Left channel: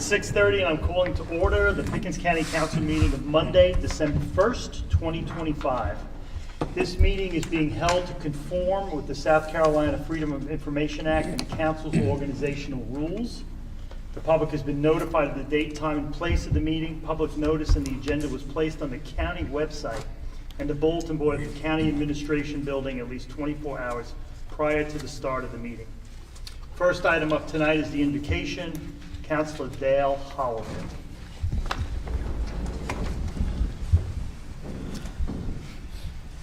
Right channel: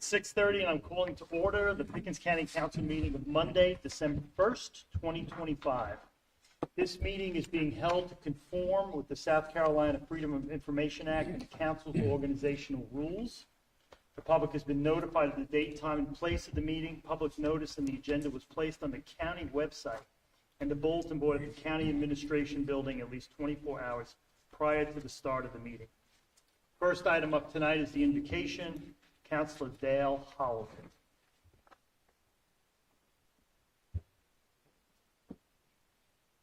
It's 6:30 and I'm calling to order the Pickens County Council meeting of Monday, December 1st, 2025. This meeting is being held to conform with the South Carolina Freedom of Information Act and the Council's organizational rules. The public has been notified of the date, time, and place of the meeting. Public notice and the agenda was placed on the county website and the bulletin board at the County Administration Building at least 24 hours prior to the start of the meeting. First item up tonight is the invocation. Councilor Dale Holliday.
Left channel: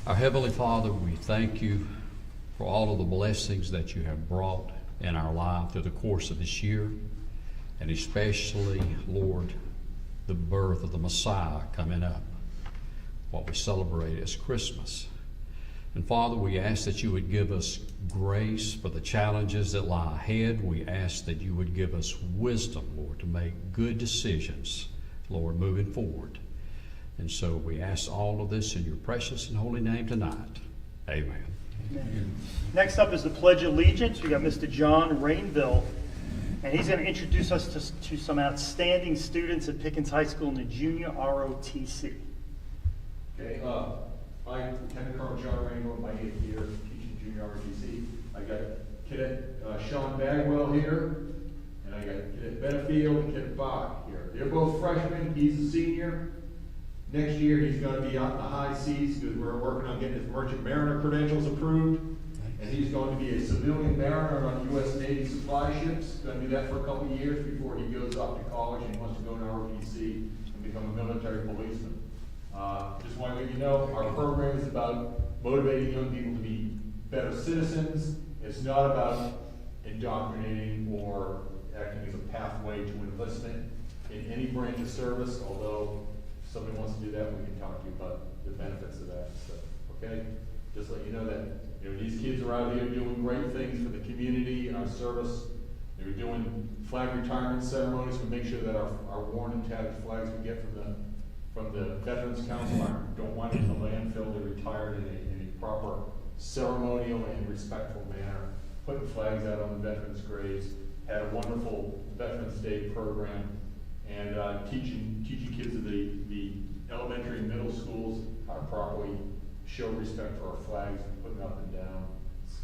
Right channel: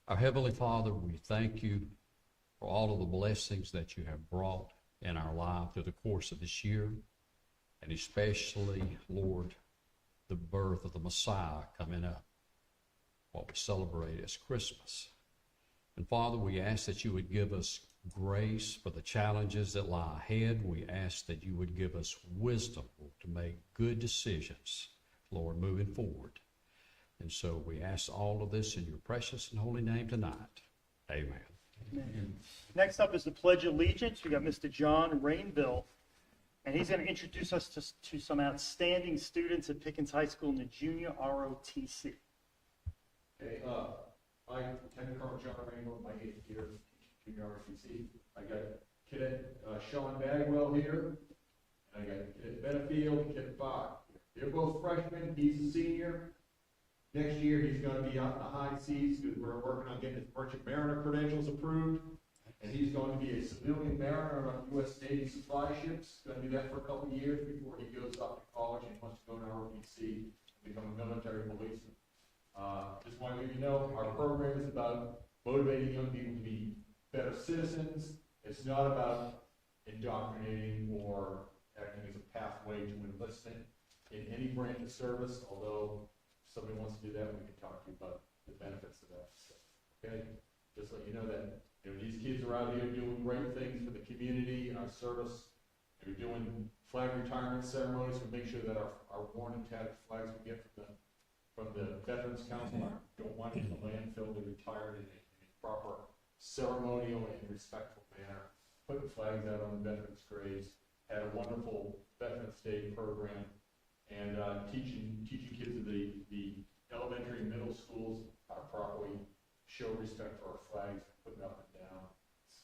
Our Heavenly Father, we thank you for all of the blessings that you have brought in our life through the course of this year, and especially, Lord, the birth of the Messiah coming up, what we celebrate as Christmas. And Father, we ask that you would give us grace for the challenges that lie ahead. We ask that you would give us wisdom, Lord, to make good decisions, Lord, moving forward. And so we ask all of this in your precious and holy name tonight. Amen. Amen. Next up is the Pledge of Allegiance. We got Mr. John Rainville, and he's going to introduce us to some outstanding students at Pickens High School in the junior ROTC. Okay, I'm Lieutenant Colonel John Rainville, my 8th year teaching junior ROTC. I got Cadet Sean Bagwell here, and I got Cadet Benefield and Cadet Bach here. They're both freshmen. He's a senior. Next year he's going to be out in the high seas because we're working on getting his Merchant Mariner credentials approved. And he's going to be a civilian mariner on U.S. Navy supply ships. Going to do that for a couple of years before he goes off to college and wants to go to ROTC and become a military policeman. Just want to let you know, our program is about motivating young people to be better citizens. It's not about indoctrinating or acting as a pathway to enlistment in any branch of service, although if somebody wants to do that, we can talk to you about the benefits of that stuff, okay? Just let you know that these kids are out here doing great things for the community, our service. They're doing flag retirement ceremonies to make sure that our worn and tattered flags we get from the Veterans Council don't wind up in the landfill. They're retired in a proper ceremonial and respectful manner, putting flags out on the veterans' graves, had a wonderful Veterans Day program, and teaching kids at the elementary and middle schools how to properly show respect for our flags, putting up and down,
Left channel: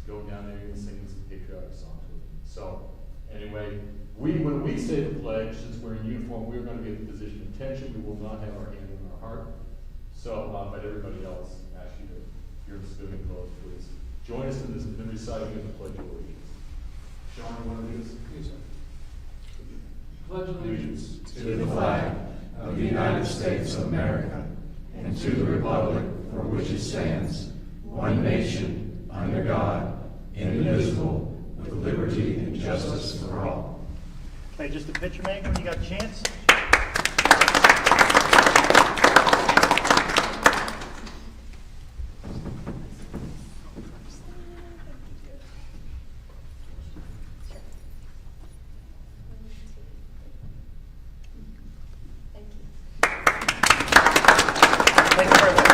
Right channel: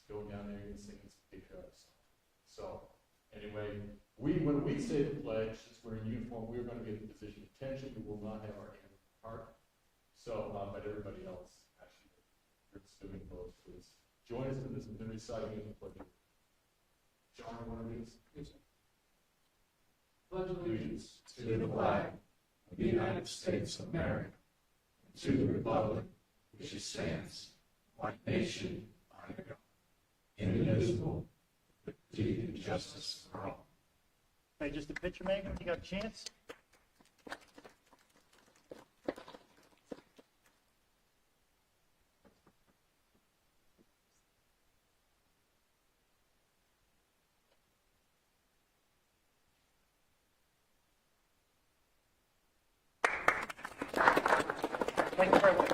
going down there and singing some patriotic songs with them. So anyway, when we say the pledge, since we're in uniform, we're going to be at the position of attention. We will not have our hand on our heart. So, but everybody else, I ask you to, if you're in civilian clothes, please join us in the reciting of the Pledge of Allegiance. John, you want to do this? Yes, sir. Pledge allegiance to the flag of the United States of America and to the republic for which it stands, one nation, under God, indivisible, with liberty and justice for all. Okay, just a picture, man, when you got a chance. Thank you very much.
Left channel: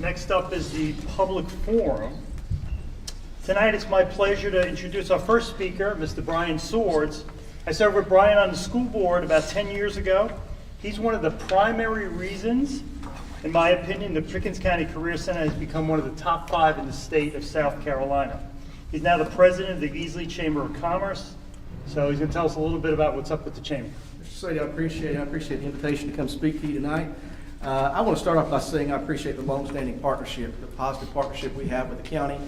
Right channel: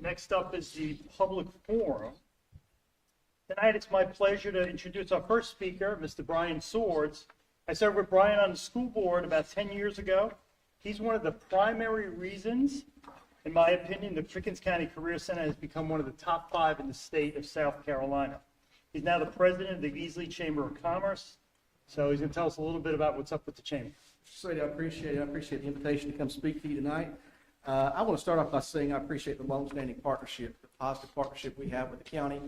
Next up is the public forum. Tonight it's my pleasure to introduce our first speaker, Mr. Brian Swords. I served with Brian on the school board about 10 years ago. He's one of the primary reasons, in my opinion, the Pickens County Career Center has become one of the top 5 in the state of South Carolina. He's now the president of the Easley Chamber of Commerce, so he's going to tell us a little bit about what's up with the chamber. Mr. City, I appreciate the invitation to come speak to you tonight. I want to start off by saying I appreciate the long-standing partnership, the positive partnership we have with the county.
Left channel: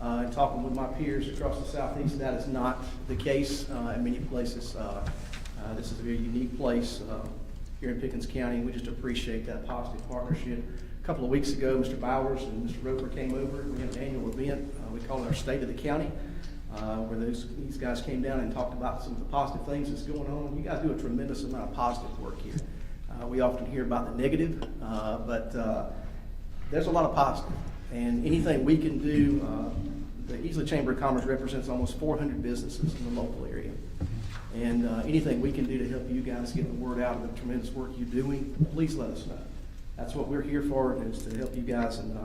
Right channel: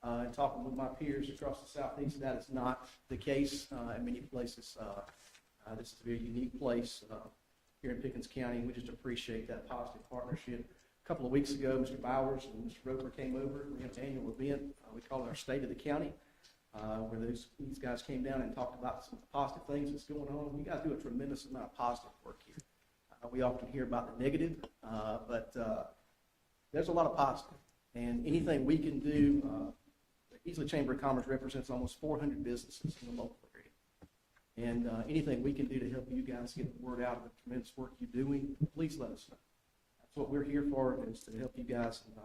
And talking with my peers across the southeast, that is not the case in many places. This is a very unique place here in Pickens County. We just appreciate that positive partnership. A couple of weeks ago, Mr. Bowers and Mr. Roper came over. We had an annual event we call our State of the County, where these guys came down and talked about some of the positive things that's going on. You guys do a tremendous amount of positive work here. We often hear about the negative, but there's a lot of positive. And anything we can do, the Easley Chamber of Commerce represents almost 400 businesses in the local area. And anything we can do to help you guys get the word out of the tremendous work you're doing, please let us know. That's what we're here for, is to help you guys and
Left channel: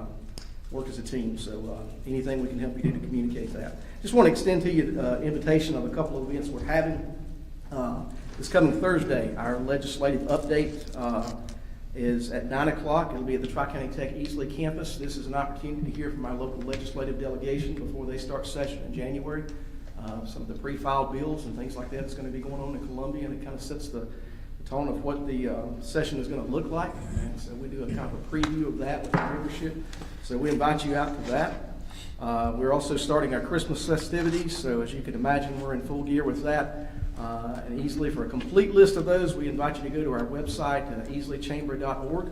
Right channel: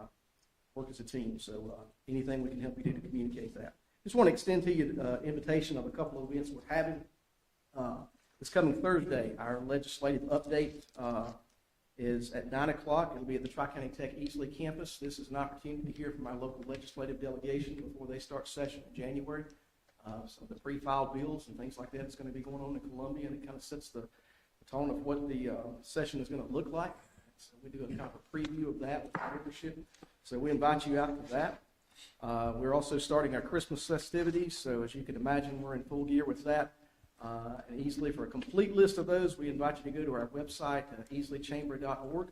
work as a team. So anything we can help you do to communicate that. Just want to extend to you invitation of a couple of events we're having. This coming Thursday, our legislative update is at 9 o'clock. It'll be at the Tri-County Tech Easley campus. This is an opportunity to hear from our local legislative delegation before they start session in January. Some of the pre-filed bills and things like that is going to be going on in Columbia, and it kind of sets the tone of what the session is going to look like. And so we do a kind of a preview of that with the membership. So we invite you out to that. We're also starting our Christmas festivities, so as you can imagine, we're in full gear with that. And easily for a complete list of those, we invite you to go to our website, easily-chamber.org.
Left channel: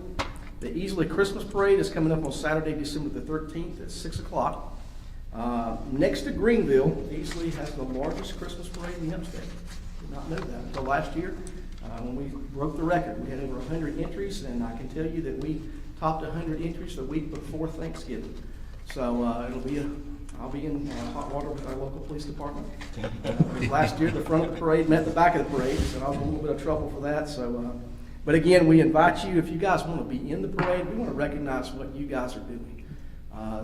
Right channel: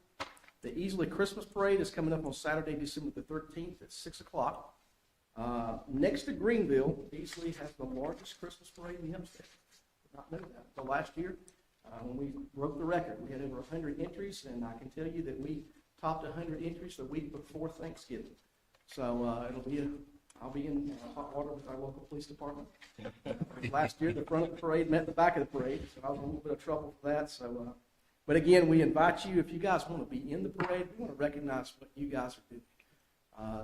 The Easley Christmas Parade is coming up on Saturday, December the 13th at 6 o'clock. Next to Greenville, Easley has the largest Christmas parade in the upstate. Did not know that until last year. When we broke the record, we had over 100 entries, and I can tell you that we topped 100 entries the week before Thanksgiving. So I'll be in hot water with our local police department. Last year, the front of the parade met the back of the parade, so I was in a little bit of trouble for that. So, but again, we invite you, if you guys want to be in the parade, we want to recognize what you guys are doing.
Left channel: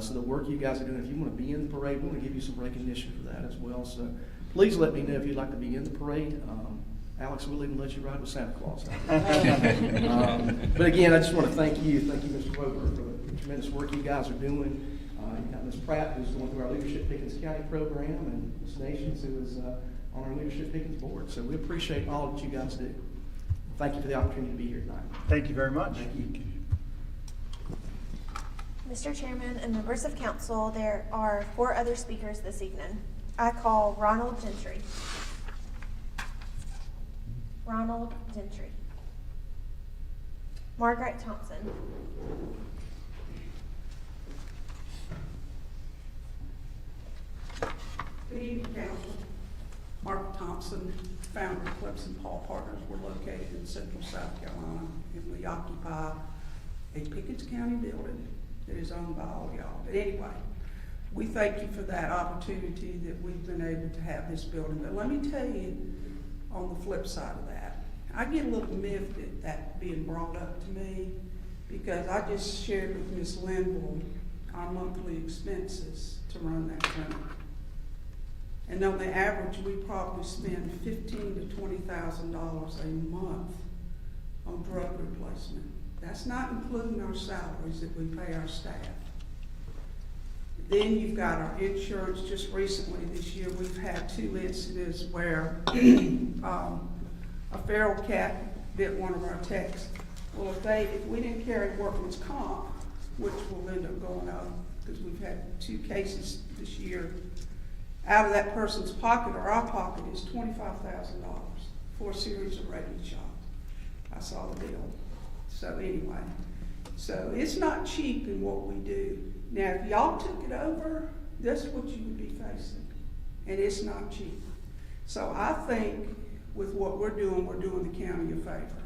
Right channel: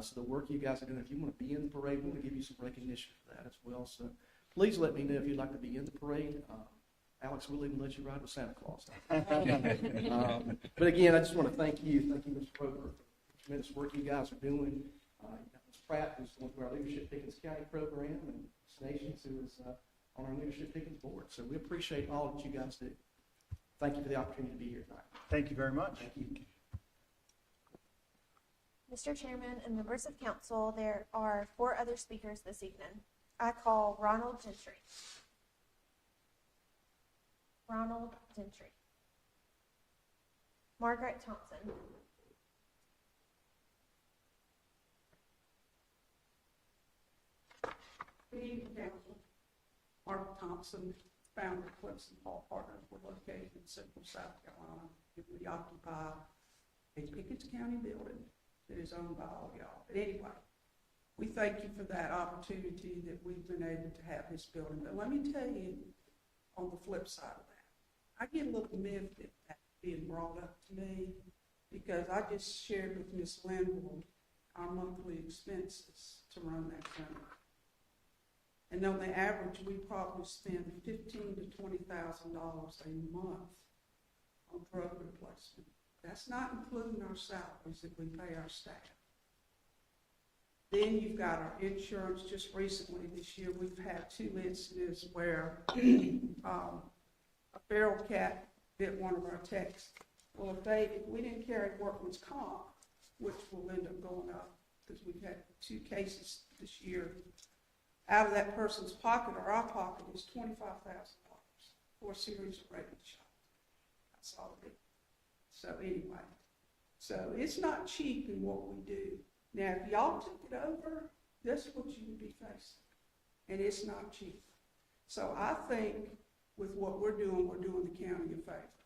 So the work you guys are doing, if you want to be in the parade, we want to give you some recognition for that as well. So please let me know if you'd like to be in the parade. Alex will even let you ride with Santa Claus. But again, I just want to thank you, Mr. Roper, for the tremendous work you guys are doing. You got Ms. Pratt, who's going through our Leadership Pickens County program, and Ms. Nations, who is on our Leadership Pickens board. So we appreciate all that you guys do. Thank you for the opportunity to be here tonight. Thank you very much. Thank you. Mr. Chairman and members of council, there are 4 other speakers this evening. I call Ronald Gentry. Ronald Gentry. Margaret Thompson. Good evening, Council. Mark Thompson, founder of Clemson Paul Partners. We're located in central South Carolina, and we occupy a Pickens County building that is owned by all y'all. But anyway, we thank you for that opportunity that we've been able to have this building. But let me tell you, on the flip side of that, I get a little miffed at that being brought up to me, because I just shared with Ms. Linville our monthly expenses to run that clinic. And on the average, we probably spend $15,000 to $20,000 a month on drug replacement. That's not including our salaries that we pay our staff. Then you've got our insurance. Just recently this year, we've had 2 incidents where a feral cat bit one of our techs. Well, if we didn't carry workman's comp, which will end up going up, because we've had 2 cases this year, out of that person's pocket or our pocket is $25,000 for a series of rabies shots. I saw the bill. So anyway, so it's not cheap in what we do. Now, if y'all took it over, that's what you would be facing, and it's not cheap. So I think with what we're doing the county a favor.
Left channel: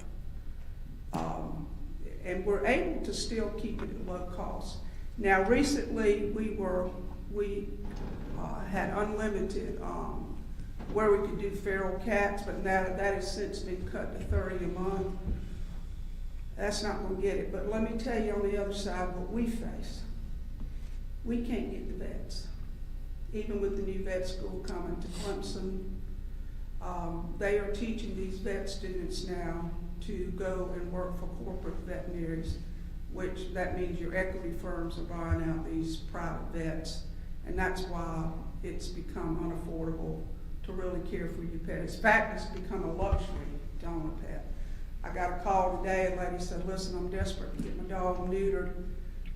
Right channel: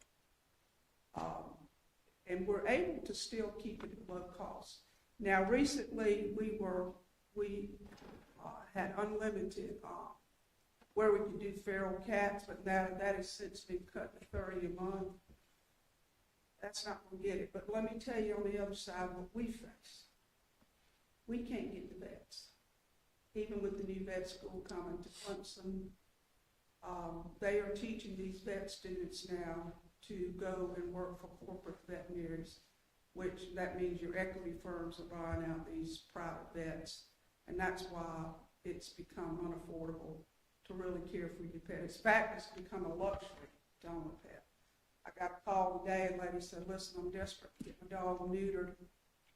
And we're able to still keep it at low cost. Now, recently we had unlimited where we could do feral cats, but now that has since been cut to $30 a month. That's not going to get it. But let me tell you on the other side what we face. We can't get the vets. Even with the new vet school coming to Clemson, they are teaching these vet students now to go and work for corporate veterinaries, which that means your equity firms are buying out these private vets, and that's why it's become unaffordable to really care for your pet. In fact, it's become a luxury to own a pet. I got a call today, a lady said, listen, I'm desperate to get my dog neutered.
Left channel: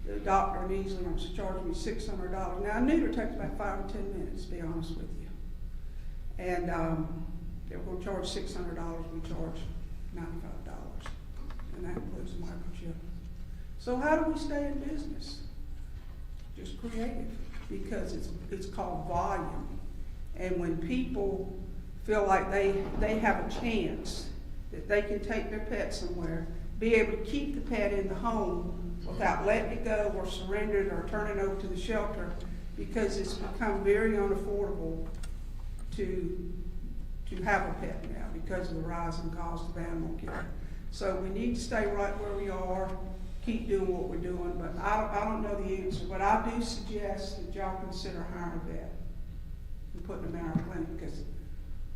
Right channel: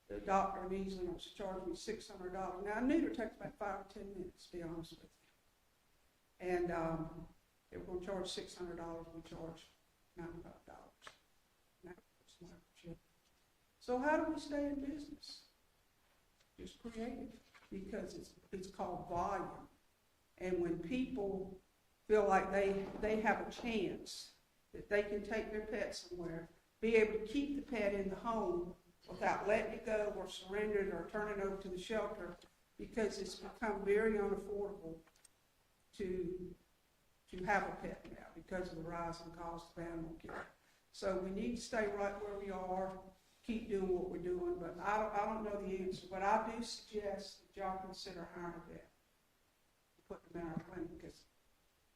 The doctor in Easley wants to charge me $600. Now, a neuter takes about 5 or 10 minutes, to be honest with you. And they're going to charge $600, we charge $95. And that includes the microchip. So how do we stay in business? Just creative, because it's called volume. And when people feel like they have a chance that they can take their pet somewhere, be able to keep the pet in the home without letting it go or surrender it or turn it over to the shelter, because it's become very unaffordable to have a pet now because of the rising cost of animal care. So we need to stay right where we are. keep doing what we're doing, but I don't know the answer. But I do suggest that y'all consider hiring a vet and putting them in our clinic, because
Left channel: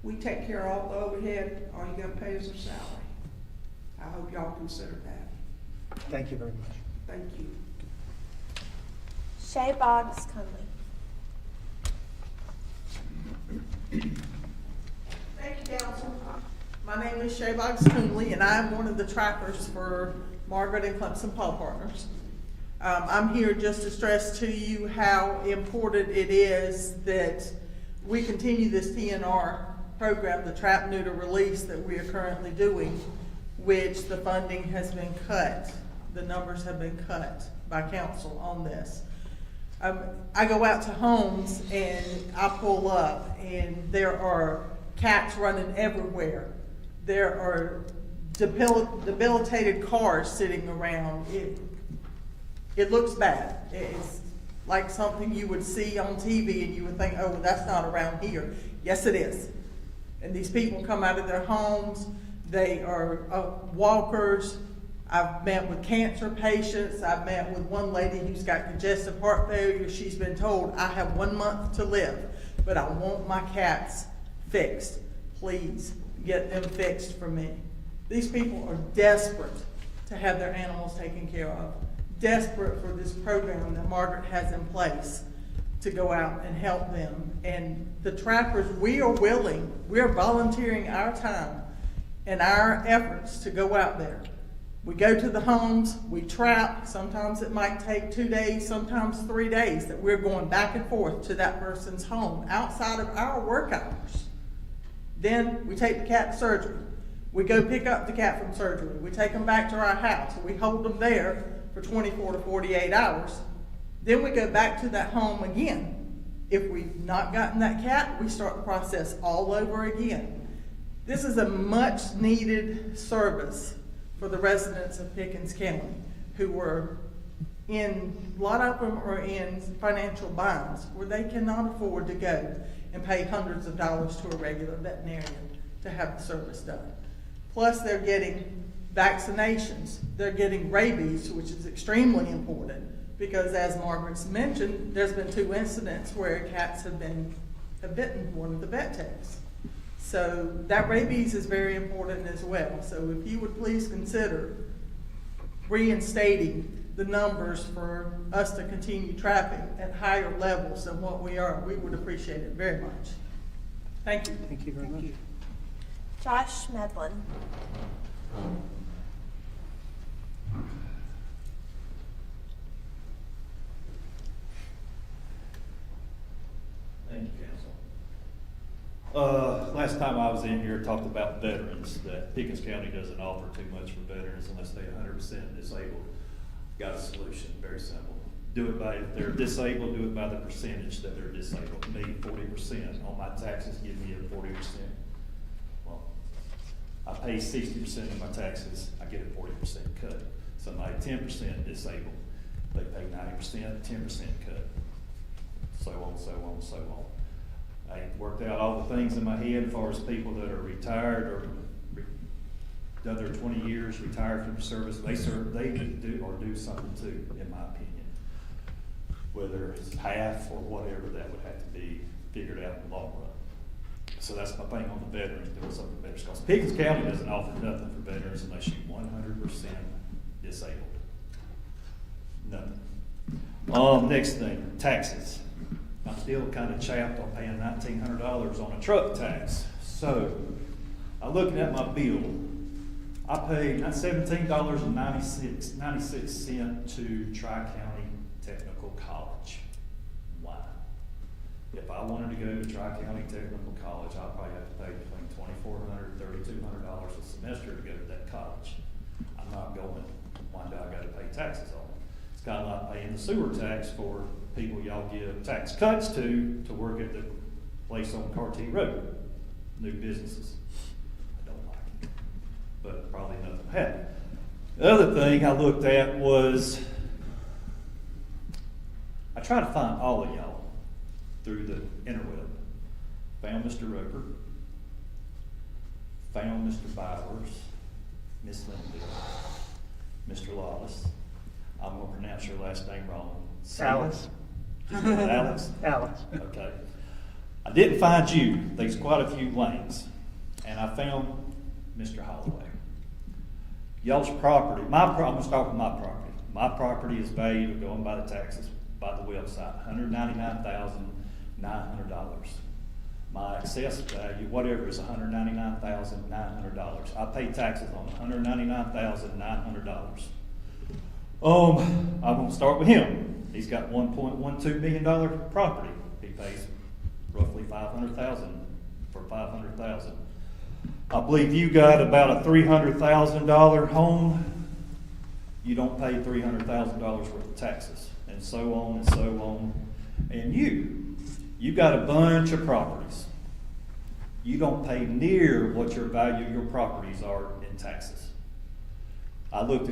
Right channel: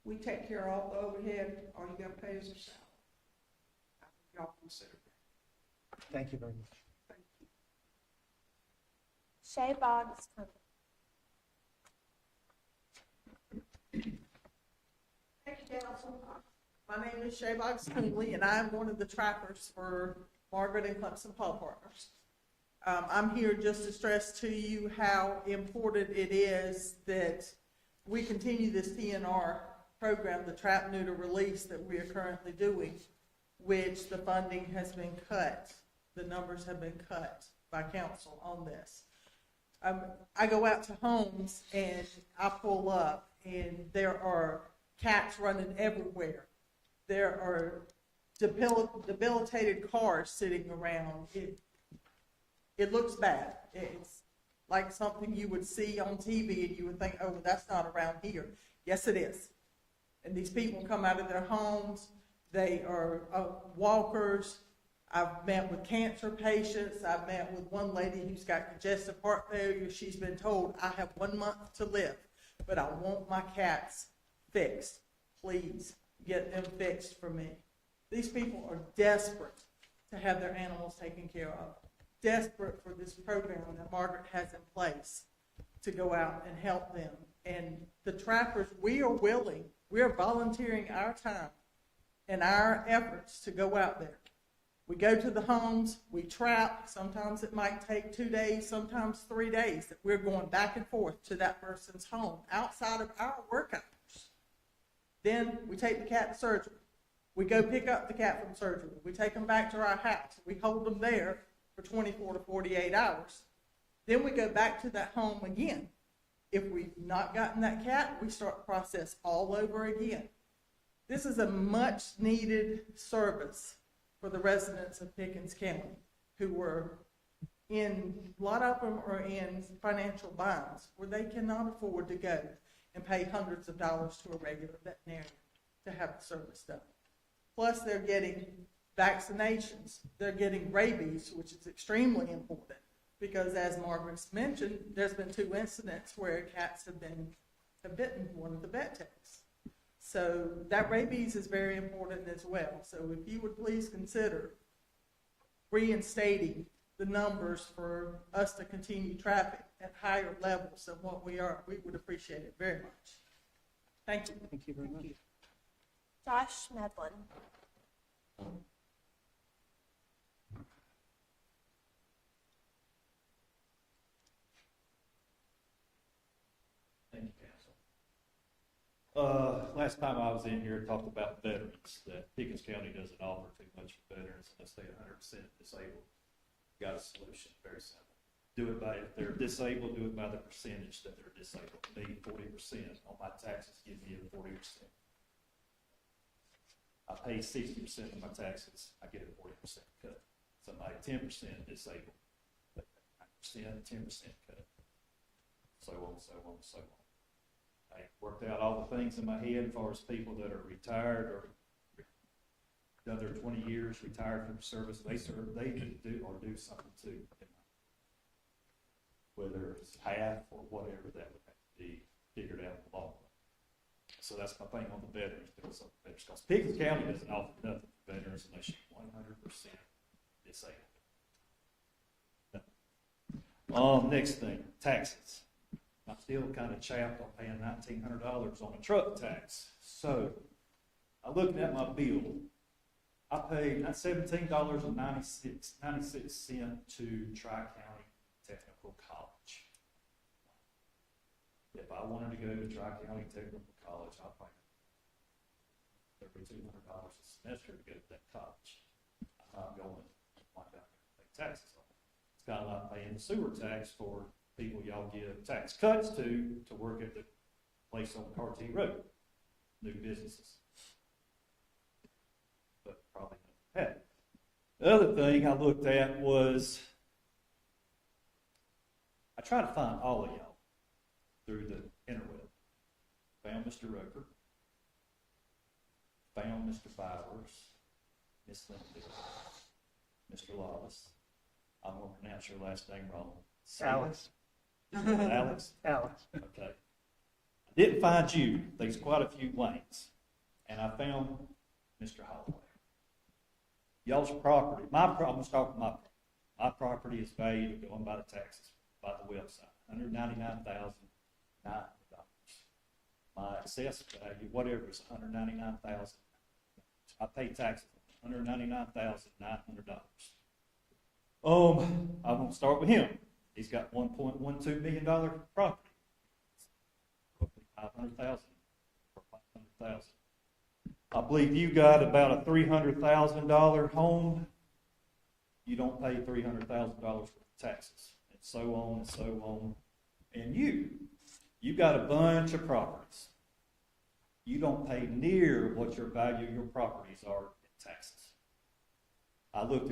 we take care of all the overhead, all you gotta pay is their salary. I hope y'all consider that. Thank you very much. Thank you. Shay Boggs Conley. Thank you, Council. My name is Shay Boggs Coonley, and I am one of the trackers for Margaret and Clemson Paw Partners. I'm here just to stress to you how important it is that we continue this TNR program, the trap, neuter, release that we are currently doing, which the funding has been cut. The numbers have been cut by council on this. I go out to homes and I pull up and there are cats running everywhere. There are debilitated cars sitting around. It looks bad. It's like something you would see on TV and you would think, oh, well, that's not around here. Yes, it is. And these people come out of their homes. They are walkers. I've met with cancer patients. I've met with one lady who's got congestive heart failure. She's been told, I have 1 month to live, but I want my cats fixed. Please get them fixed for me. These people are desperate to have their animals taken care of, desperate for this program that Margaret has in place to go out and help them. And the trappers, we are willing, we are volunteering our time and our efforts to go out there. We go to the homes, we trap. Sometimes it might take 2 days, sometimes 3 days that we're going back and forth to that person's home outside of our work hours. Then we take the cat to surgery. We go pick up the cat from surgery. We take them back to our house. We hold them there for 24 to 48 hours. Then we go back to that home again. If we've not gotten that cat, we start the process all over again. This is a much needed service for the residents of Pickens County who were a lot of them are in financial binds where they cannot afford to go and pay hundreds of dollars to a regular veterinarian to have the service done. Plus they're getting vaccinations, they're getting rabies, which is extremely important because as Margaret's mentioned, there's been 2 incidents where cats have bitten one of the vet techs. So that rabies is very important as well. So if you would please consider reinstating the numbers for us to continue trapping at higher levels than what we are, we would appreciate it very much. Thank you. Thank you very much. Josh Medlin. Thank you, Council. Last time I was in here, talked about veterans, that Pickens County doesn't offer too much for veterans unless they're 100% disabled. Got a solution, very simple. Do it by, if they're disabled, do it by the percentage that they're disabled. Me, 40% on my taxes, give me a 40%. Well, I pay 60% of my taxes, I get a 40% cut. Somebody 10% disabled, they pay 90%, 10% cut. So on, so on, so on. I worked out all the things in my head as far as people that are retired or done their 20 years, retired from service. They need to do something too, in my opinion. Whether it's half or whatever, that would have to be figured out in the long run. So that's my thing on the veterans, doing something for veterans. Because Pickens County doesn't offer nothing for veterans unless you're 100% disabled. Nothing. Next thing, taxes. I'm still kind of chapped on paying $1,900 on a truck tax. So, I'm looking at my bill. I paid $17.96 to Tri-County Technical College. Why? If I wanted to go to Tri-County Technical College, I'd probably have to pay between $2,400 and $3,200 a semester to go to that college. I'm not going. Why do I got to pay taxes on it? It's kind of like paying the sewer tax for people y'all give tax cuts to work at the place on Cartier Road, new businesses. I don't like it, but probably nothing will happen. The other thing I looked at was, I tried to find all of y'all through the interweb. Found Mr. Roper, found Mr. Bowers, Miss Linville, Mr. Lawless, I'm gonna pronounce your last name wrong. Alice. Alex? Alex. Okay. I didn't find you, there's quite a few lanes, and I found Mr. Holloway. Y'all's property, I'm gonna start with my property. My property is valued, going by the taxes, by the website, $199,900. My assessed value, whatever, is $199,900. I pay taxes on $199,900. I'm gonna start with him. He's got $1.12 million property. He pays roughly $500,000 for $500,000. I believe you got about a $300,000 home. You don't pay $300,000 worth of taxes, and so on and so on. And you got a bunch of properties. You don't pay near what your value of your properties are in taxes. I looked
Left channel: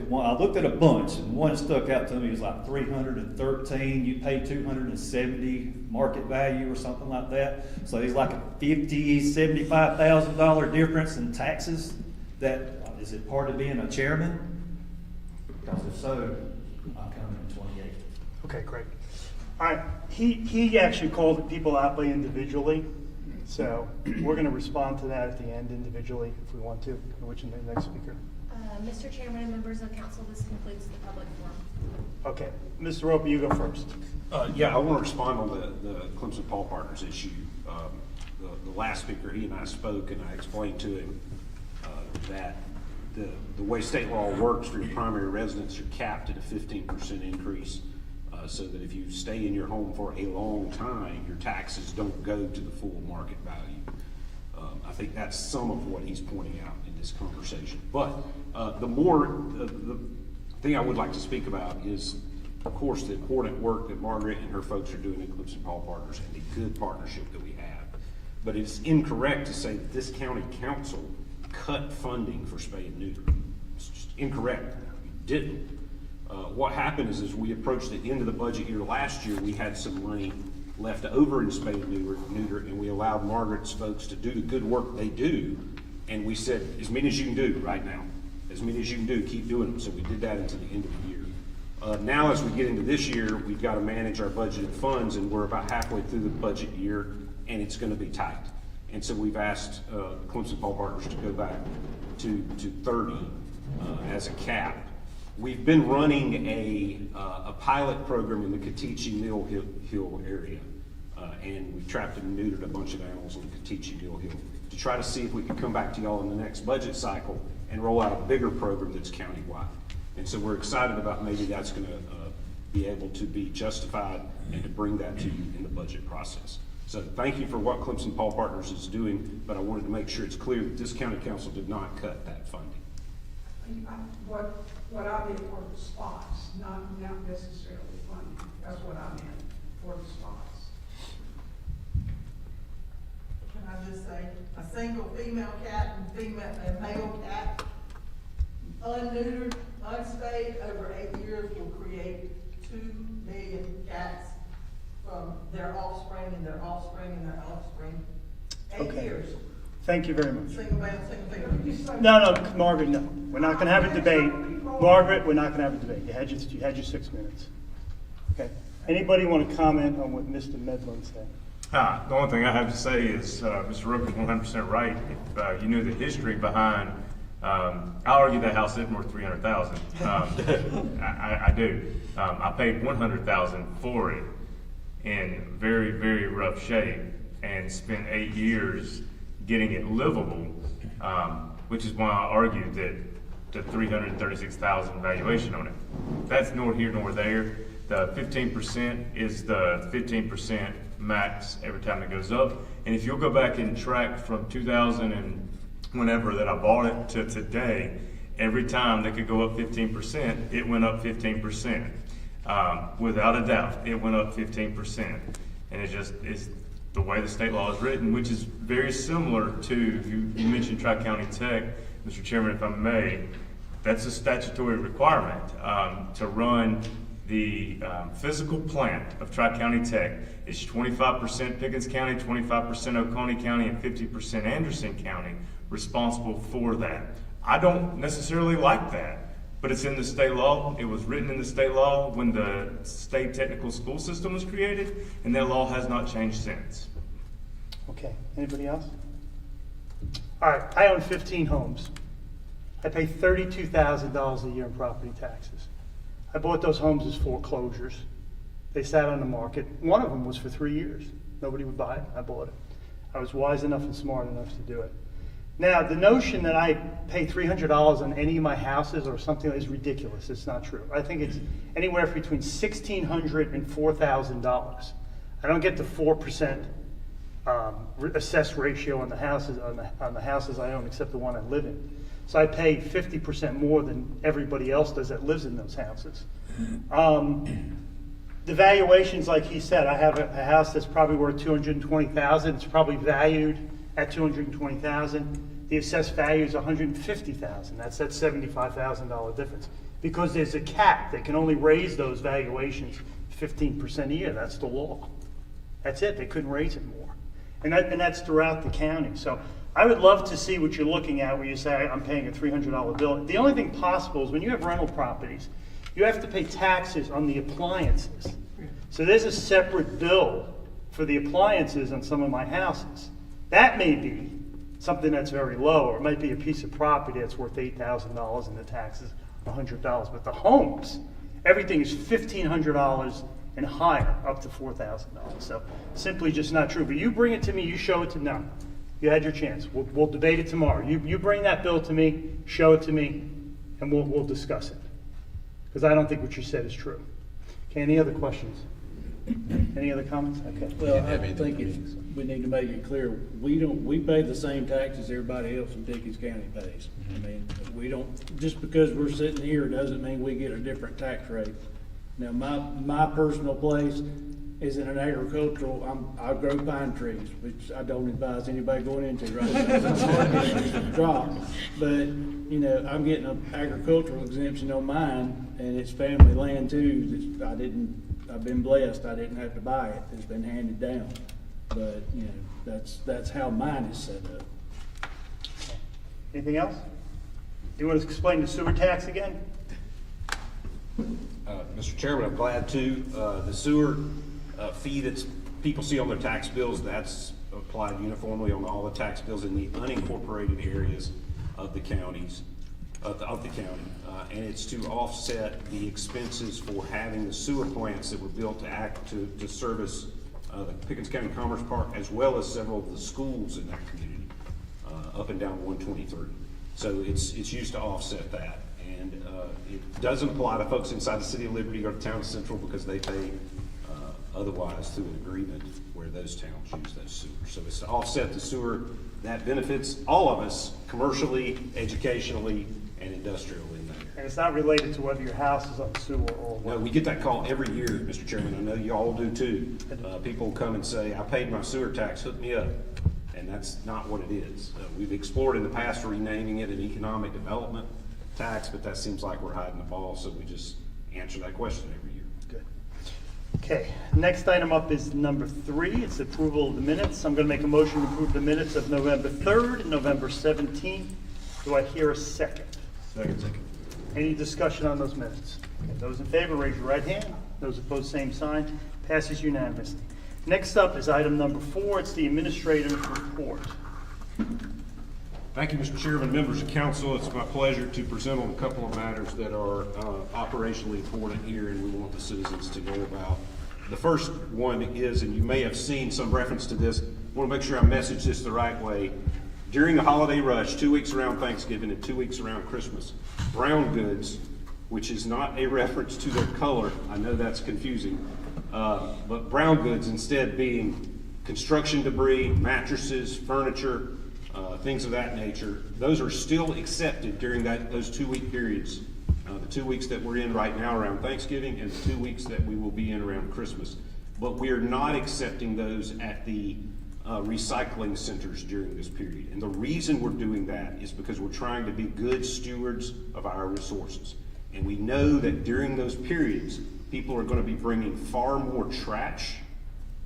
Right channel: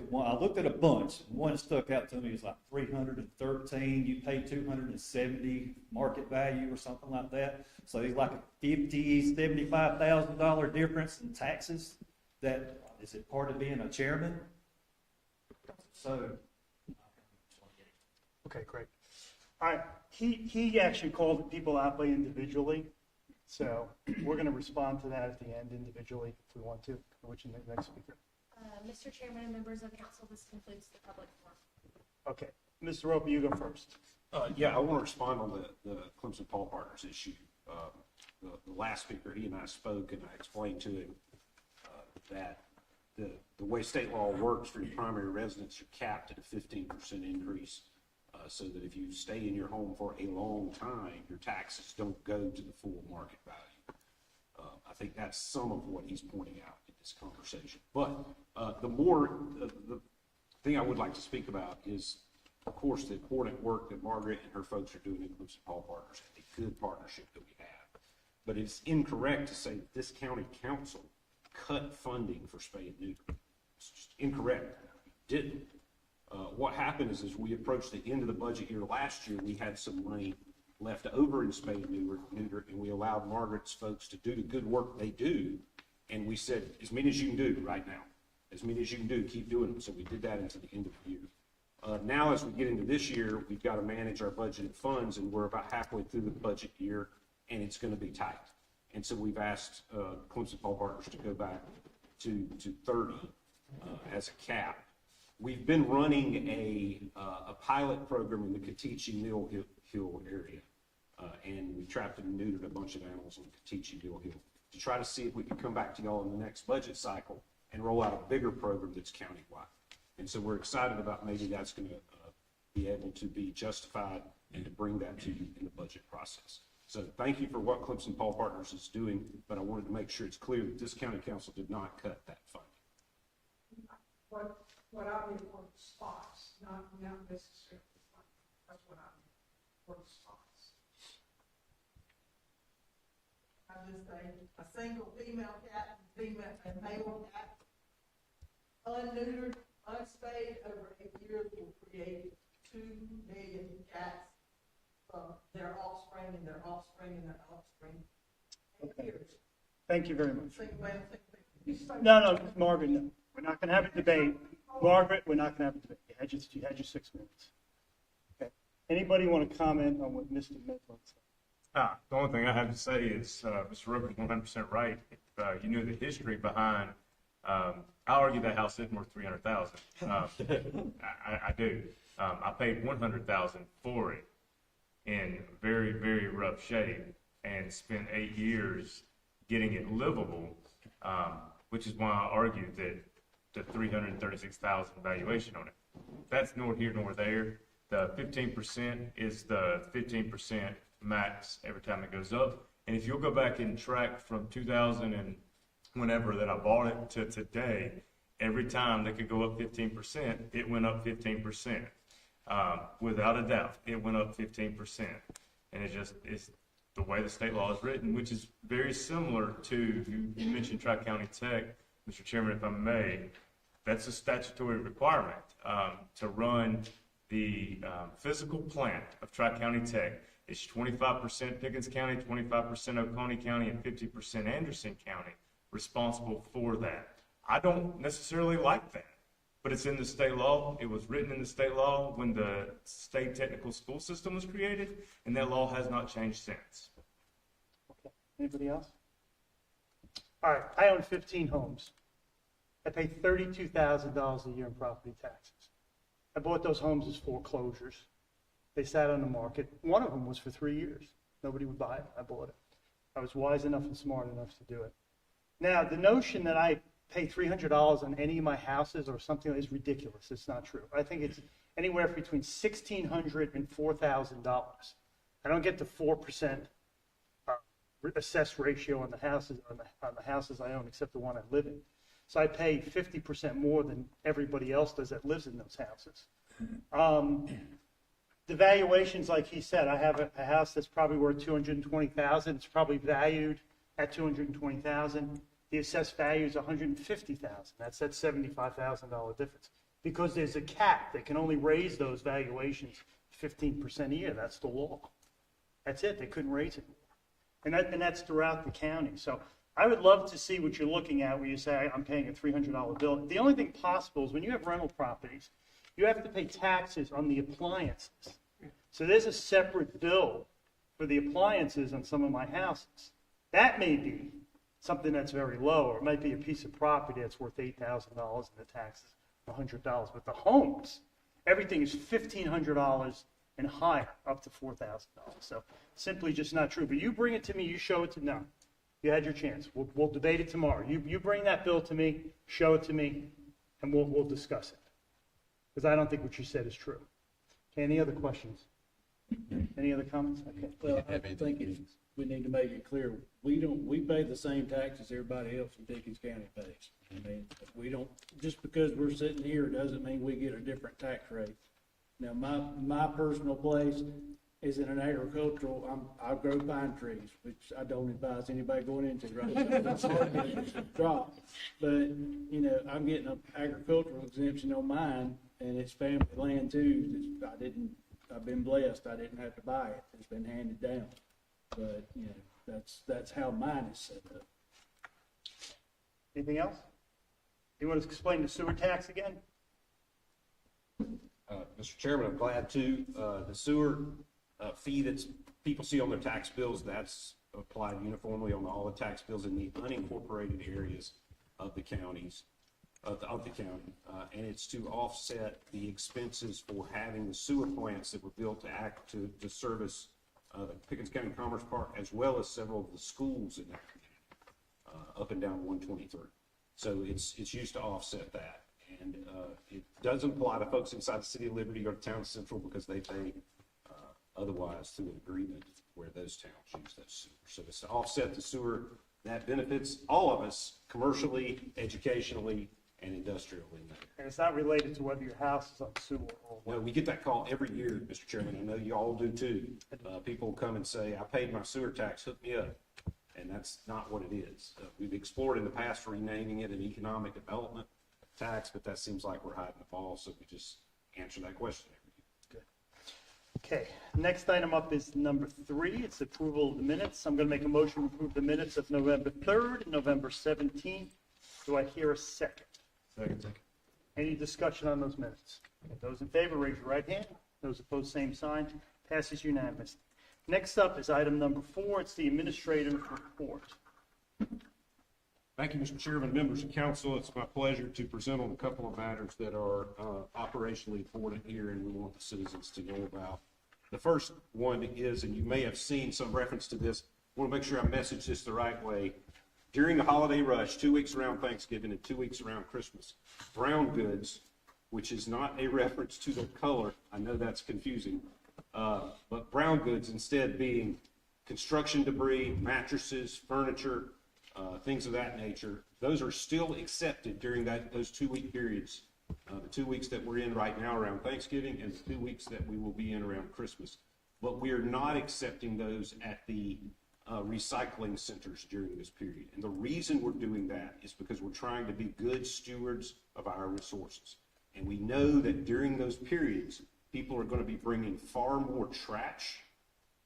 at a bunch, and one stuck out to me. It was like 313. You pay 270 market value or something like that. So there's like a $75,000 difference in taxes. That is it part of being a chairman? Because if so, I'm coming in 28. Okay, great. All right, he actually called people out by individually, so we're going to respond to that at the end individually if we want to. Which is the next speaker? Mr. Chairman and members of council, this concludes the public forum. Okay, Mr. Roper, you go first. Yeah, I want to respond on the Clemson Paul Partners issue. The last speaker, he and I spoke, and I explained to him that the way state law works for your primary residence, you're capped at a 15% increase, so that if you stay in your home for a long time, your taxes don't go to the full market value. I think that's some of what he's pointing out in this conversation. But the thing I would like to speak about is, of course, the important work that Margaret and her folks are doing at Clemson Paul Partners and the good partnership that we have. But it's incorrect to say that this county council cut funding for spay and neuter. It's just incorrect. We didn't. What happened is, as we approached the end of the budget year last year, we had some money left over in spay and neuter, and we allowed Margaret's folks to do the good work they do. And we said, as many as you can do right now, as many as you can do, keep doing them. So we did that until the end of the year. Now, as we get into this year, we've got to manage our budgeted funds, and we're about halfway through the budget year, and it's going to be tight. And so we've asked Clemson Paul Partners to go back to 30 as a cap. We've been running a pilot program in the Kateche Mill Hill area, and we trapped and neutered a bunch of animals on the Kateche Mill Hill to try to see if we could come back to y'all in the next budget cycle and roll out a bigger program that's countywide. And so we're excited about maybe that's going to be able to be justified and to bring that to you in the budget process. So thank you for what Clemson Paul Partners is doing, but I wanted to make sure it's clear that this county council did not cut that funding. What I meant were the spots, not necessarily funding. That's what I meant, for the spots. Can I just say, a single female cat and male cat, unneutered, unspayed, over 8 years will create 2 million cats from their offspring and their offspring and their offspring. 8 Okay. years. Thank you very much. Single male, single female. No, Margaret, no. We're not going to have a debate. Margaret, we're not going to have a debate. You had your 6 minutes. Okay. Anybody want to comment on what Mr. Medlin said? The only thing I have to say is Mr. Roper's 100% right. If you knew the history behind, I'll argue that house isn't worth $300,000. I do. I paid $100,000 for it in very, very rough shape and spent 8 years getting it livable, which is why I argued that the $336,000 valuation on it. That's nor here nor there. The 15% is the 15% max every time it goes up. And if you'll go back and track from 2000 and whenever that I bought it to today, every time that could go up 15%, it went up 15%. Without a doubt, it went up 15%. And it just is the way the state law is written, which is very similar to, you mentioned Tri-County Tech, Mr. Chairman, if I may, that's a statutory requirement to run the physical plant of Tri-County Tech. It's 25% Pickens County, 25% Oconee County, and 50% Anderson County responsible for that. I don't necessarily like that, but it's in the state law. It was written in the state law when the state technical school system was created, and that law has not changed since. Okay, anybody else? All right, I own 15 homes. I pay $32,000 a year in property taxes. I bought those homes as foreclosures. They sat on the market. One of them was for 3 years. Nobody would buy it. I bought it. I was wise enough and smart enough to do it. Now, the notion that I pay $300 on any of my houses or something is ridiculous. It's not true. I think it's anywhere between $1,600 and $4,000. I don't get the 4% assessed ratio on the houses on the houses I own, except the one I live in. So I pay 50% more than everybody else does that lives in those houses. The valuations, like he said, I have a house that's probably worth $220,000. It's probably valued at $220,000. The assessed value is $150,000. That's that $75,000 difference. Because there's a cap, they can only raise those valuations 15% a year. That's the law. That's it. They couldn't raise it more, and that's throughout the county. So I would love to see what you're looking at where you say I'm paying a $300 bill. The only thing possible is when you have rental properties, you have to pay taxes on the appliances. So there's a separate bill for the appliances on some of my houses. That may be something that's very low, or it might be a piece of property that's worth $8,000 and the taxes $100. But the homes, everything is $1,500 and higher, up to $4,000. So simply just not true. But you bring it to me, you show it to no. You had your chance. We'll debate it tomorrow. You bring that bill to me, show it to me, and we'll discuss it. Because I don't think what you said is true. Okay, any other questions? Any other comments? Okay. Well, I think we need to make it clear, we pay the same taxes everybody else in Pickens County pays. I mean, we don't, just because we're sitting here doesn't mean we get a different tax rate. Now, my personal place is in an agricultural, I grow pine trees, which I don't advise anybody going into right now. It's a drop. But, you know, I'm getting an agricultural exemption on mine, and it's family land too. I've been blessed. I didn't have to buy it. It's been handed down. But, you know, that's how mine is set up. Anything else? You want to explain the sewer tax again? Mr. Chairman, I'm glad to. The sewer fee that people see on their tax bills, that's applied uniformly on all the tax bills in the unincorporated areas of the counties, of the county. And it's to offset the expenses for having the sewer plants that were built to service the Pickens County Commerce Park, as well as several of the schools in that community, up and down 123. So it's used to offset that. And it doesn't apply to folks inside the city of Liberty or the town of Central, because they pay otherwise through an agreement where those towns use those sewers. So it's to offset the sewer that benefits all of us commercially, educationally, and industrially. And it's not related to whether your house is on sewer or what. No, we get that call every year, Mr. Chairman. I know you all do too. People come and say, I paid my sewer tax, hook me up. And that's not what it is. We've explored in the past renaming it an economic development tax, but that seems like we're hiding the ball, so we just answer that question every year. Good. Okay, next item up is number 3. It's approval of the minutes. I'm going to make a motion to approve the minutes of November 3rd and November 17th. Do I hear a second? Second. Any discussion on those minutes? Okay, those in favor, raise your right hand. Those opposed, same sign. Passes unanimously. Next up is item number 4. It's the administrator's report. Thank you, Mr. Chairman, members of council. It's my pleasure to present on a couple of matters that are operationally important here and we want the citizens to know about. The first one is, and you may have seen some reference to this, I want to make sure I message this the right way. During the holiday rush, 2 weeks around Thanksgiving and 2 weeks around Christmas, brown goods, which is not a reference to their color, I know that's confusing, but brown goods instead being construction debris, mattresses, furniture, things of that nature, those are still accepted during those 2 week periods. The 2 weeks that we're in right now around Thanksgiving and the 2 weeks that we will be in around Christmas. But we are not accepting those at the recycling centers during this period. And the reason we're doing that is because we're trying to be good stewards of our resources. And we know that during those periods, people are going to be bringing far more trash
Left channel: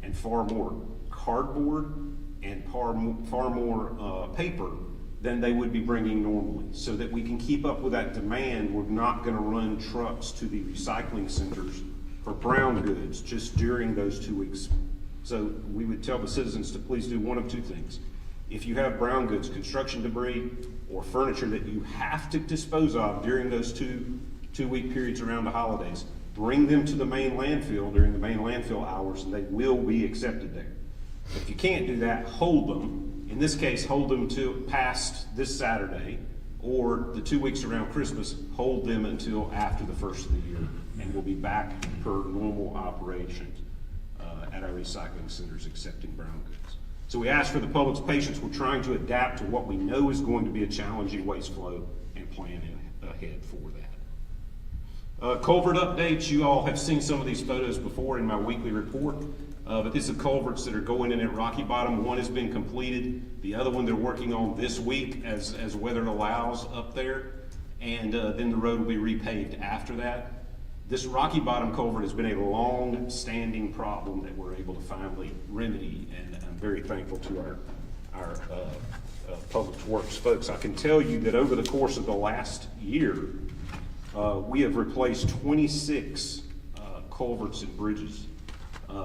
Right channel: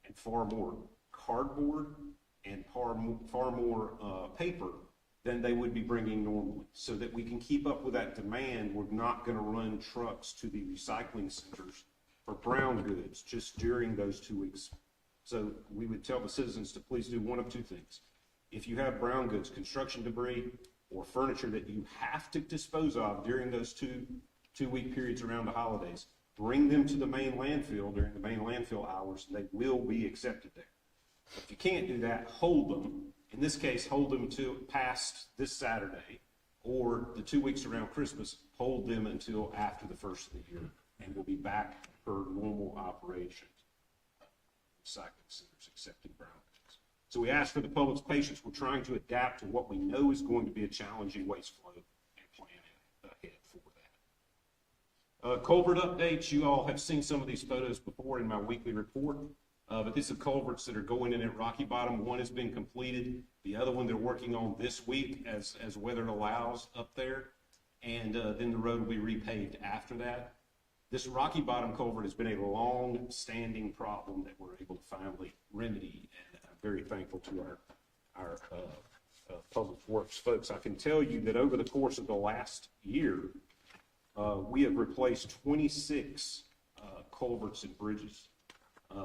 and far more cardboard and far more paper than they would be bringing normally. So that we can keep up with that demand, we're not gonna run trucks to the recycling centers for brown goods just during those 2 weeks. So we would tell the citizens to please do one of two things. If you have brown goods, construction debris, or furniture that you have to dispose of during those two-week periods around the holidays, bring them to the main landfill during the main landfill hours, and they will be accepted there. If you can't do that, hold them. In this case, hold them to past this Saturday, or the 2 weeks around Christmas, hold them until after the first of the year, and we'll be back per normal operations at our recycling centers accepting brown goods. So we ask for the public's patience. We're trying to adapt to what we know is going to be a challenging waste flow and planning ahead for that. Culvert updates. You all have seen some of these photos before in my weekly report. But these are culverts that are going in at Rocky Bottom. One has been completed. The other one they're working on this week as weather allows up there. And then the road will be repaved after that. This Rocky Bottom culvert has been a long-standing problem that we're able to finally remedy, and I'm very thankful to our Public Works folks. I can tell you that over the course of the last year, we have replaced 26 culverts and bridges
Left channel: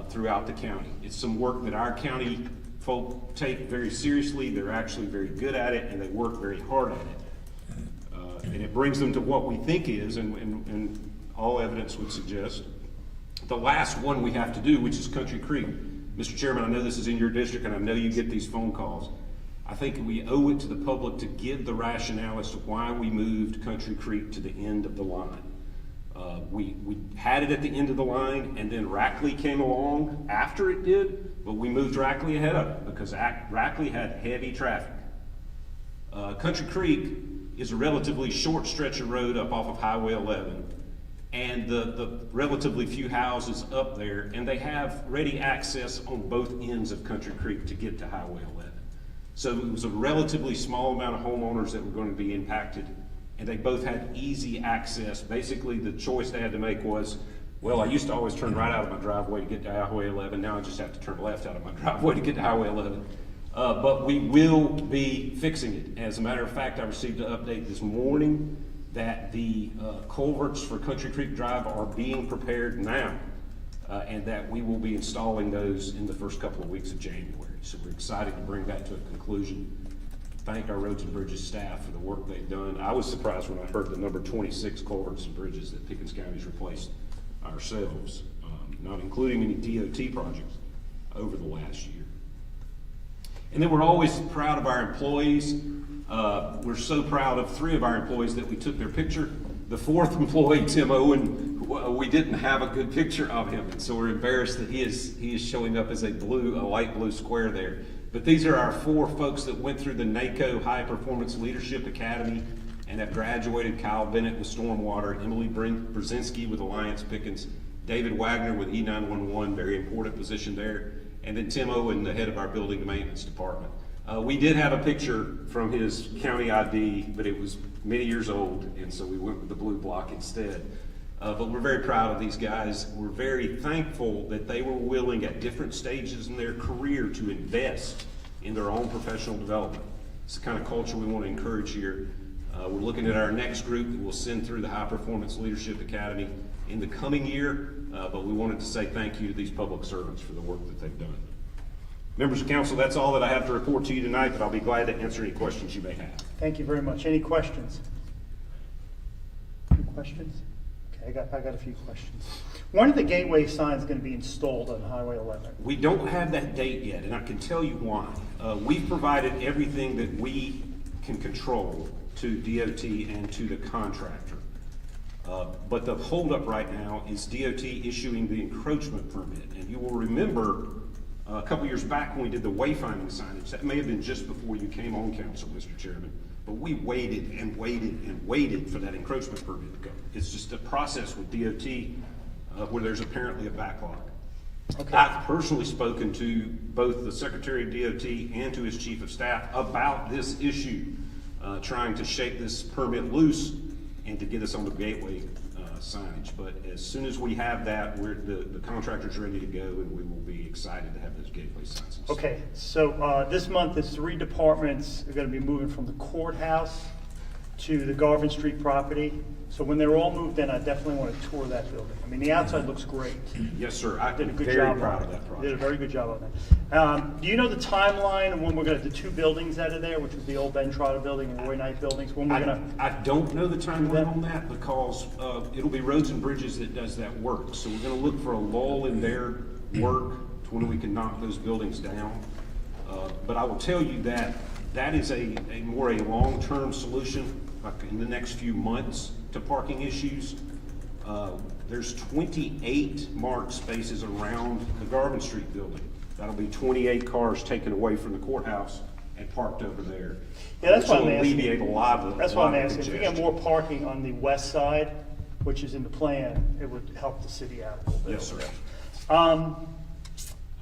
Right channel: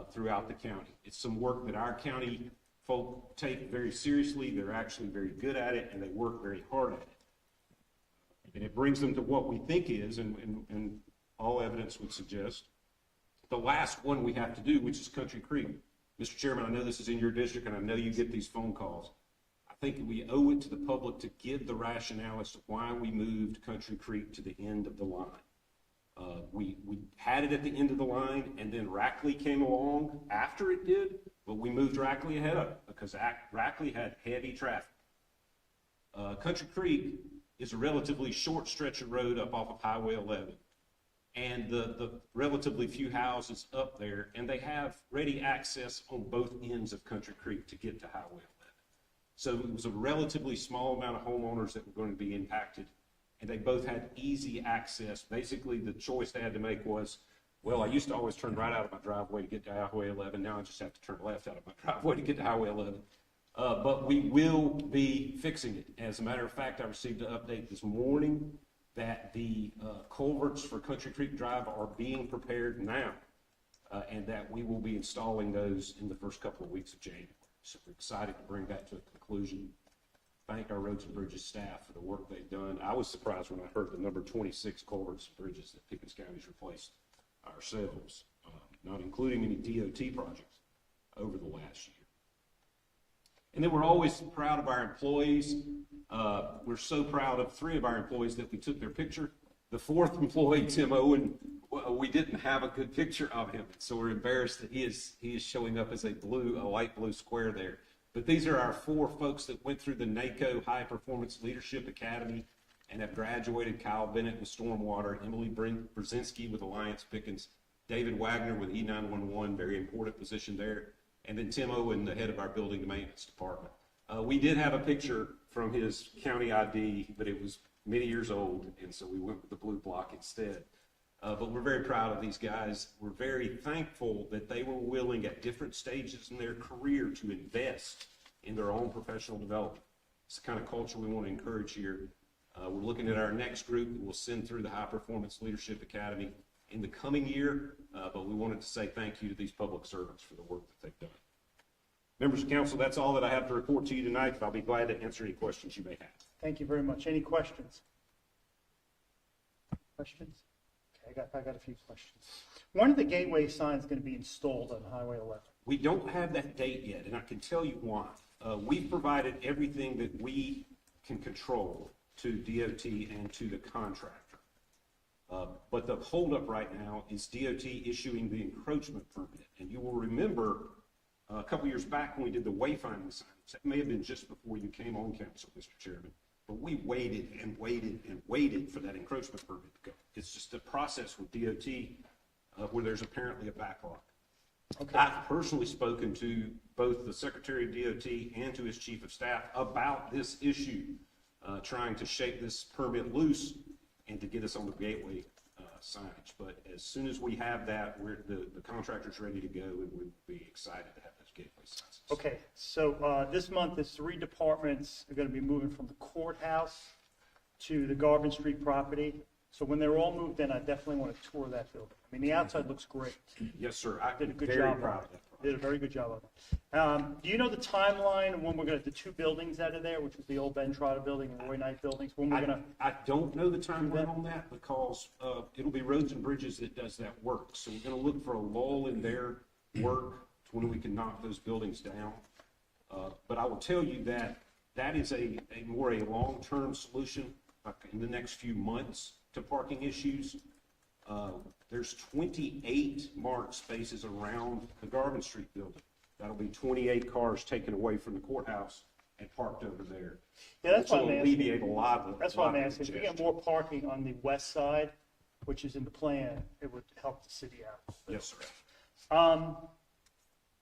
throughout the county. It's some work that our county folk take very seriously. They're actually very good at it, and they work very hard at it. And it brings them to what we think is, and all evidence would suggest, the last one we have to do, which is Country Creek. Mr. Chairman, I know this is in your district, and I know you get these phone calls. I think we owe it to the public to give the rationale as to why we moved Country Creek to the end of the line. We had it at the end of the line, and then Rackley came along after it did, but we moved Rackley ahead of it because Rackley had heavy traffic. Country Creek is a relatively short stretch of road up off of Highway 11, and the relatively few houses up there, and they have ready access on both ends of Country Creek to get to Highway 11. So it was a relatively small amount of homeowners that were going to be impacted, and they both had easy access. Basically, the choice they had to make was, well, I used to always turn right out of my driveway to get to Highway 11. Now I just have to turn left out of my driveway to get to Highway 11. But we will be fixing it. As a matter of fact, I received an update this morning that the culverts for Country Creek Drive are being prepared now, and that we will be installing those in the first couple of weeks of January. So we're excited to bring that to a conclusion. Thank our Roads and Bridges staff for the work they've done. I was surprised when I heard the number 26 culverts and bridges that Pickens County's replaced ourselves, not including any DOT projects over the last year. And then we're always proud of our employees. We're so proud of 3 of our employees that we took their picture. The 4th employee, Tim Owen, we didn't have a good picture of him, and so we're embarrassed that he is showing up as a light blue square there. But these are our 4 folks that went through the NACO High Performance Leadership Academy and have graduated. Kyle Bennett with Stormwater, Emily Brzezinski with Alliance Pickens, David Wagner with E911, very important position there, and then Tim Owen, the head of our building maintenance department. We did have a picture from his county ID, but it was many years old, and so we went with the blue block instead. But we're very proud of these guys. We're very thankful that they were willing at different stages in their career to invest in their own professional development. It's the kind of culture we want to encourage here. We're looking at our next group that we'll send through the High Performance Leadership Academy in the coming year, but we wanted to say thank you to these public servants for the work that they've done. Members of council, that's all that I have to report to you tonight, but I'll be glad to answer any questions you may have. Thank you very much. Any questions? Any questions? Okay, I got a few questions. When are the gateway signs going to be installed on Highway 11? We don't have that date yet, and I can tell you why. We've provided everything that we can control to DOT and to the contractor. But the holdup right now is DOT issuing the encroachment permit. And you will remember a couple years back when we did the wayfinding signage, that may have been just before you came on council, Mr. Chairman, but we waited and waited and waited for that encroachment permit to go. It's just a process with DOT where there's apparently a backlog. Okay. I've personally spoken to both the Secretary of DOT and to his Chief of Staff about this issue, trying to shake this permit loose and to get us on the gateway signage. But as soon as we have that, the contractor's ready to go, and we will be excited to have those gateway signs. Okay, so this month is 3 departments are going to be moving from the courthouse to the Garvin Street property. So when they're all moved in, I definitely want to tour that building. I mean, the outside looks great. Yes, sir. Did a good Very job proud on of that it. project. Did a very good job on that. Do you know the timeline of when we're going to have the 2 buildings out of there, which is the old Ben Trotter building and Roy Knight buildings? When we're going to? I don't know the timeline on that because it'll be Roads and Bridges that does that work. So we're gonna look for a lull in their work to when we can knock those buildings down. But I will tell you that that is a long-term solution, like in the next few months, to parking issues. There's 28 marked spaces around the Garvin Street building. That'll be 28 cars taken away from the courthouse and parked over there. Yeah, that's why Which I'm will asking. alleviate a lot of That's why I'm the asking. If we get congestion. more parking on the west side, which is in the plan, it would help the city out a little bit. Yes, sir.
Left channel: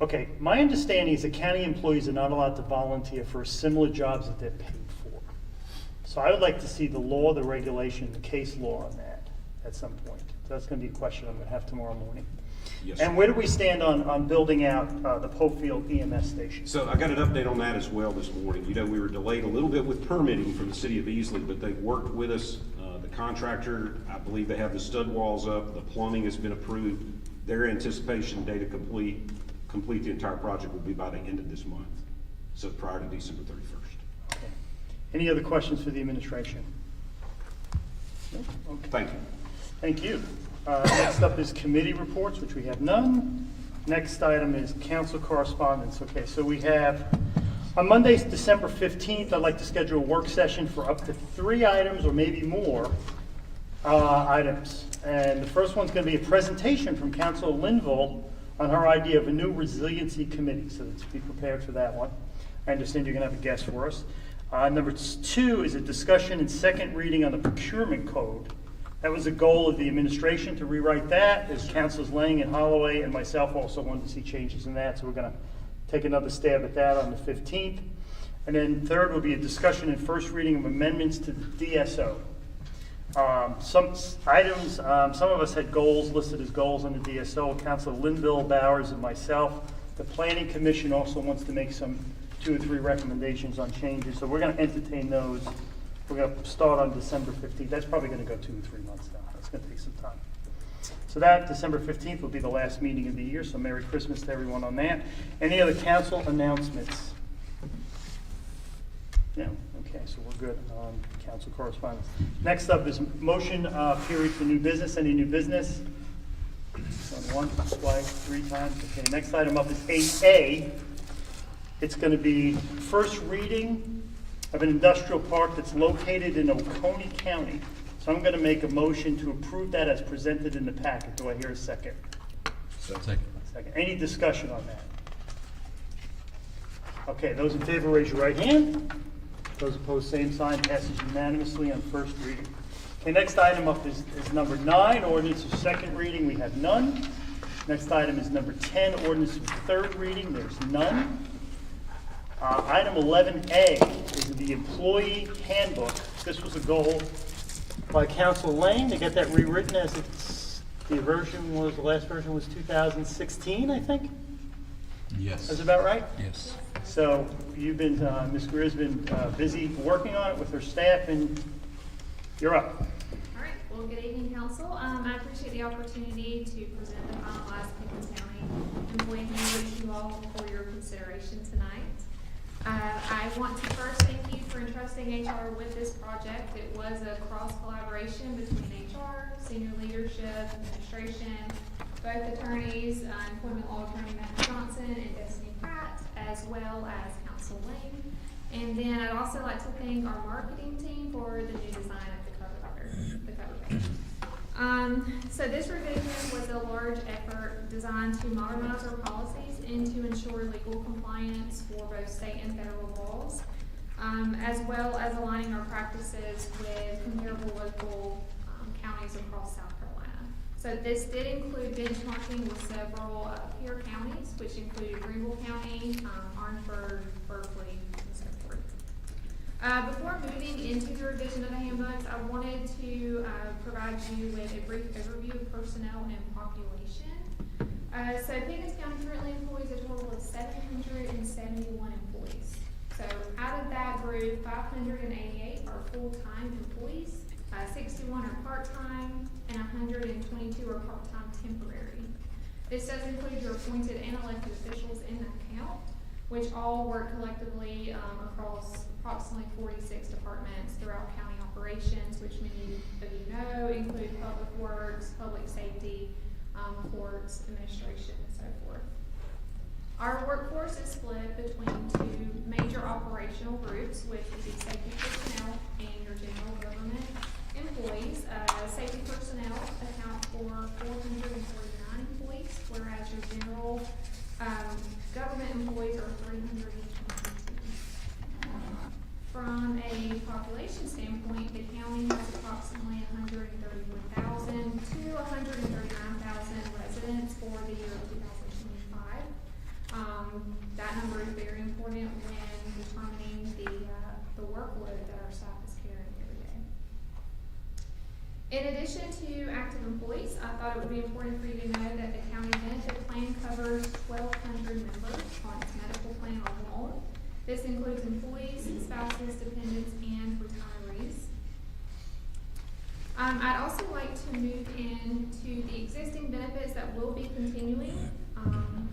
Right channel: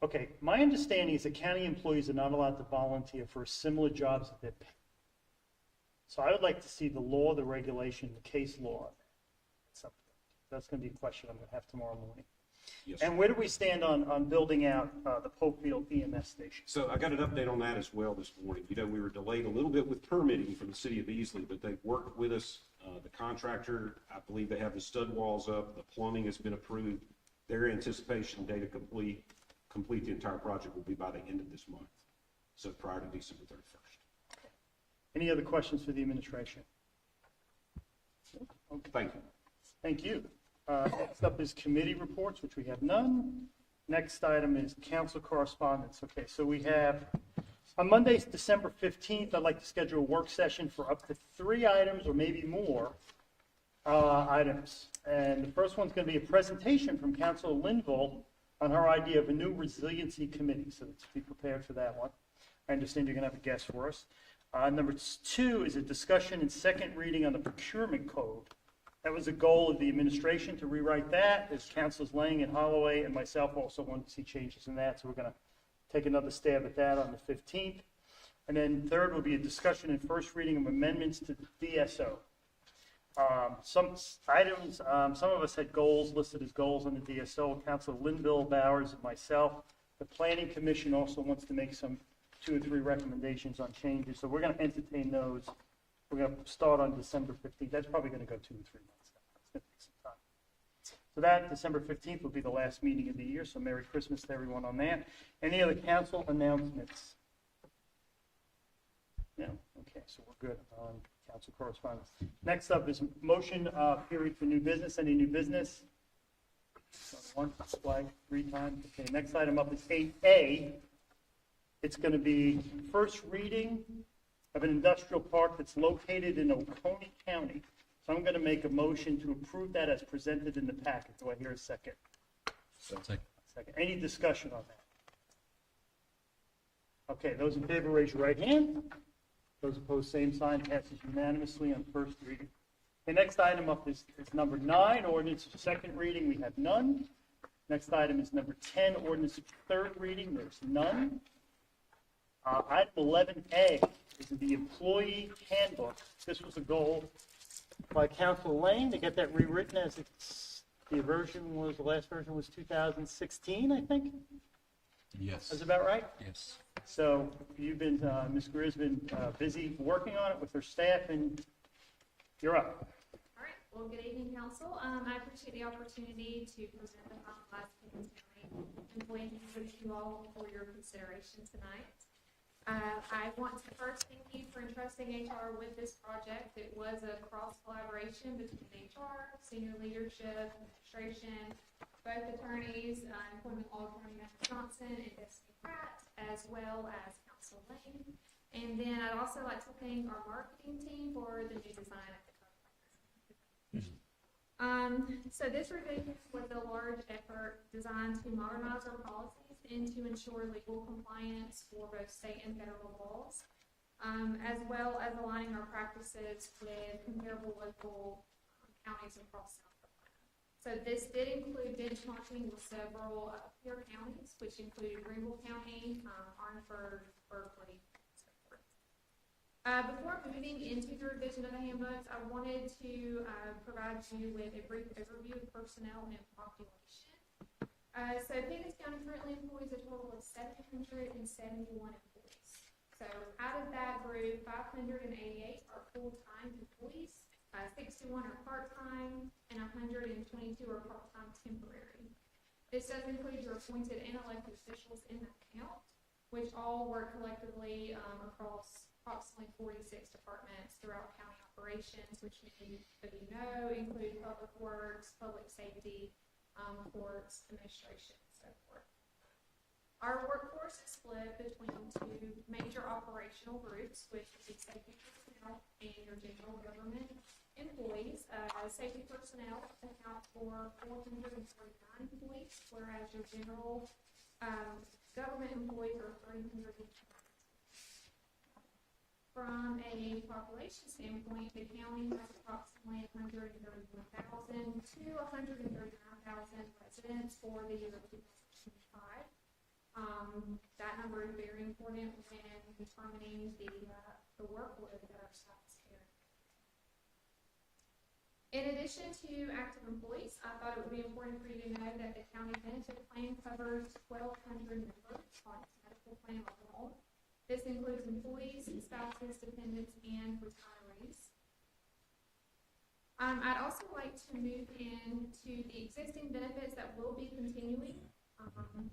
Okay, my understanding is that county employees are not allowed to volunteer for similar jobs that they're paid for. So I would like to see the law, the regulation, the case law on that at some point. So that's gonna be a question I'm gonna have tomorrow morning. Yes, sir. And where do we stand on building out the Popefield EMS station? So I got an update on that as well this morning. You know, we were delayed a little bit with permitting from the city of Easley, but they worked with us. The contractor, I believe they have the stud walls up, the plumbing has been approved. Their anticipation date to complete the entire project will be by the end of this month, so prior to December 31st. Okay. Any other questions for the administration? No? Okay. Thank you. Thank you. Next up is committee reports, which we have none. Next item is council correspondence. Okay, so we have, on Monday, December 15th, I'd like to schedule a work session for up to 3 items or maybe more items. And the first one's going to be a presentation from Councilor Linville on her idea of a new resiliency committee, so let's be prepared for that one. I understand you're going to have a guest for us. Number 2 is a discussion and second reading on the procurement code. That was a goal of the administration to rewrite that, as Councilors Lang and Holloway and myself also wanted to see changes in that, so we're going to take another stab at that on the 15th. And then third will be a discussion and first reading of amendments to the DSO. Some items, some of us had goals listed as goals on the DSO. Councilor Linville, Bowers, and myself. The Planning Commission also wants to make some 2 or 3 recommendations on changes, so we're going to entertain those. We're going to start on December 15th. That's probably going to go 2 or 3 months now. That's going to take some time. So that, December 15th, will be the last meeting of the year, so Merry Christmas to everyone on that. Any other council announcements? No? Okay, so we're good on council correspondence. Next up is motion period for new business. Any new business? On 1, twice, 3 times. Okay, next item up is 8A. It's going to be first reading of an industrial park that's located in Oconee County. So I'm going to make a motion to approve that as presented in the packet. Do I hear a second? Second. Second. Any discussion on that? Okay, those in favor, raise your right hand. Those opposed, same sign. Passes unanimously on first reading. Okay, next item up is number 9, ordinance of second reading. We have none. Next item is number 10, ordinance of third reading. There's none. Item 11A is the employee handbook. This was a goal by Council Lane to get that rewritten as it's, the last version was 2016, I think? Yes. That's about right? Yes. So you've been, Ms. Greer's been busy working on it with her staff, and you're up. All right, well, good evening, council. I appreciate the opportunity to present the finalized Pickens County employee handbook to you all for your consideration tonight. I want to first thank you for entrusting HR with this project. It was a cross collaboration between HR, senior leadership, administration, both attorneys, employment law attorney Matt Johnson and Destiny Pratt, as well as Council Lane. And then I'd also like to thank our marketing team for the new design of the cover page. So this revision was a large effort designed to modernize our policies and to ensure legal compliance for both state and federal laws, as well as aligning our practices with comparable local counties across South Carolina. So this did include benchmarking with several peer counties, which included Greenville County, Orangeburg, Berkeley, and so forth. Before moving into the revision of the handbooks, I wanted to provide you with a brief overview of personnel and population. So Pickens County currently employs a total of 771 employees. So out of that group, 588 are full-time employees, 61 are part-time, and 122 are part-time temporary. This does include your appointed and elected officials in that count, which all work collectively across approximately 46 departments throughout county operations, which many of you know include public works, public safety, courts, administration, and so forth. Our workforce is split between two major operational groups, which would be safety personnel and your general government employees. Safety personnel account for 449 employees, whereas your general government employees are 322. From a population standpoint, the county has approximately 131,000 to 139,000 residents for the year 2025. That number is very important when determining the workload that our staff is carrying every day. In addition to active employees, I thought it would be important for you to know that the county benefit plan covers 1,200 members on its medical plan alone. This includes employees, spouses, dependents, and retirees. I'd also like to move into the existing benefits that will be continuing.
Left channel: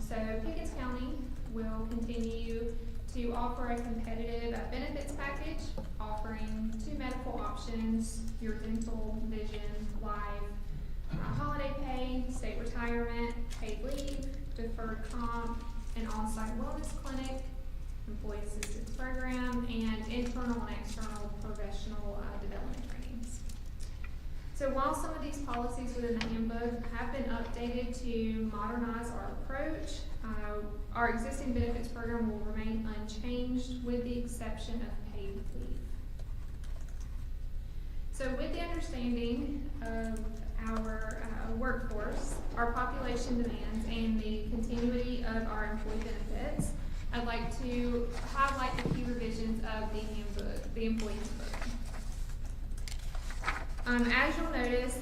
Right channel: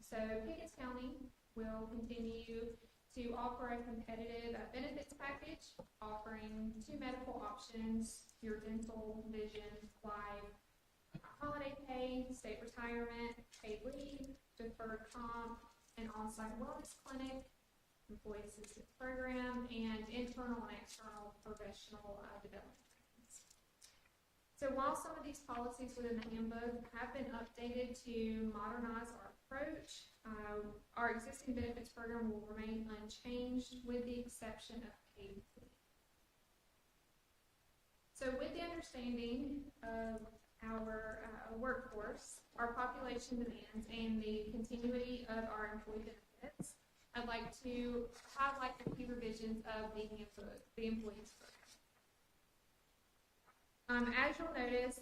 So Pickens County will continue to offer a competitive benefits package, offering 2 medical options, your dental, vision, life, holiday pay, state retirement, paid leave, deferred comp, an on-site wellness clinic, employee assistance program, and internal and external professional development trainings. So while some of these policies within the handbook have been updated to modernize our approach, our existing benefits program will remain unchanged with the exception of paid leave. So with the understanding of our workforce, our population demands, and the continuity of our employee benefits, I'd like to highlight the key revisions of the handbook, the employee handbook. As you'll notice,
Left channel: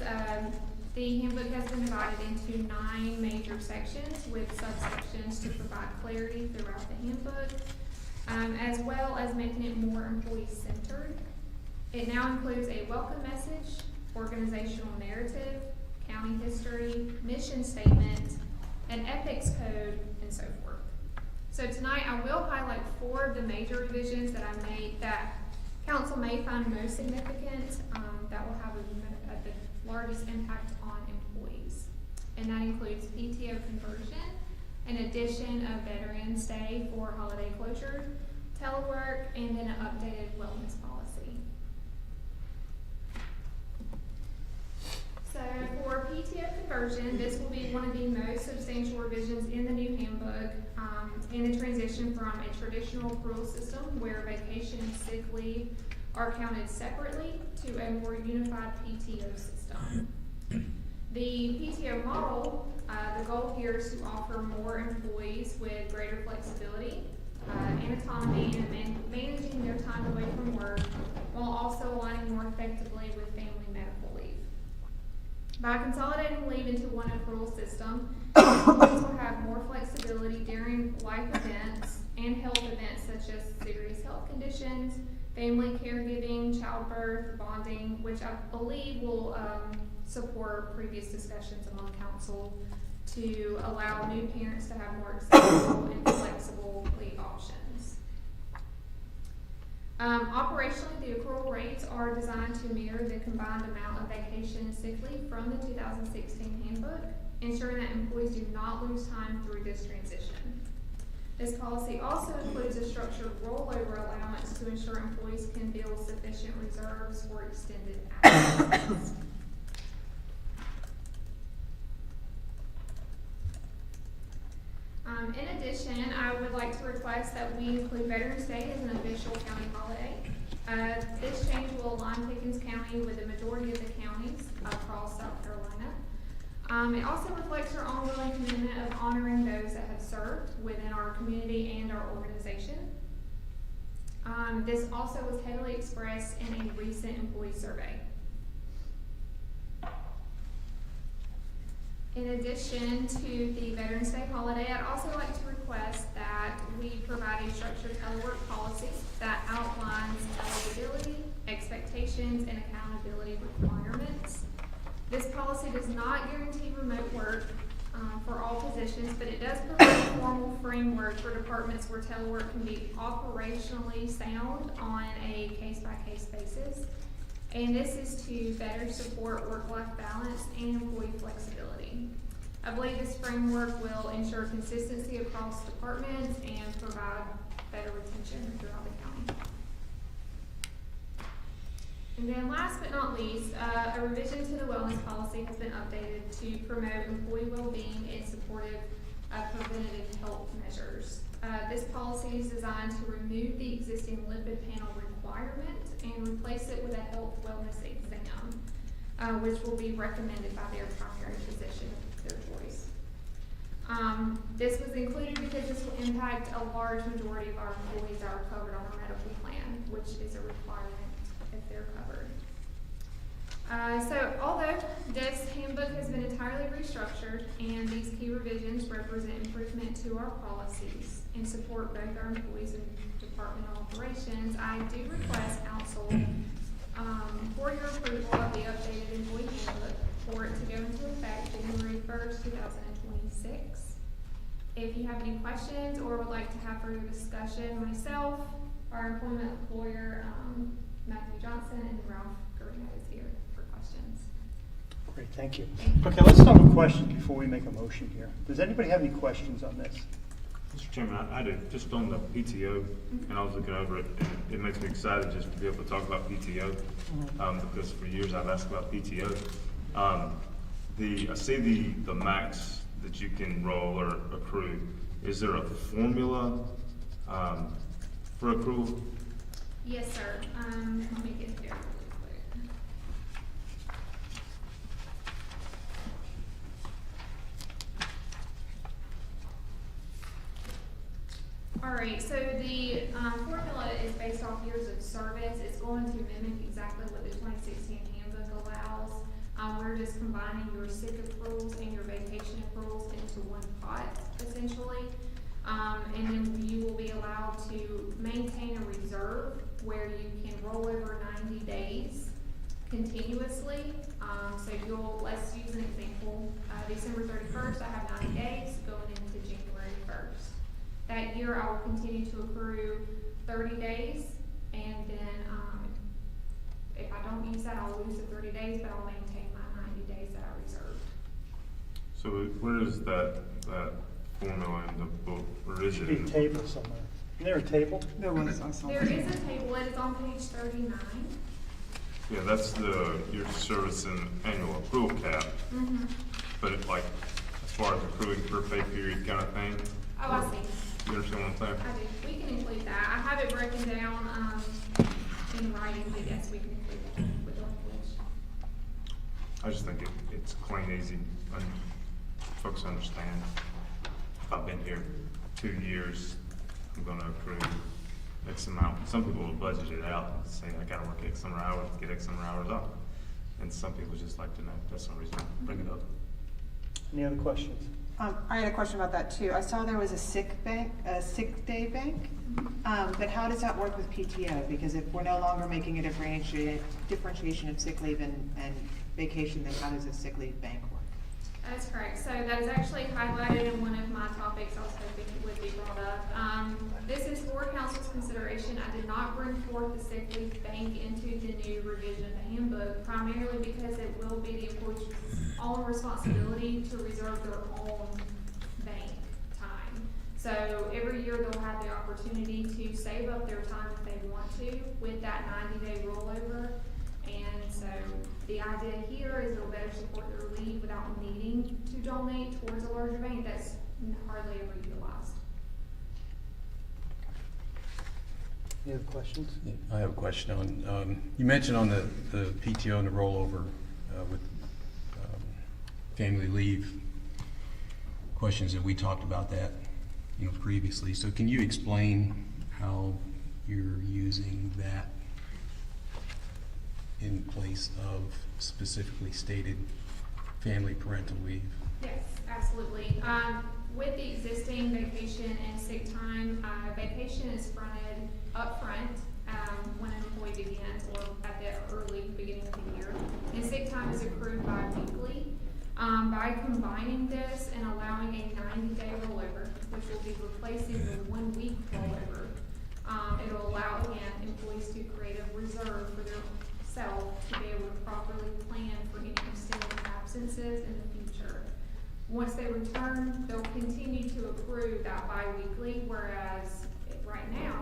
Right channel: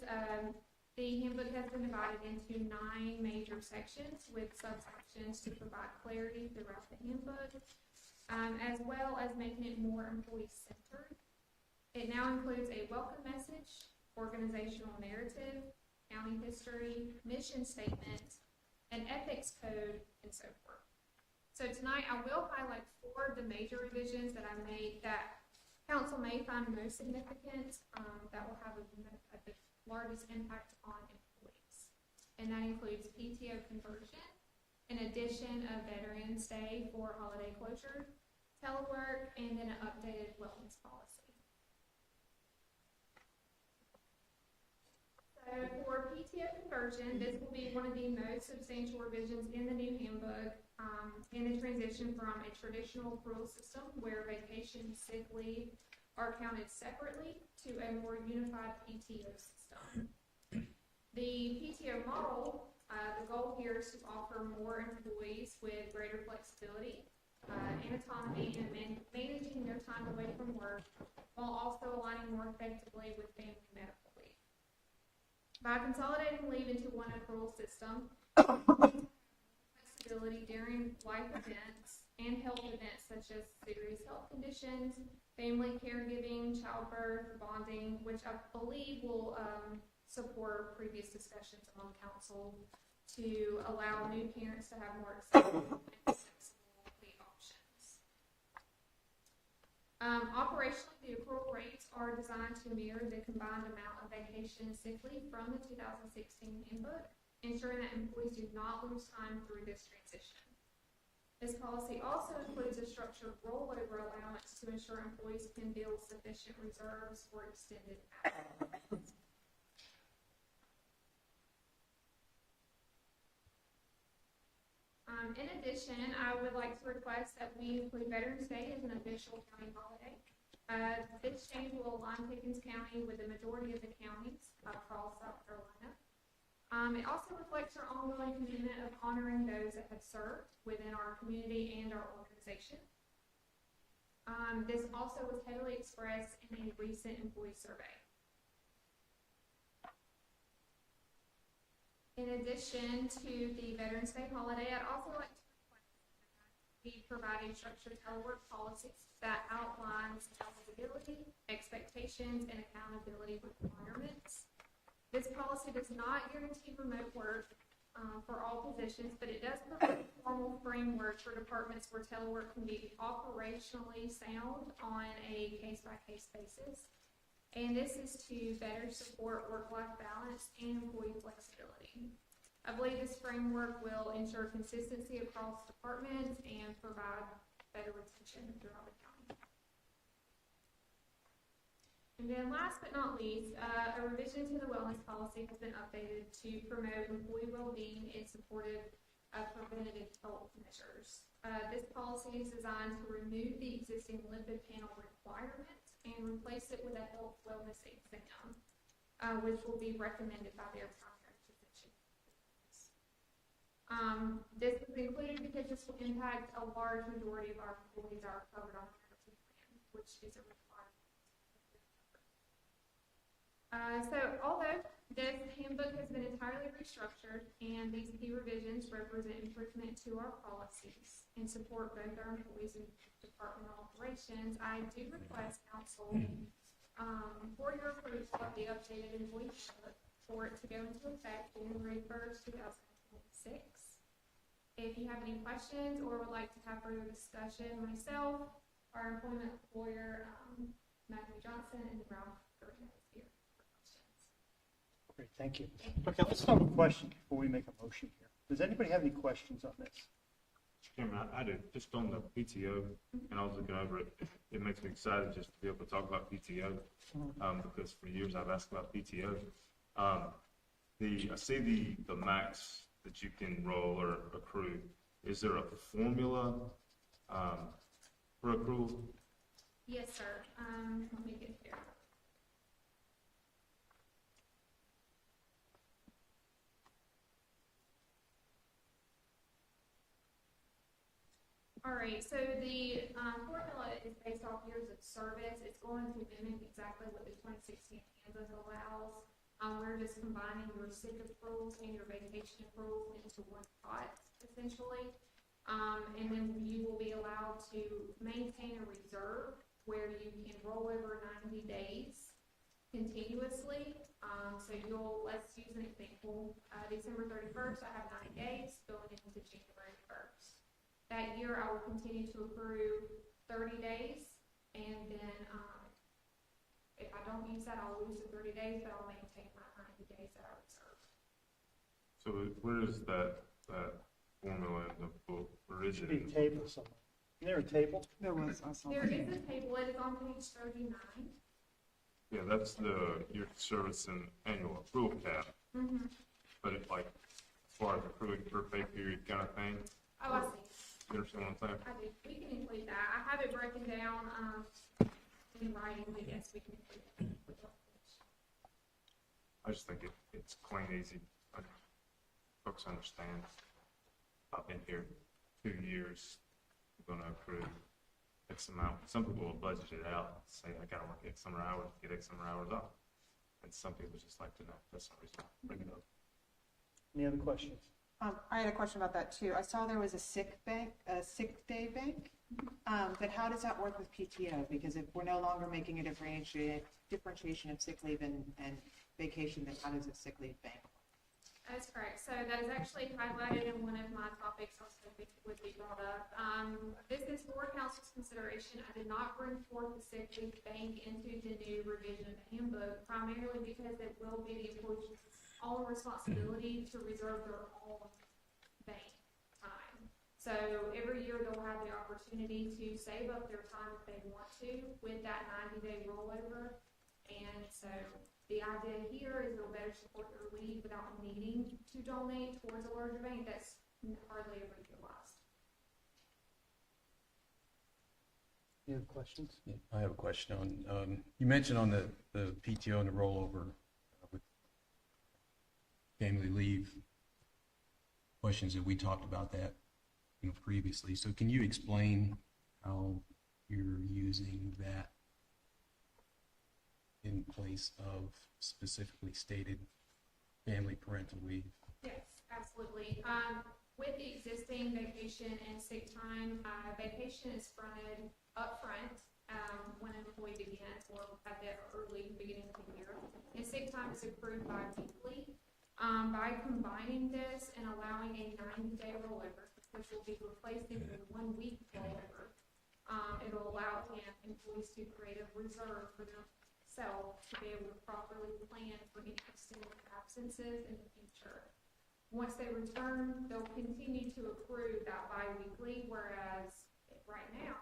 the handbook has been divided into 9 major sections with subsections to provide clarity throughout the handbook, as well as making it more employee-centered. It now includes a welcome message, organizational narrative, county history, mission statement, an ethics code, and so forth. So tonight I will highlight 4 of the major revisions that I made that council may find most significant, that will have the largest impact on employees. And that includes PTO conversion, an addition of Veterans Day for holiday closure, telework, and then an updated wellness policy. So for PTO conversion, this will be one of the most substantial revisions in the new handbook, in the transition from a traditional accrual system where vacation and sick leave are counted separately to a more unified PTO system. The PTO model, the goal here is to offer more employees with greater flexibility and autonomy in managing their time away from work while also aligning more effectively with family medical leave. By consolidating leave into one accrual system, employees will have more flexibility during life events and health events such as serious health conditions, family caregiving, childbirth, bonding, which I believe will support previous discussions among council to allow new parents to have more accessible and flexible leave options. Operationally, the accrual rates are designed to mirror the combined amount of vacation and sick leave from the 2016 handbook, ensuring that employees do not lose time through this transition. This policy also includes a structured rollover allowance to ensure employees can build sufficient reserves for extended absences. In addition, I would like to request that we include Veterans Day as an official county holiday. This change will align Pickens County with the majority of the counties across South Carolina. It also reflects our ongoing commitment of honoring those that have served within our community and our organization. This also was heavily expressed in a recent employee survey. In addition to the Veterans Day holiday, I'd also like to request that we provide a structured telework policy that outlines eligibility, expectations, and accountability requirements. This policy does not guarantee remote work for all positions, but it does provide a formal framework for departments where telework can be operationally sound on a case-by-case basis. And this is to better support work-life balance and employee flexibility. I believe this framework will ensure consistency across departments and provide better retention throughout the county. And then last but not least, a revision to the wellness policy has been updated to promote employee well-being and supportive preventative health measures. This policy is designed to remove the existing lipid panel requirement and replace it with a health wellness exam, which will be recommended by their primary physician of their choice. This was included because this will impact a large majority of our employees that are covered on our medical plan, which is a requirement if they're covered. So although this handbook has been entirely restructured and these key revisions represent improvement to our policies and support both our employees and department operations, I do request council for your approval of the updated employee handbook for it to go into effect January 1st, 2026. If you have any questions or would like to have further discussion, myself, our employment lawyer, Matthew Johnson, and Ralph Garino is here for questions. Great, thank you. Okay, let's start with questions before we make a motion here. Does anybody have any questions on this? Mr. Chairman, I do, just on the PTO, and I was looking over it, and it makes me excited just to be able to talk about PTO, because for years I've asked about PTO. I see the max that you can roll or accrue. Is there a formula for accrual? Yes, sir. Let me get there really quick. All right, so the formula is based off years of service. It's going to mimic exactly what the 2016 handbook allows. We're just combining your sick accruals and your vacation accruals into one pot, essentially. And then you will be allowed to maintain a reserve where you can roll over 90 days continuously. So let's use an example. December 31st, I have 90 days going into January 1st. That year, I will continue to accrue 30 days, and then if I don't use that, I'll lose the 30 days, but I'll maintain my 90 days that I reserved. So where is that formula in the book? Where is Should it? be a table somewhere. Isn't there a table? There was, I saw. There is a table, it is on page 39. Yeah, that's your service and annual accrual cap. Mm-hmm. But it like, as far as accruing per pay period kind of thing? Oh, I see. You understand what I'm saying? I do. We can include that. I have it broken down in writing, but yes, we can include that with language. I just think it's plain easy, and folks understand. If I've been here 2 years, I'm gonna accrue X amount. Some people will budget it out, saying I gotta work X number of hours to get X number of hours off. And some people just like to know. That's the reason I bring it up. Any other questions? I had a question about that too. I saw there was a sick day bank, but how does that work with PTO? Because if we're no longer making a differentiation of sick leave and vacation, then how does a sick leave bank work? That's correct. So that is actually highlighted in one of my topics. I was hoping it would be brought up. This is for council's consideration. I did not bring forth the sick leave bank into the new revision of the handbook, primarily because it will be the employee's own responsibility to reserve their own bank time. So every year they'll have the opportunity to save up their time if they want to with that 90-day rollover. And so the idea here is it'll better support their leave without needing to donate towards a larger bank that's hardly ever utilized. Any other questions? Yeah, I have a question on, you mentioned on the PTO and the rollover with family leave questions that we talked about that, previously. So can you explain how you're using that in place of specifically stated family parental leave? Yes, absolutely. With the existing vacation and sick time, vacation is fronted upfront when an employee begins or at the early beginning of the year. And sick time is accrued bi-weekly. By combining this and allowing a 90-day rollover, which will be replacing the 1-week rollover, it'll allow, again, employees to create a reserve for themselves to be able to properly plan for any extended absences in the future. Once they return, they'll continue to accrue that bi-weekly, whereas right now,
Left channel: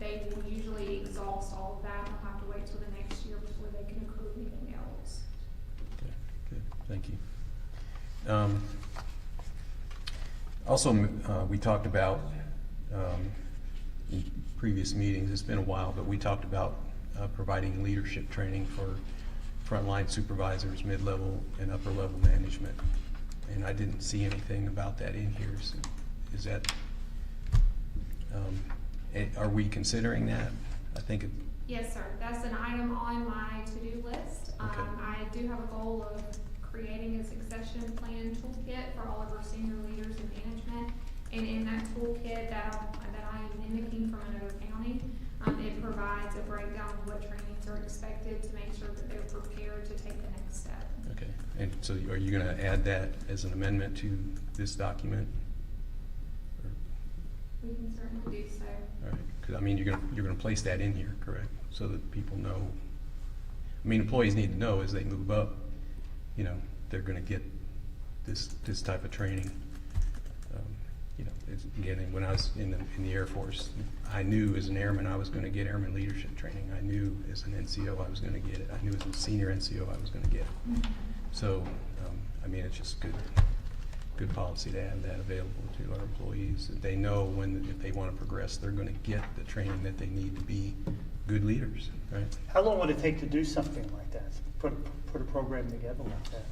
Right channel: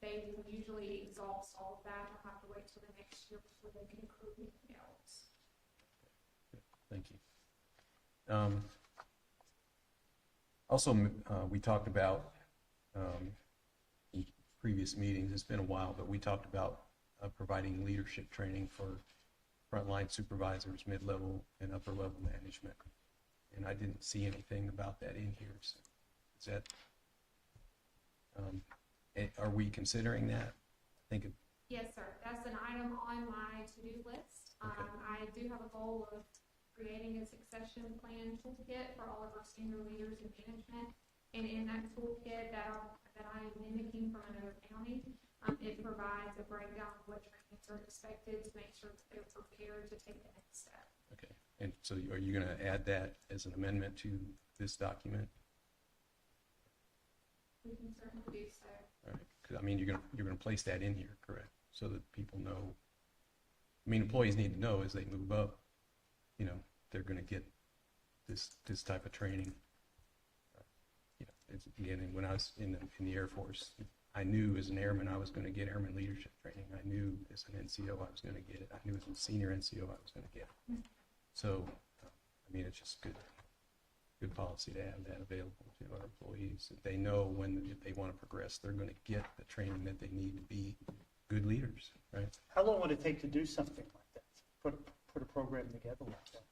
they will usually exhaust all of that and they'll have to wait till the next year before they can accrue anything else. Okay, good, thank you. Also, we talked about, in previous meetings, it's been a while, but we talked about providing leadership training for frontline supervisors, mid-level and upper-level management. And I didn't see anything about that in here, so is that, are we considering that? I think it. Yes, sir. That's an item on my to-do list. Okay. I do have a goal of creating a succession plan toolkit for all of our senior leaders in management. And in that toolkit that I am mimicking from another county, it provides a breakdown of what trainings are expected to make sure that they're prepared to take the next step. Okay, and so are you gonna add that as an amendment to this document? We can certainly do so. All right, because I mean, you're gonna place that in here, correct? So that people know, I mean, employees need to know as they move up, you know, they're gonna get this type of training. You know, again, when I was in the Air Force, I knew as an airman I was gonna get airman leadership training. I knew as an NCO I was gonna get it. I knew as a senior NCO I was gonna get it. So, I mean, it's just good policy to have that available to our employees. That they know if they want to progress, they're going to get the training that they need to be good leaders, right? How long would it take to do something like that? Put a program together like that?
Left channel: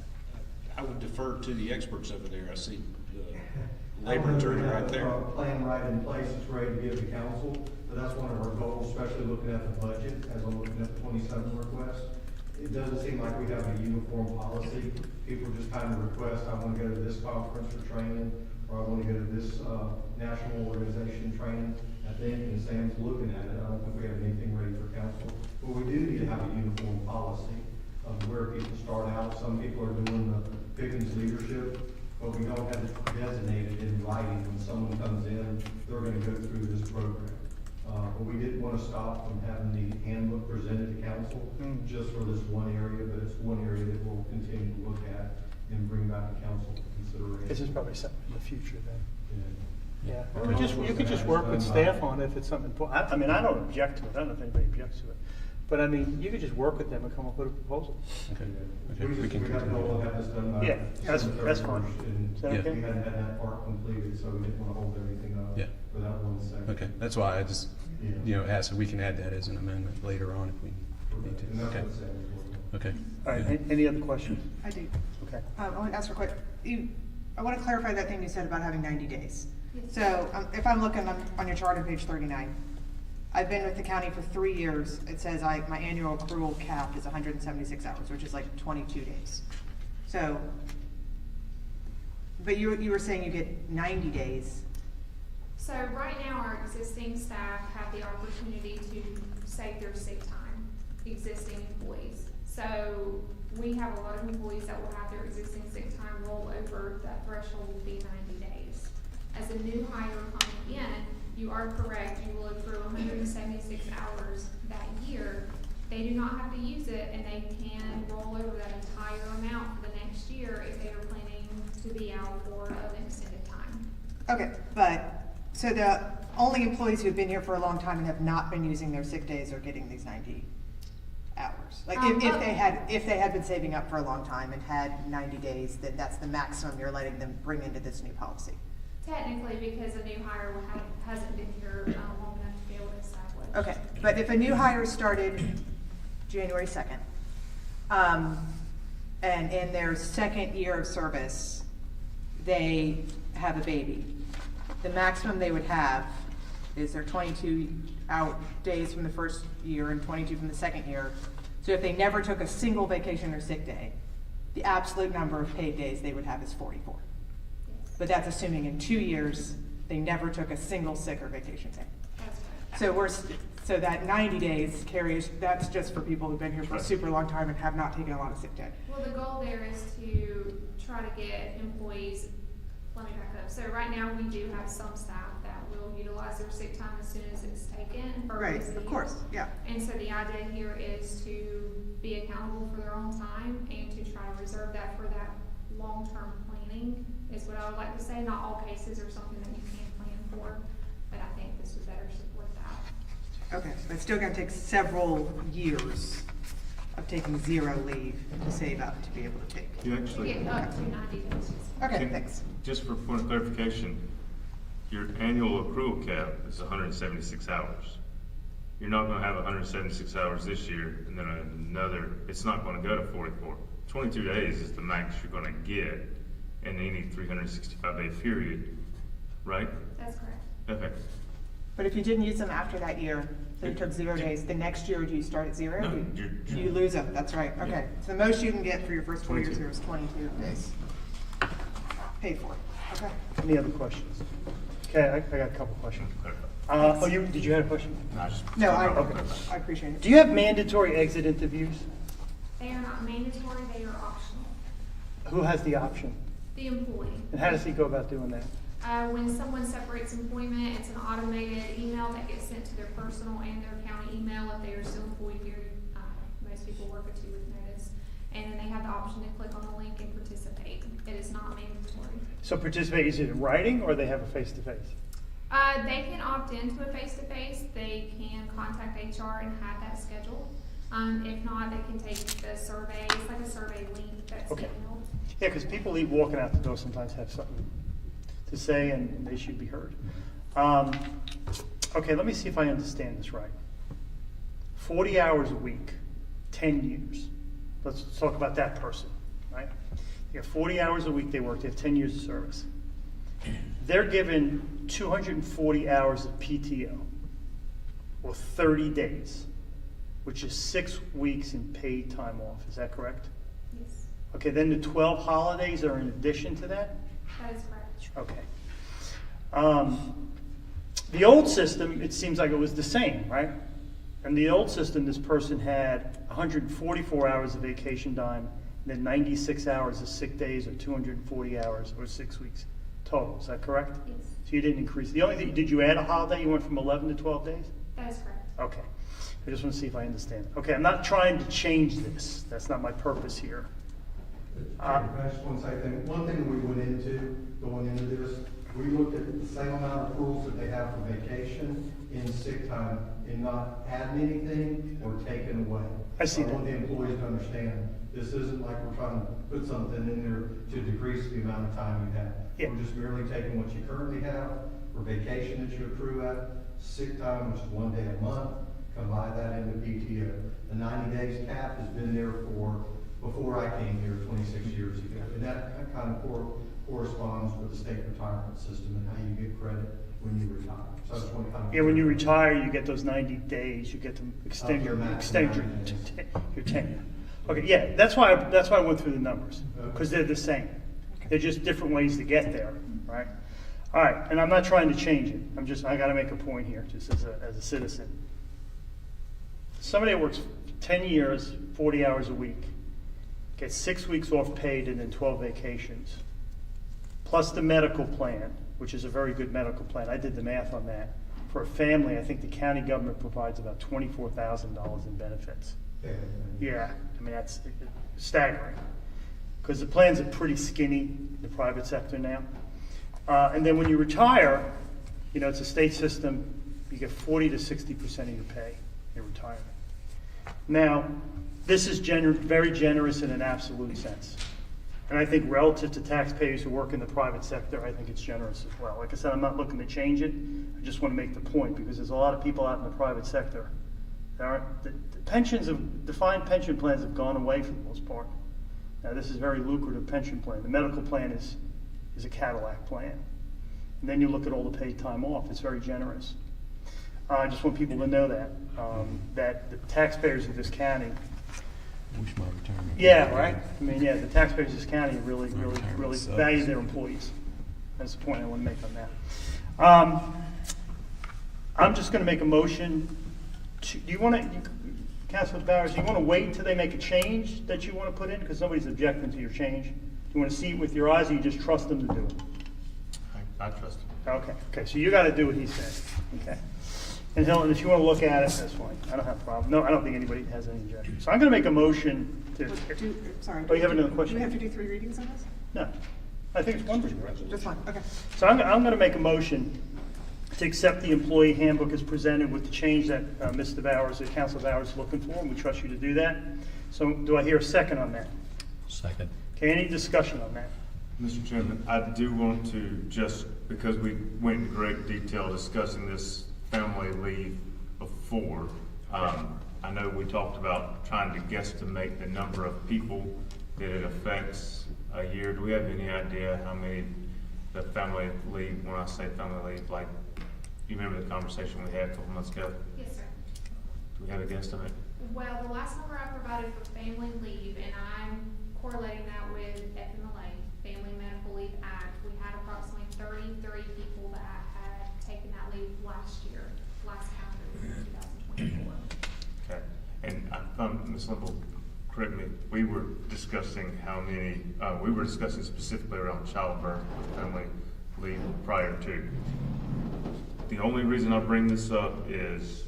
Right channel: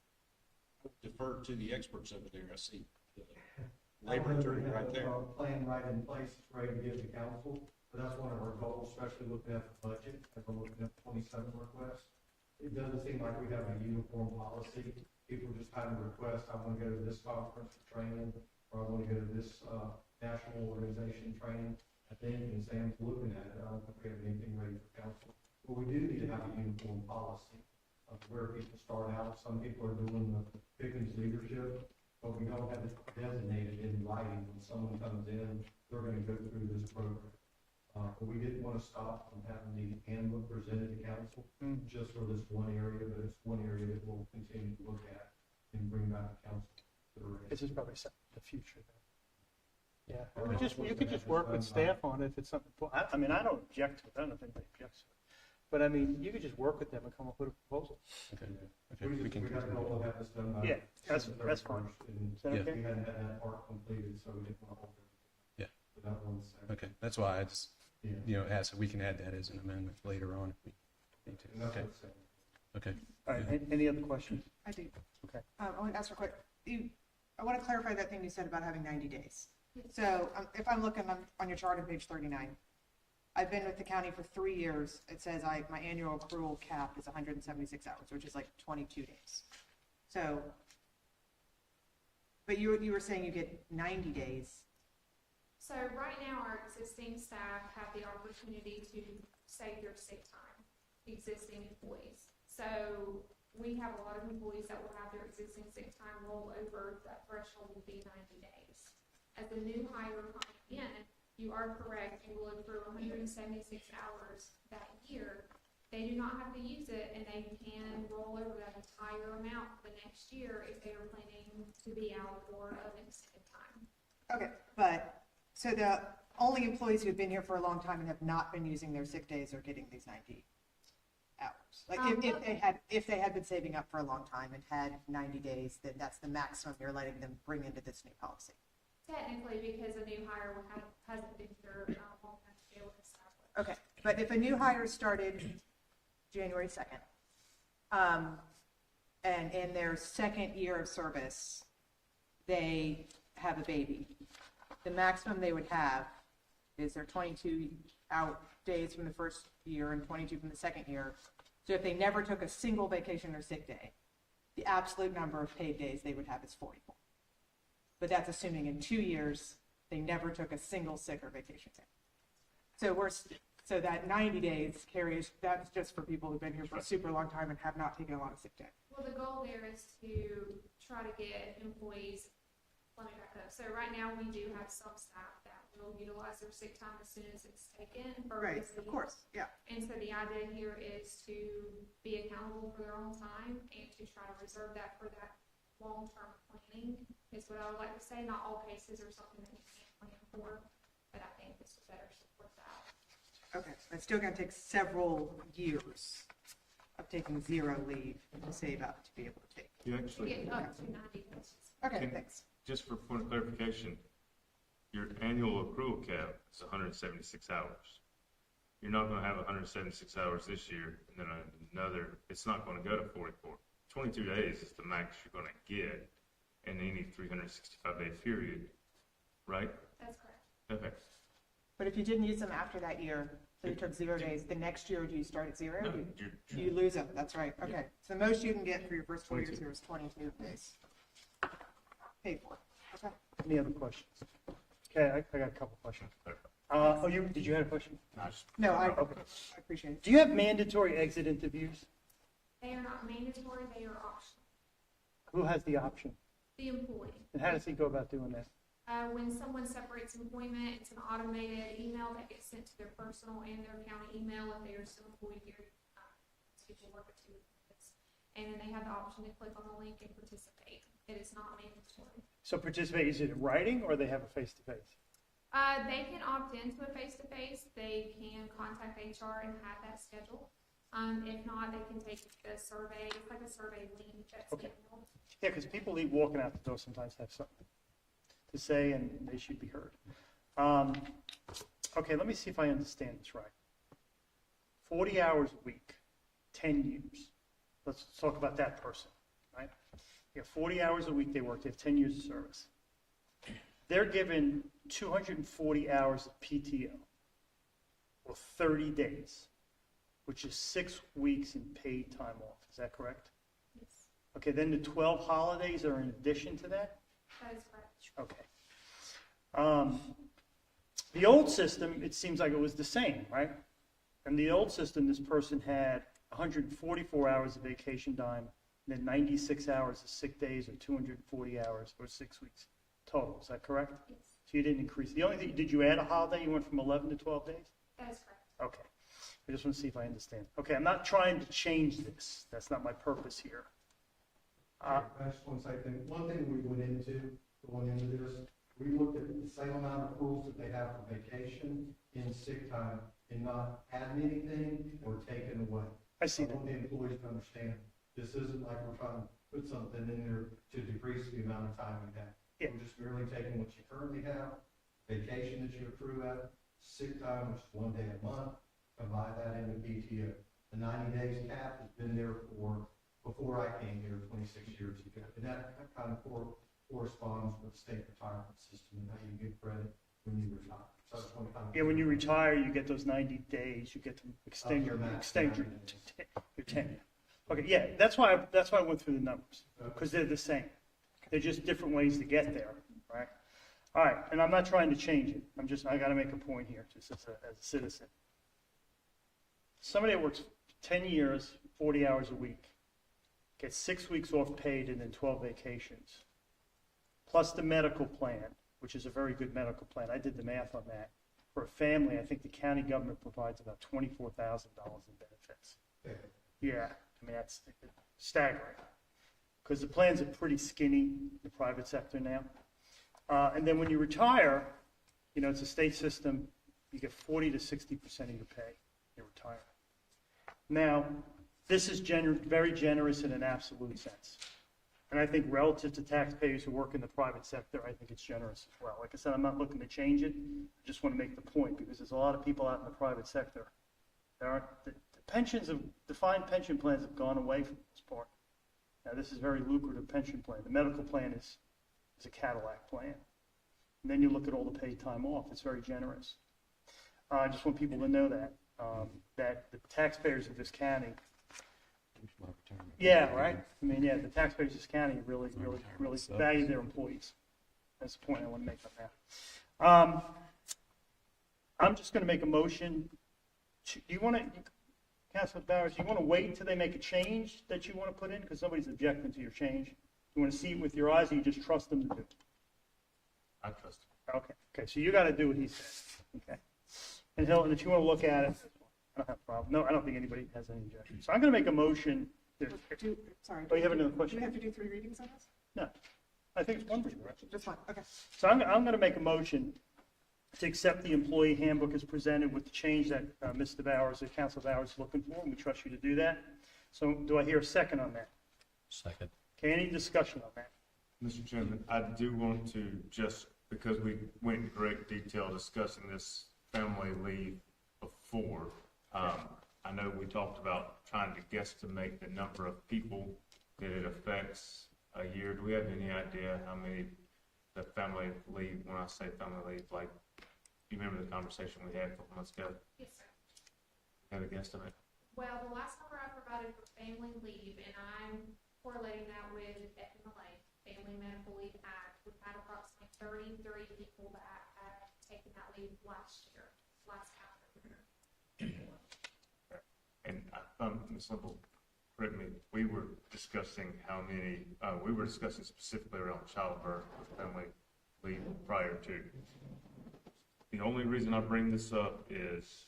I would defer to the experts over there. I see the labor attorney right there. A plan right in place that's ready to give to council, but that's one of our goals, especially looking at the budget, as I'm looking at the 27 requests. It doesn't seem like we have a uniform policy. People just kind of request, I want to go to this conference for training, or I want to go to this national organization training. I think, and Sam's looking at it, I don't think we have anything ready for council. But we do need to have a uniform policy of where people start out. Some people are doing the Pickens leadership, but we don't have it designated in writing. When someone comes in, they're going to go through this program. But we didn't want to stop from having the handbook presented to council just for this one area, but it's one area that we'll continue to look at and bring back to council for consideration. This is probably something in the future then. Yeah. Yeah, you could just work with staff on it if it's something important. I mean, I don't object to it. I don't know if anybody objects to it. But I mean, you could just work with them and come up with a proposal. Okay. We have to go and have this done by. Yeah, that's fine. And Is that Yeah. okay? we hadn't had that part completed, so we didn't want to hold everything up. Yeah. For that one second. Okay, that's why I just, you know, asked if we can add that as an amendment later on if we need And to. that's Okay. what Sam was working on. Okay. All right, any other questions? I do. Okay. I want to ask real quick, I want to clarify that thing you said about having 90 days. So if I'm looking on your chart on page 39, I've been with the county for 3 years. It says my annual accrual cap is 176 hours, which is like 22 days. So, but you were saying you get 90 days. So right now, our existing staff have the opportunity to save their sick time, existing employees. So we have a lot of employees that will have their existing sick time roll over. That threshold will be 90 days. As a new hire coming in, you are correct, you will accrue 176 hours that year. They do not have to use it, and they can roll over that entire amount for the next year if they are planning to be out for an extended time. Okay, but, so the only employees who've been here for a long time and have not been using their sick days are getting these 90 hours? Like, if they had been saving up for a long time and had 90 days, then that's the maximum you're letting them bring into this new policy? Technically, because a new hire hasn't been here long enough to be able to establish. Okay, but if a new hire started January 2nd, and in their second year of service, they have a baby, the maximum they would have is their 22 out days from the first year and 22 from the second year. So if they never took a single vacation or sick day, the absolute number of paid days they would have is 44. But that's assuming in 2 years, they never took a single sick or vacation day. So that 90 days carries, that's just for people who've been here for a super long time and have not taken a lot of sick day. Well, the goal there is to try to get employees, let me back up. So right now, we do have some staff that will utilize their sick time as soon as it's taken. For Right, busy. of course, yeah. And so the idea here is to be accountable for their own time and to try to reserve that for that long-term planning is what I would like to say. Not all cases are something that you can plan for, but I think this would better support that. Okay, so it's still gonna take several years of taking 0 leave to save up to be able to take. You To actually, get up to 90 days. Okay, Can- thanks. just for point of clarification, your annual accrual cap is 176 hours. You're not gonna have 176 hours this year, and then another, it's not gonna go to 44. 22 days is the max you're gonna get in any 365-day period, right? That's correct. Okay. But if you didn't use them after that year, so you took 0 days, the next year, do you start at 0? No, You lose them, that's right, okay. So the most you can get for your first 4 years here is 22 days. Paid for, okay. Any other questions? Okay, I got a couple questions. Did you have a question? No, Okay. I appreciate it. Do you have mandatory exit interviews? They are not mandatory, they are optional. Who has the option? The employee. And how does he go about doing that? When someone separates employment, it's an automated email that gets sent to their personal and their county email if they are still employed here. Most people work a 2-week notice. And then they have the option to click on the link and participate. It is not mandatory. So participate, is it in writing or they have a face-to-face? They can opt into a face-to-face. They can contact HR and have that scheduled. If not, they can take the survey. It's like a survey link that's Okay. emailed. Yeah, because people leave walking out the door sometimes have something to say and they should be heard. Okay, let me see if I understand this right. 40 hours a week, 10 years. Let's talk about that person, right? They have 40 hours a week they work, they have 10 years of service. They're given 240 hours of PTO, or 30 days, which is 6 weeks in paid time off, is that correct? Yes, Okay, then the 12 holidays are in addition to that? that is correct. Okay. The old system, it seems like it was the same, right? In the old system, this person had 144 hours of vacation time, then 96 hours of sick days, or 240 hours, or 6 weeks total. Is that correct? Yes, So you didn't increase. The only thing, did you add a holiday? You went from 11 to 12 days? that is correct. Okay. I just want to see if I understand. Okay, I'm not trying to change this. That's not my purpose here. I just want to say, one thing we went into, going into this, we looked at the same amount of rules that they have for vacation in sick time and not adding anything or taking away. I see I want that. the employees to understand, this isn't like we're trying to put something in there to decrease the amount of time you have. Yeah. We're just merely taking what you currently have for vacation that you accrue at, sick time, which is 1 day a month, combine that into PTO. The 90 days cap has been there before I came here 26 years ago. And that kind of corresponds with the state retirement system and how you get credit when you retire. So I just want to kind of. Yeah, when you retire, you get those 90 days, you get to extend your, Up to max extend 90 days. your tenure. Okay, yeah, that's why I went through the numbers, because they're the same. They're just different ways to get there, right? All right, and I'm not trying to change it. I gotta make a point here, just as a citizen. Somebody that works 10 years, 40 hours a week, gets 6 weeks off paid and then 12 vacations, plus the medical plan, which is a very good medical plan. I did the math on that. For a family, I think the county government provides about $24,000 in benefits. Yeah, I mean, that's staggering. Because the plans are pretty skinny in the private sector now. And then when you retire, it's a state system, you get 40 to 60% of your pay in retirement. Now, this is very generous in an absolute sense. And I think relative to taxpayers who work in the private sector, I think it's generous as well. Like I said, I'm not looking to change it. I just want to make the point because there's a lot of people out in the private sector. The pensions of defined pension plans have gone away for the most part. Now, this is a very lucrative pension plan. The medical plan is a Cadillac plan. And then you look at all the paid time off. It's very generous. I just want people to know that the taxpayers of this county Wish my retirement. Yeah, right? I mean, yeah, the taxpayers of this county really sucks. value their employees. That's the point I want to make on that. I'm just going to make a motion to, do you want to, Councilor Bowers, do you want to wait until they make a change that you want to put in? Because nobody's objecting to your change. Do you want to see it with your eyes, or you just trust them to do it? I trust him. Okay, so you got to do what he says, okay? And Helen, if you want to look at it, that's fine. I don't have a problem. No, I don't think anybody has any objection. So I'm going to make a motion to. Sorry. Oh, you have another question? Do we have to do 3 readings on this? No, I think it's one reading. Just one, okay. So I'm going to make a motion to accept the employee handbook as presented with the change that Mr. Bowers, Council Bowers is looking for, and we trust you to do that. So do I hear a second on that? Second. Okay, any discussion on that? Mr. Chairman, I do want to, just because we went in great detail discussing this family leave before, I know we talked about trying to guesstimate the number of people that it affects a year. Do we have any idea how many the family leave, when I say family leave, like, you remember the conversation we had a couple months ago? Yes, sir. Do we have a guesstimate? Well, the last number I provided for family leave, and I'm correlating that with FMLA, Family Medical Leave Act, we had approximately 33 people that had taken that leave last year, last calendar year, 2024. Okay, and Ms. Limble, correct me, we were discussing how many, we were discussing specifically around childbirth with family leave prior to. The only reason I bring this up is,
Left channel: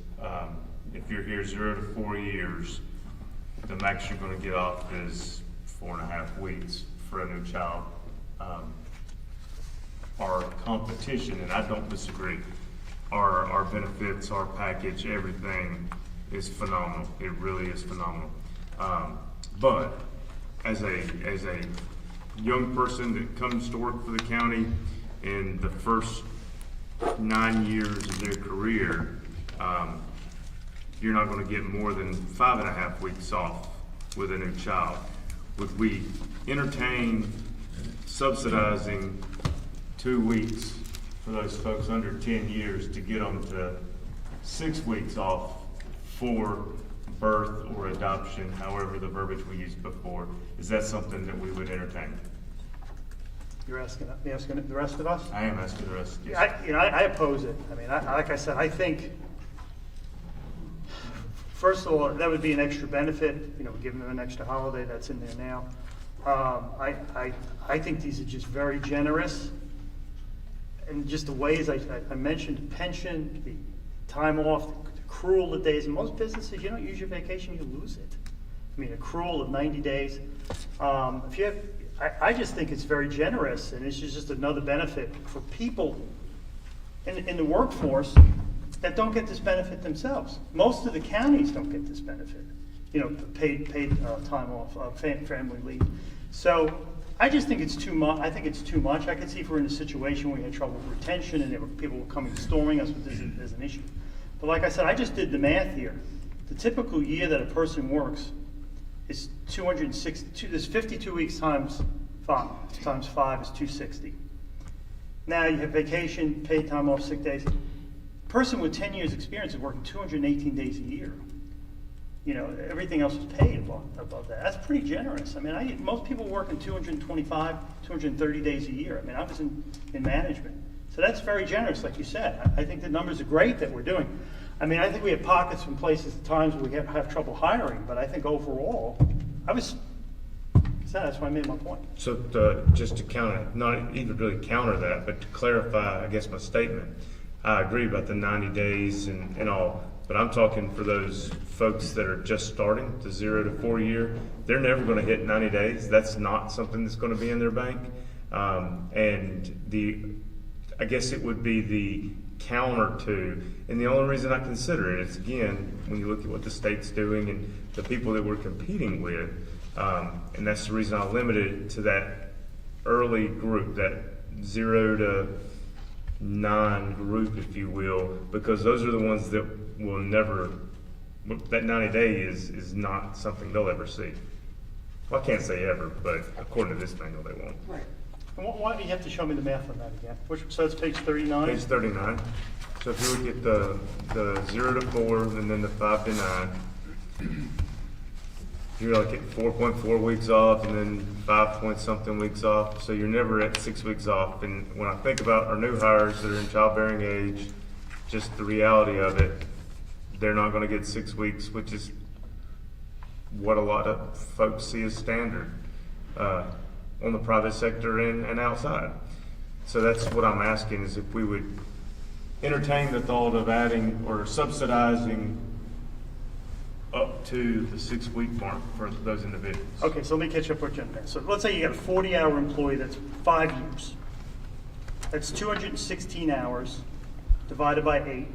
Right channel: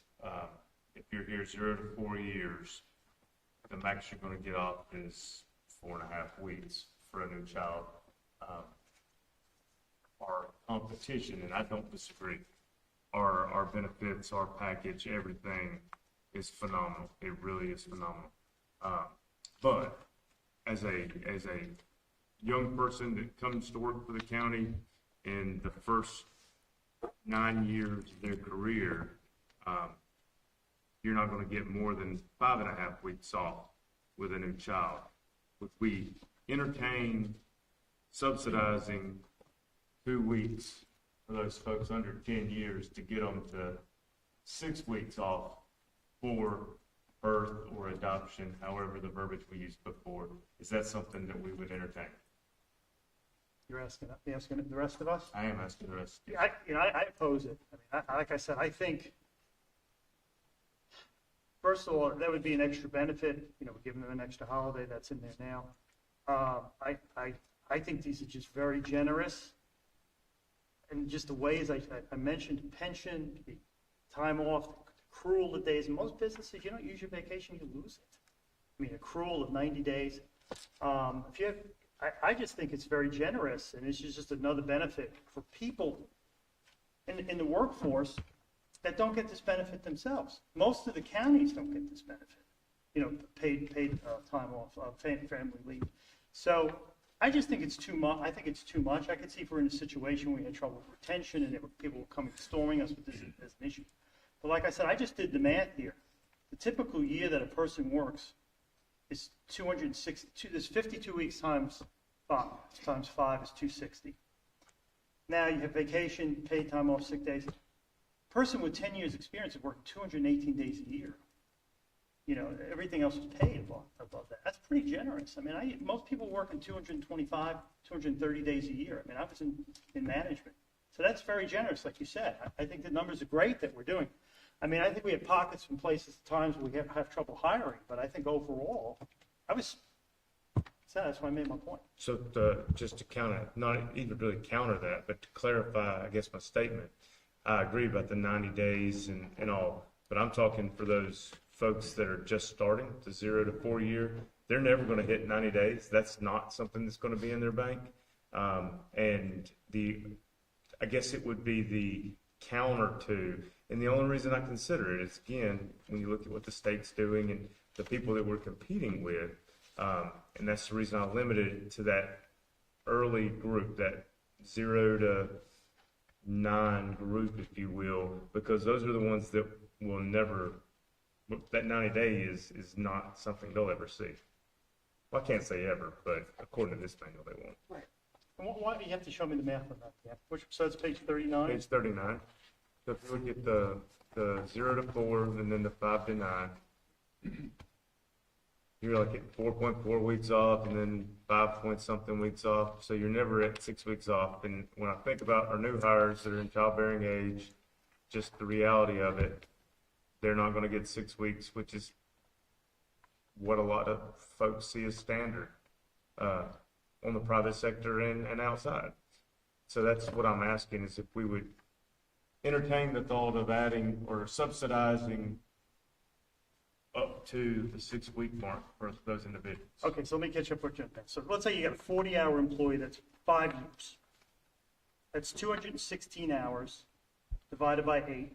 if you're here 0 to 4 years, the max you're gonna get off is 4.5 weeks for a new child. Our competition, and I don't disagree, our benefits, our package, everything is phenomenal. It really is phenomenal. But as a young person that comes to work for the county, in the first 9 years of their career, you're not going to get more than 5.5 weeks off with a new child. Would we entertain subsidizing 2 weeks for those folks under 10 years to get them to 6 weeks off for birth or adoption, however the verbiage we used before? Is that something that we would entertain? You're asking the rest of us? I am asking the rest, yes. I oppose it. I mean, like I said, I think, first of all, that would be an extra benefit, giving them an extra holiday that's in there now. I think these are just very generous. And just the ways I mentioned, pension, the time off, accrual of days. In most businesses, you don't use your vacation, you lose it. I mean, accrual of 90 days. If you have, I just think it's very generous, and it's just another benefit for people in the workforce that don't get this benefit themselves. Most of the counties don't get this benefit, paid time off, family leave. So I just think it's too much. I think it's too much. I could see if we're in a situation where we had trouble with retention and people were coming storming us with this as an issue. But like I said, I just did the math here. The typical year that a person works is 260. There's 52 weeks times 5 is 260. Now you have vacation, paid time off, sick days. A person with 10 years experience is working 218 days a year. Everything else is paid above that. That's pretty generous. I mean, most people work in 225, 230 days a year. I mean, I was in management. So that's very generous, like you said. I think the numbers are great that we're doing. I mean, I think we have pockets and places at times where we have trouble hiring, but I think overall, that's why I made my point. So just to counter, not even really counter that, but to clarify, I guess, my statement, I agree about the 90 days and all, but I'm talking for those folks that are just starting, the 0 to 4 year, they're never going to hit 90 days. That's not something that's going to be in their bank. And I guess it would be the counter to, and the only reason I consider it is, again, when you look at what the state's doing and the people that we're competing with, and that's the reason I limited it to that early group, that 0 to 9 group, if you will, because those are the ones that will never, that 90 days is not something they'll ever see. Well, I can't say ever, but according to this manual, they won't. Right. Why do you have to show me the math on that again? So it's page 39? Page 39. So if you look at the 0 to 4 and then the 5 to 9, you're like at 4.4 weeks off and then 5 point something weeks off, so you're never at 6 weeks off. And when I think about our new hires that are in childbearing age, just the reality of it, they're not gonna get 6 weeks, which is what a lot of folks see as standard, on the private sector and outside. So that's what I'm asking, is if we would entertain the thought of adding or subsidizing up to the 6 week mark for those individuals. Okay, so let me catch up with you on that. So let's say you got a 40-hour employee that's 5 years. That's 216 hours divided by 8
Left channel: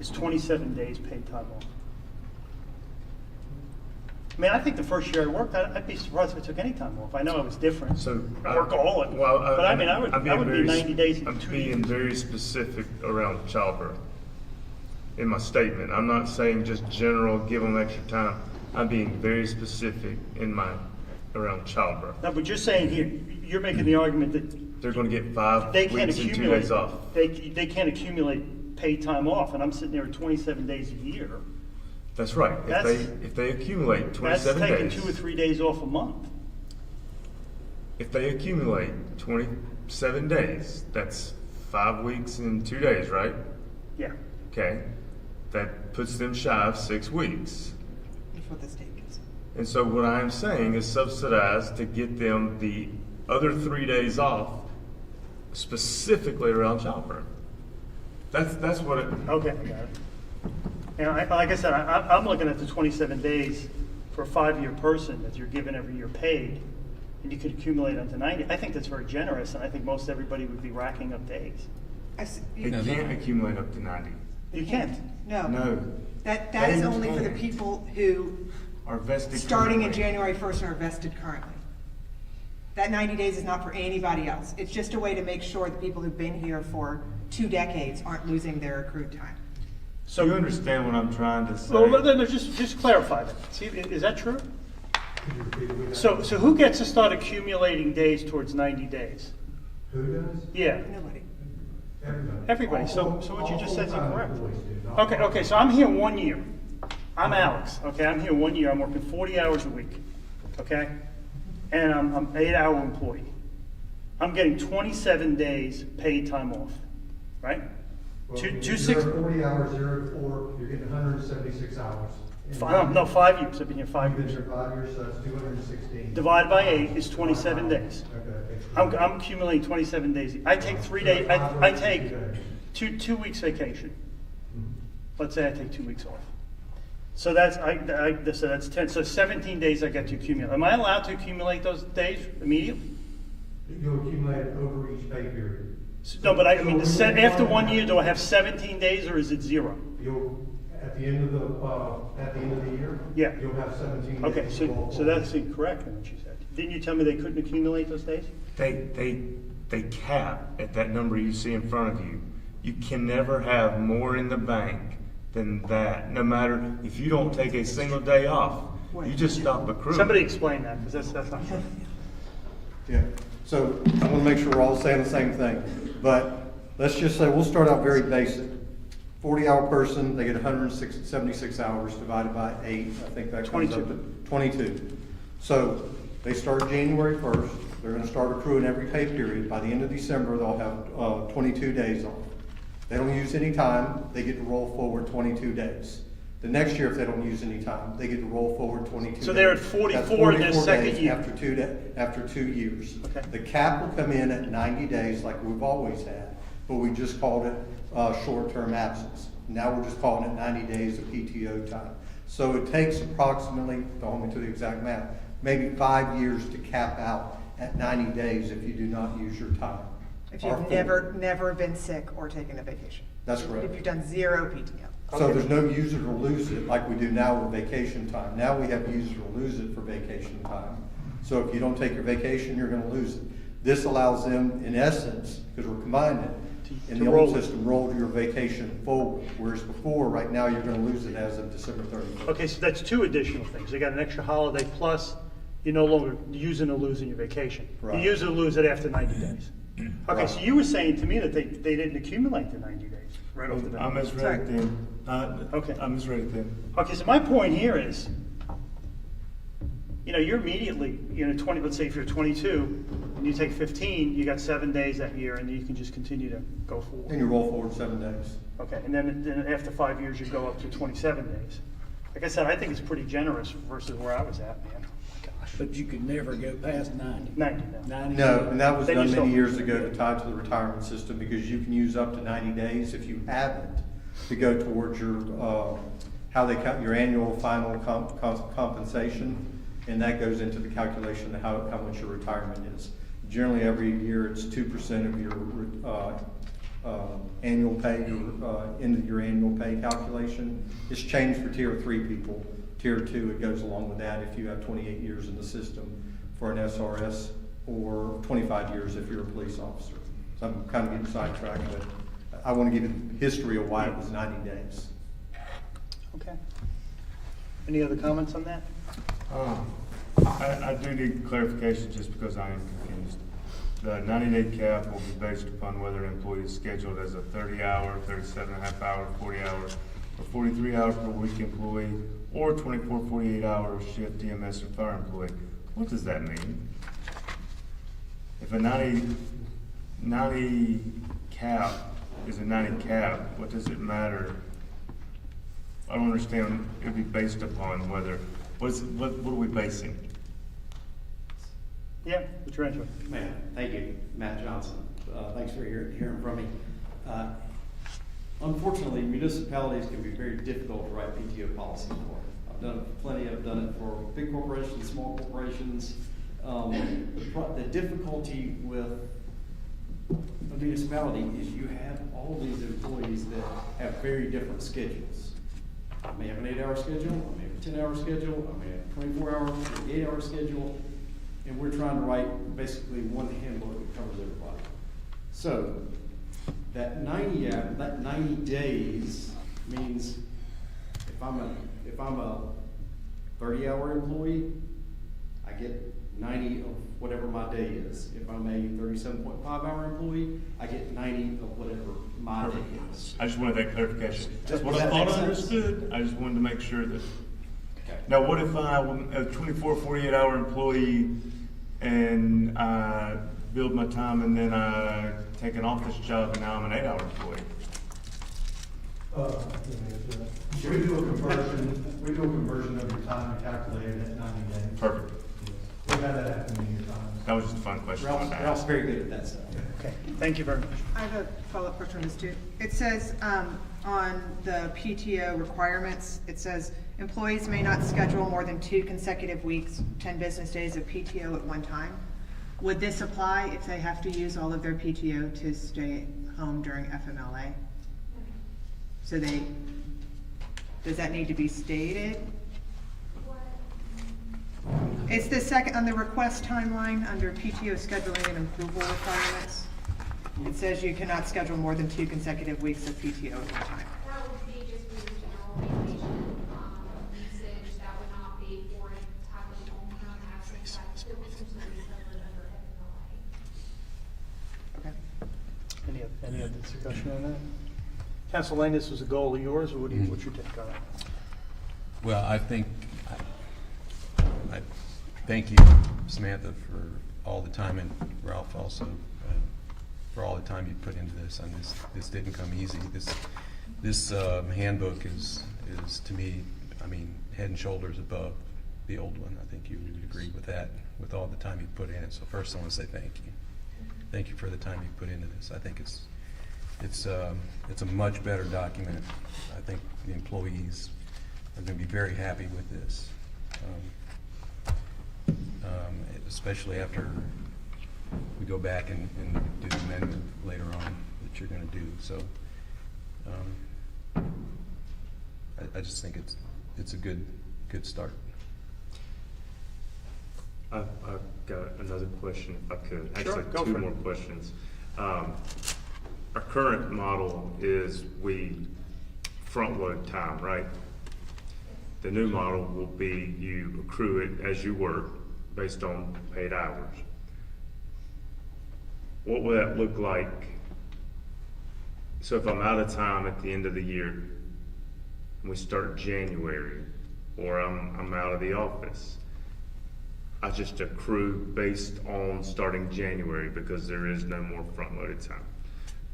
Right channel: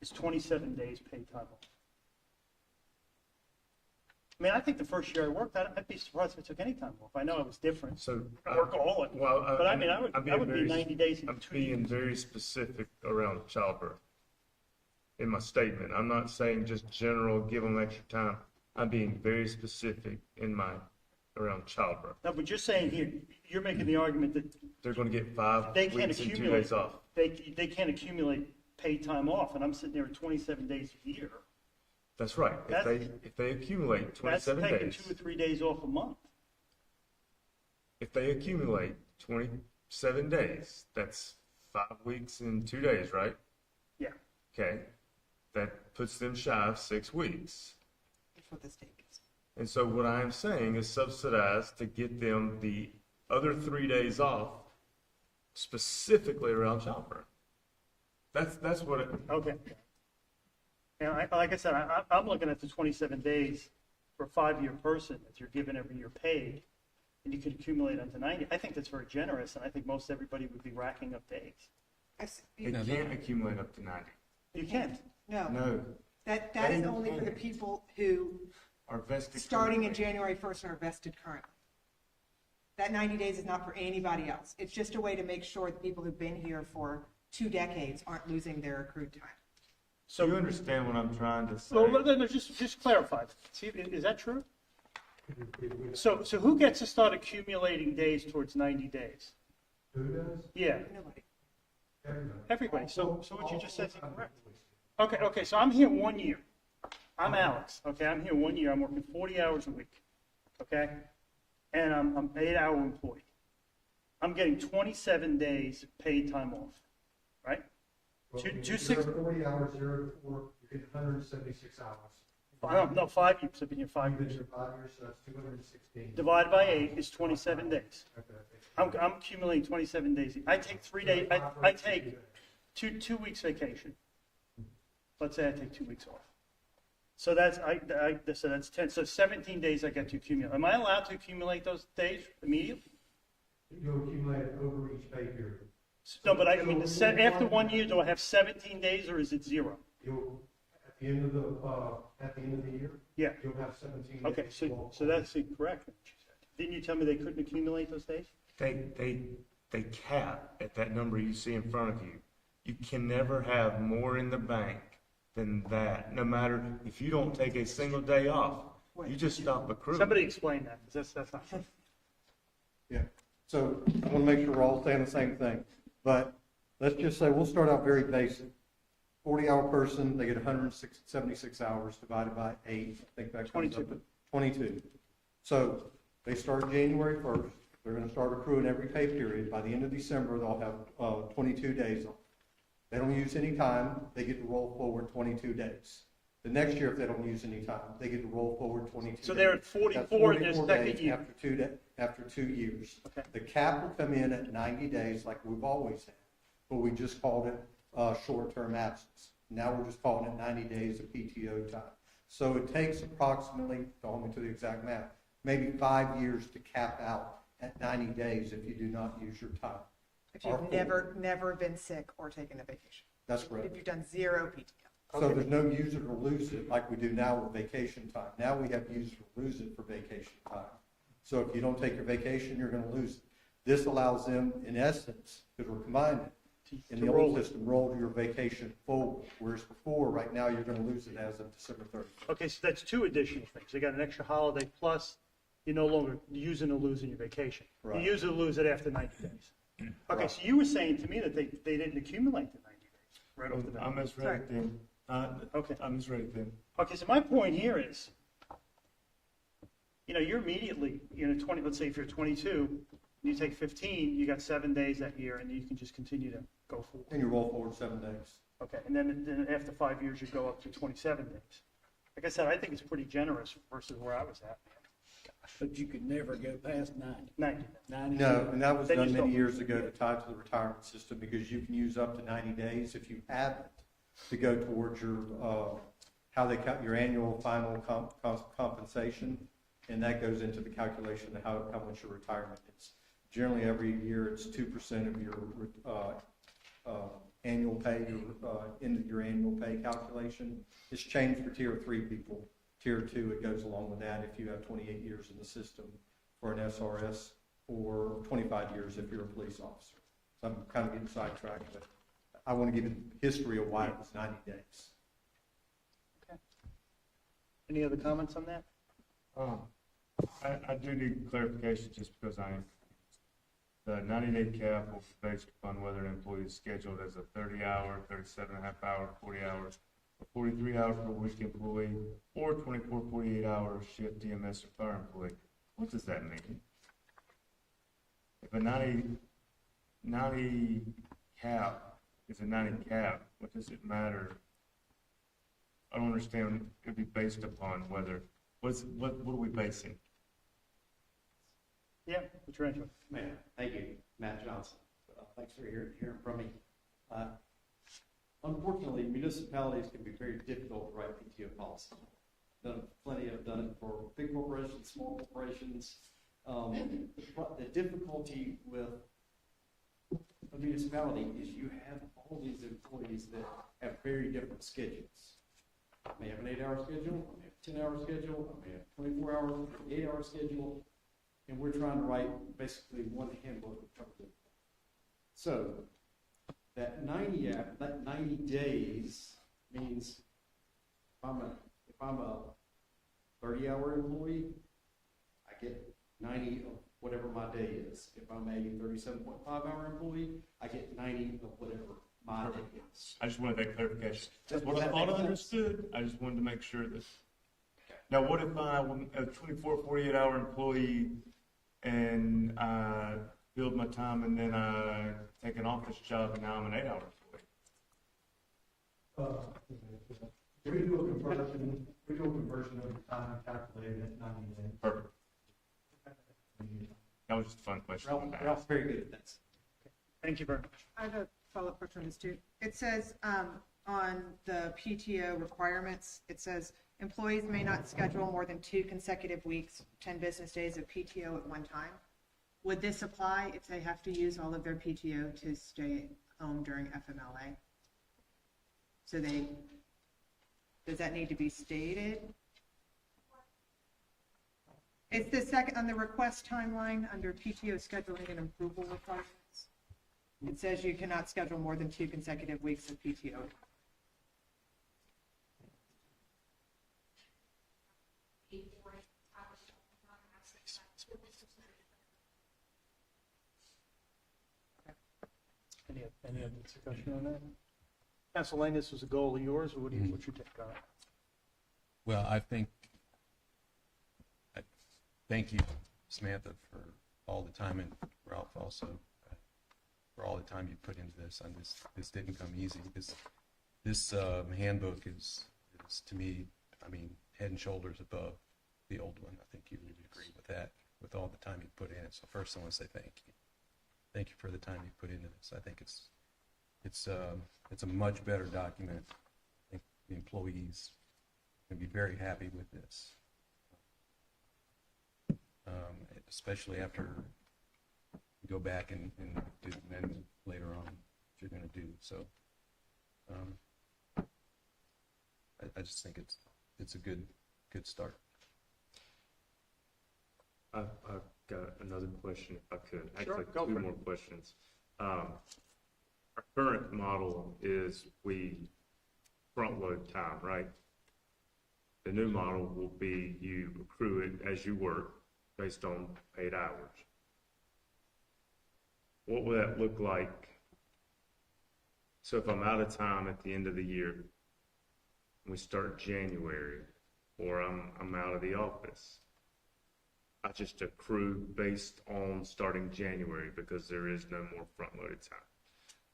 is 27 days paid time off. I mean, I think the first year I worked, I'd be surprised if I took any time off. I know it was different. So, Workaholic. well, But I mean, I would be 90 days. I'm being very specific around childbirth in my statement. I'm not saying just general, give them extra time. I'm being very specific in my, around childbirth. No, but you're saying here, you're making the argument that They're gonna get 5 they can't weeks and 2 accumulate, days off. they can't accumulate paid time off, and I'm sitting there at 27 days a year. That's right. If they accumulate 27 That's taking days. 2 or 3 days off a month. If they accumulate 27 days, that's 5 weeks and 2 days, right? Yeah. Okay, that puts them shy of 6 weeks. That's what the state gives. And so what I'm saying is subsidize to get them the other 3 days off, specifically around childbirth. That's what it. Okay. And like I said, I'm looking at the 27 days for a 5-year person that you're given every year paid, and you could accumulate onto 90. I think that's very generous, and I think most everybody would be racking up days. It can't accumulate up to 90. You can't. No. That is only for the people who, Are vested. starting in currently. January 1st, are vested currently. That 90 days is not for anybody else. It's just a way to make sure the people who've been here for 2 decades aren't losing their accrued time. So you understand what I'm trying to say? Well, then just clarify that. See, is that true? So who gets to start accumulating days towards 90 days? Who does? Yeah, Nobody. everybody. So what you just said is incorrect. Okay, so I'm here 1 year. I'm Alex, okay? I'm here 1 year. I'm working 40 hours a week, okay? And I'm an 8-hour employee. I'm getting 27 days paid time off, right? Well, Two, if two you're six. at 40 hours, 0 to 4, you're getting 176 hours. No, 5 years. I've been here 5 You've been years. here 5 years, so that's 216. Divided by 8 is 27 days. Okay. I'm accumulating 27 days. I take 3 days. I take two weeks vacation. Let's say I take 2 weeks off. So that's so that's 10. So 17 days I get to accumulate. Am I allowed to accumulate those days immediately? You'll accumulate it over each pay period. No, but I mean, after 1 year, do I have 17 days or is it 0? You'll, at the end of the year? Yeah. You'll have 17 days. Okay, so that's incorrect in what you said. Didn't you tell me they couldn't accumulate those days? They cap at that number you see in front of you. You can never have more in the bank than that, no matter if you don't take a single day off. You just stop accruing. Somebody explain that, because that's not true. Yeah, so I'm gonna make sure we're all saying the same thing, but let's just say, we'll start out very basic. 40-hour person, they get 176 hours divided by 8, I think that comes up to 22. So they start January 1st, they're gonna start accruing every pay period. By the end of December, they'll have 22 days off. They don't use any time, they get to roll forward 22 days. The next year, if they don't use any time, they get to roll forward 22 days. So they're at 44 in their second days year. After 2 years. Okay. The cap will come in at 90 days like we've always had, but we just called it short-term absence. Now we're just calling it 90 days of PTO time. So it takes approximately, don't hold me to the exact math, maybe 5 years to cap out at 90 days if you do not use your time. If you've never been sick or taken a vacation. That's correct. If you've done 0 PTO. So there's no use it or lose it like we do now with vacation time. Now we have use it or lose it for vacation time. So if you don't take your vacation, you're gonna lose it. This allows them, in essence, because we're combining it, in the old system, roll your vacation forward. Whereas before, right now, you're gonna lose it as of December 31st. Okay, so that's 2 additional things. You got an extra holiday, plus you're no longer using or losing your vacation. Right. You use or lose it after 90 days. Okay, Right. so you were saying to me that they didn't accumulate the 90 days right off the bat. I misread it then. Okay. I misread it then. Okay, so my point here is, you know, you're immediately, you know, 20, let's say if you're 22, and you take 15, you got 7 days that year, and you can just continue to go forward. And you roll forward 7 days. Okay, and then after 5 years, you go up to 27 days. Like I said, I think it's pretty generous versus where I was at, man. Gosh. But you could never go past 90. 90 now. 90. No, and that was Then you done still- many years ago to tie to the retirement system, because you can use up to 90 days if you haven't, to go towards your, how they count your annual final compensation, and that goes into the calculation of how much your retirement is. Generally, every year, it's 2% of your annual pay, into your annual pay calculation. It's changed for tier 3 people. Tier 2, it goes along with that if you have 28 years in the system for an SRS, or 25 years if you're a police officer. So I'm kind of getting sidetracked, but I want to give you history of why it was 90 days. Okay. Any other comments on that? I do need clarification just because I am confused. The 90-day cap will be based upon whether an employee is scheduled as a 30-hour, 37.5-hour, 40-hour, or 43-hour per week employee, or 24, 48-hour shift EMS or fire employee. What does that mean? If a 90 cap is a 90 cap, what does it matter? I don't understand. It would be based upon whether, what are we basing? Yeah, what's your answer? Matt, thank you. Matt Johnson. Thanks for hearing from me. Unfortunately, municipalities can be very difficult to write PTO policy for. I've done it plenty. I've done it for big corporations, small corporations. The difficulty with a municipality is you have all these employees that have very different schedules. I may have an 8-hour schedule, I may have a 10-hour schedule, I may have a 24-hour, 48-hour schedule, and we're trying to write basically one handbook that covers everybody. So that 90 days means if I'm a 30-hour employee, I get 90 of whatever my day is. If I'm a 37.5-hour employee, I get 90 of whatever my day is. I just wanted that clarification. That's what Does I that thought make I sense? understood. I just wanted to make sure that. Okay. Now, what if I'm a 24, 48-hour employee and I build my time and then I take an office job and now I'm an 8-hour employee? We do a conversion of your time to calculate it at 90 days. Perfect. We've had that happen many times. That was just a fun question. I wanted to Ralph's ask. very good at that stuff. Okay, thank you very much. I have a follow-up question on this too. It says, on the PTO requirements, it says, employees may not schedule more than 2 consecutive weeks, 10 business days of PTO at one time. Would this apply if they have to use all of their PTO to stay home during FMLA? So does that need to be stated? It's the second, on the request timeline, under PTO scheduling and approval requirements. It says you cannot schedule more than 2 consecutive weeks of PTO at one time. That would be just for your general vacation, usage, that would not be for a type of long-term absence that could potentially be covered under FMLA. Okay. Any other discussion on that? Council Lane, this was a goal of yours, or what's your take on it? Well, I think, I thank you, Samantha, for all the time, and Ralph also, for all the time you put into this. And this didn't come easy. This handbook is to me, I mean, head and shoulders above the old one. I think you would agree with that, with all the time you put in it. So first, I want to say thank you. Thank you for the time you put into this. I think it's a much better document. I think the employees are going to be very happy with this, especially after we go back and do the amendment later on that you're going to do. So I just think it's a good start. I've got another question, if I could. Sure, Actually, go two for it. more questions. Our current model is we front load time, right? The new model will be you accrue it as you work based on paid hours. What will that look like? So if I'm out of time at the end of the year, and we start January, or I'm out of the office, I just accrue based on starting January because there is no more front-loaded time.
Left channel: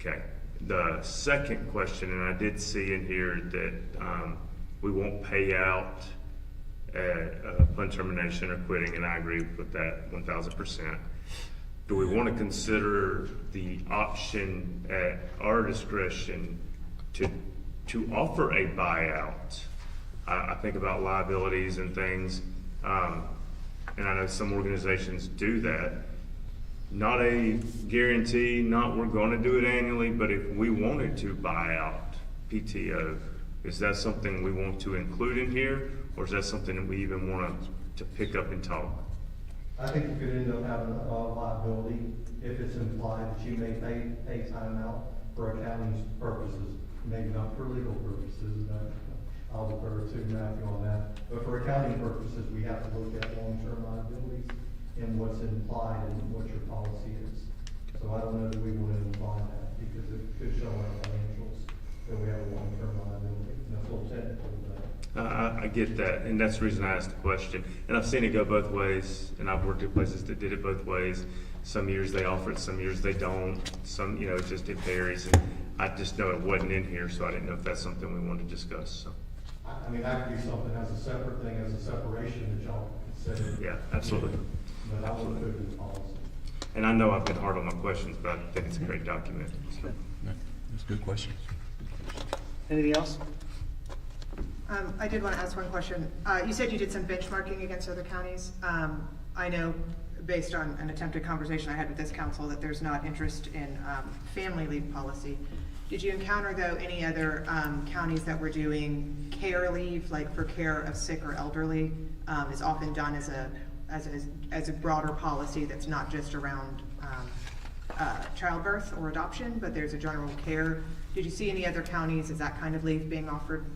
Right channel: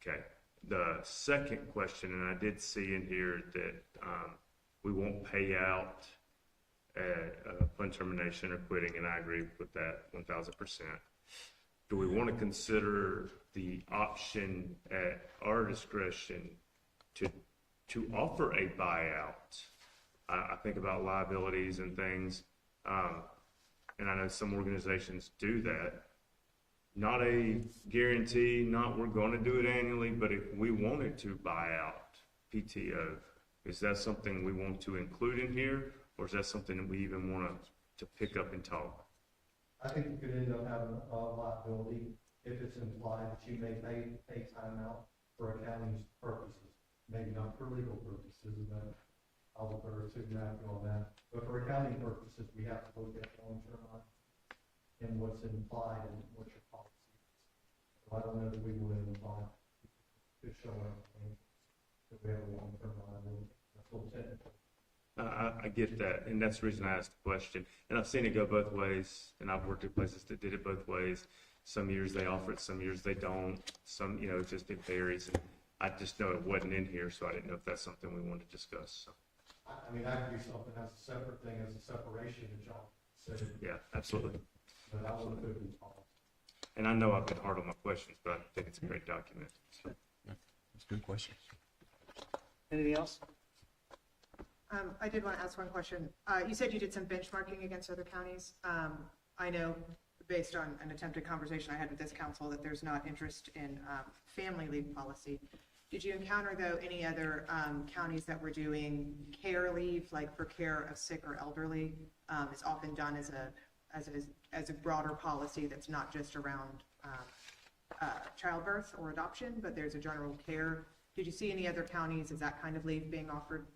Okay. The second question, and I did see in here that we won't pay out upon termination or quitting, and I agree with that 1,000%. Do we want to consider the option at our discretion to offer a buyout? I think about liabilities and things, and I know some organizations do that. Not a guarantee, not we're going to do it annually, but if we wanted to buy out PTO, is that something we want to include in here, or is that something that we even want to pick up and talk? I think you could end up having a liability if it's implied that you may pay time out for accounting purposes, maybe not for legal purposes. I'll defer to Matthew on that. But for accounting purposes, we have to look at long-term liabilities and what's implied and what your policy is. So I don't know that we want to imply that because it could show our financials that we have a long-term liability. And that's a little technical, but. I get that, and that's the reason I asked the question. And I've seen it go both ways, and I've worked at places that did it both ways. Some years they offer it, some years they don't. Some, it just it varies. And I just know it wasn't in here, so I didn't know if that's something we wanted to discuss. So. I mean, that could be something as a separate thing, as a separation that y'all consider. Yeah, absolutely. But I will put it in the policy. And I know I've been hard on my questions, but I think it's a great document. So. That's a good question. Anything else? I did want to ask one question. You said you did some benchmarking against other counties. I know, based on an attempted conversation I had with this council, that there's not interest in family leave policy. Did you encounter, though, any other counties that were doing care leave, like for care of sick or elderly, is often done as a broader policy that's not just around childbirth or adoption, but there's a general care. Did you see any other counties, is that kind of leave being offered?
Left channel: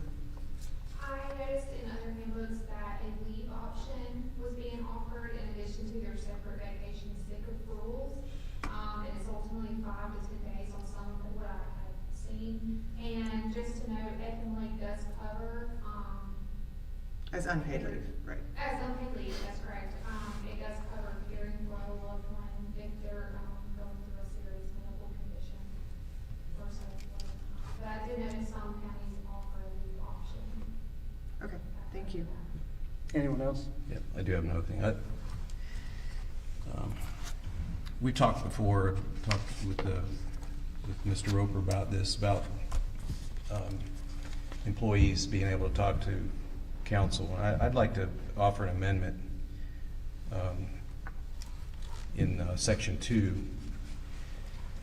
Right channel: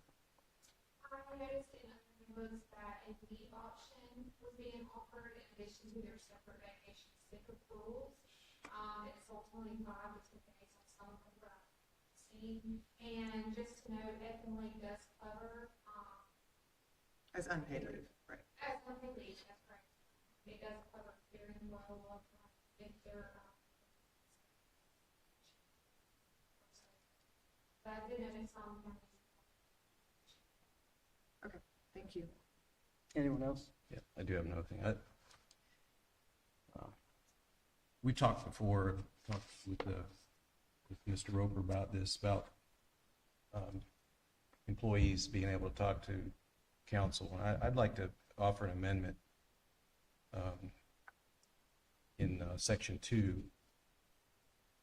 I noticed in other handbooks that a leave option was being offered in addition to their separate vacation sick rules. And it's ultimately 5 to 10 days on some of what I have seen. And just to note, FMLA does cover, As unpaid leave, right. as unpaid leave, that's correct. It does cover caring for a loved one if they're going through a serious medical condition or so forth. But I do notice some counties offer a leave option. Okay, thank you. Anyone else? Yeah, I do have another thing. We talked before, with Mr. Roper about this, about employees being able to talk to council. I'd like to offer an amendment in section 2,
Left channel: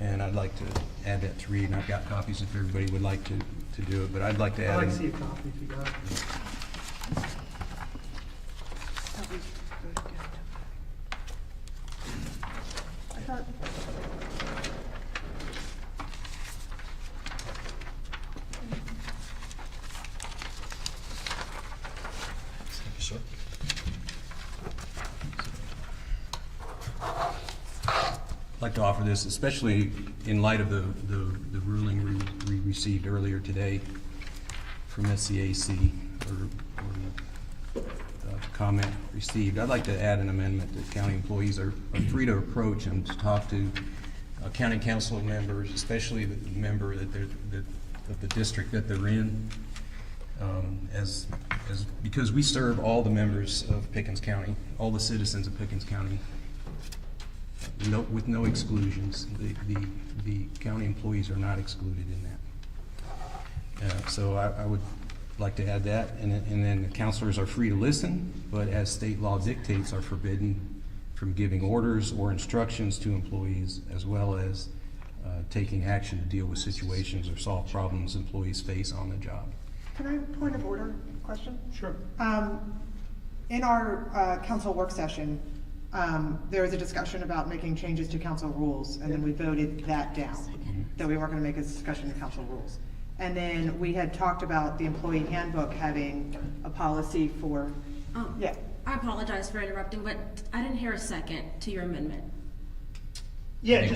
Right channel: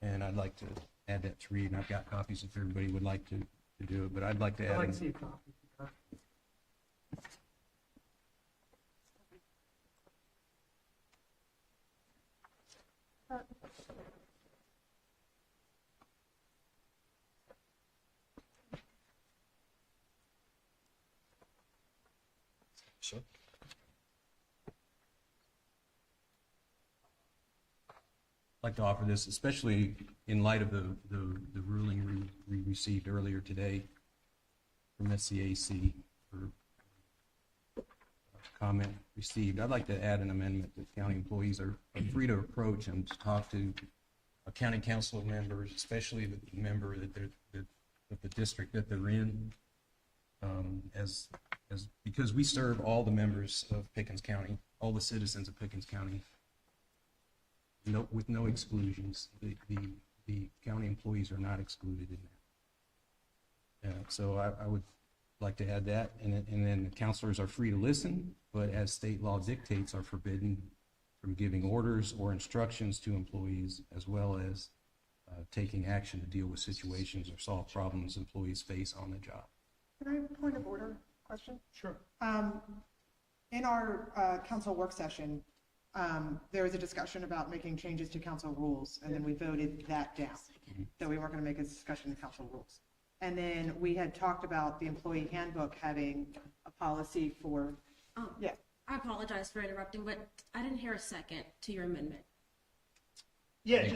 and I'd like to add that to read, and I've got copies if everybody would like to do it, but I'd like to add. I'd like to see a copy if you got it. I'd like to offer this, especially in light of the ruling we received earlier today from SCAC, or comment received. I'd like to add an amendment that county employees are free to approach and to talk to county council members, especially the member of the district that they're in, because we serve all the members of Pickens County, all the citizens of Pickens County, with no exclusions. The county employees are not excluded in that. So I would like to add that, and then the counselors are free to listen, but as state law dictates, are forbidden from giving orders or instructions to employees, as well as taking action to deal with situations or solve problems employees face on the job. Can I point of order question? Sure. In our council work session, there was a discussion about making changes to council rules, and then we voted that down, that we weren't going to make a discussion of council rules. And then we had talked about the employee handbook having a policy for, yeah. I apologize for interrupting, but I didn't hear a second to your amendment. Yeah,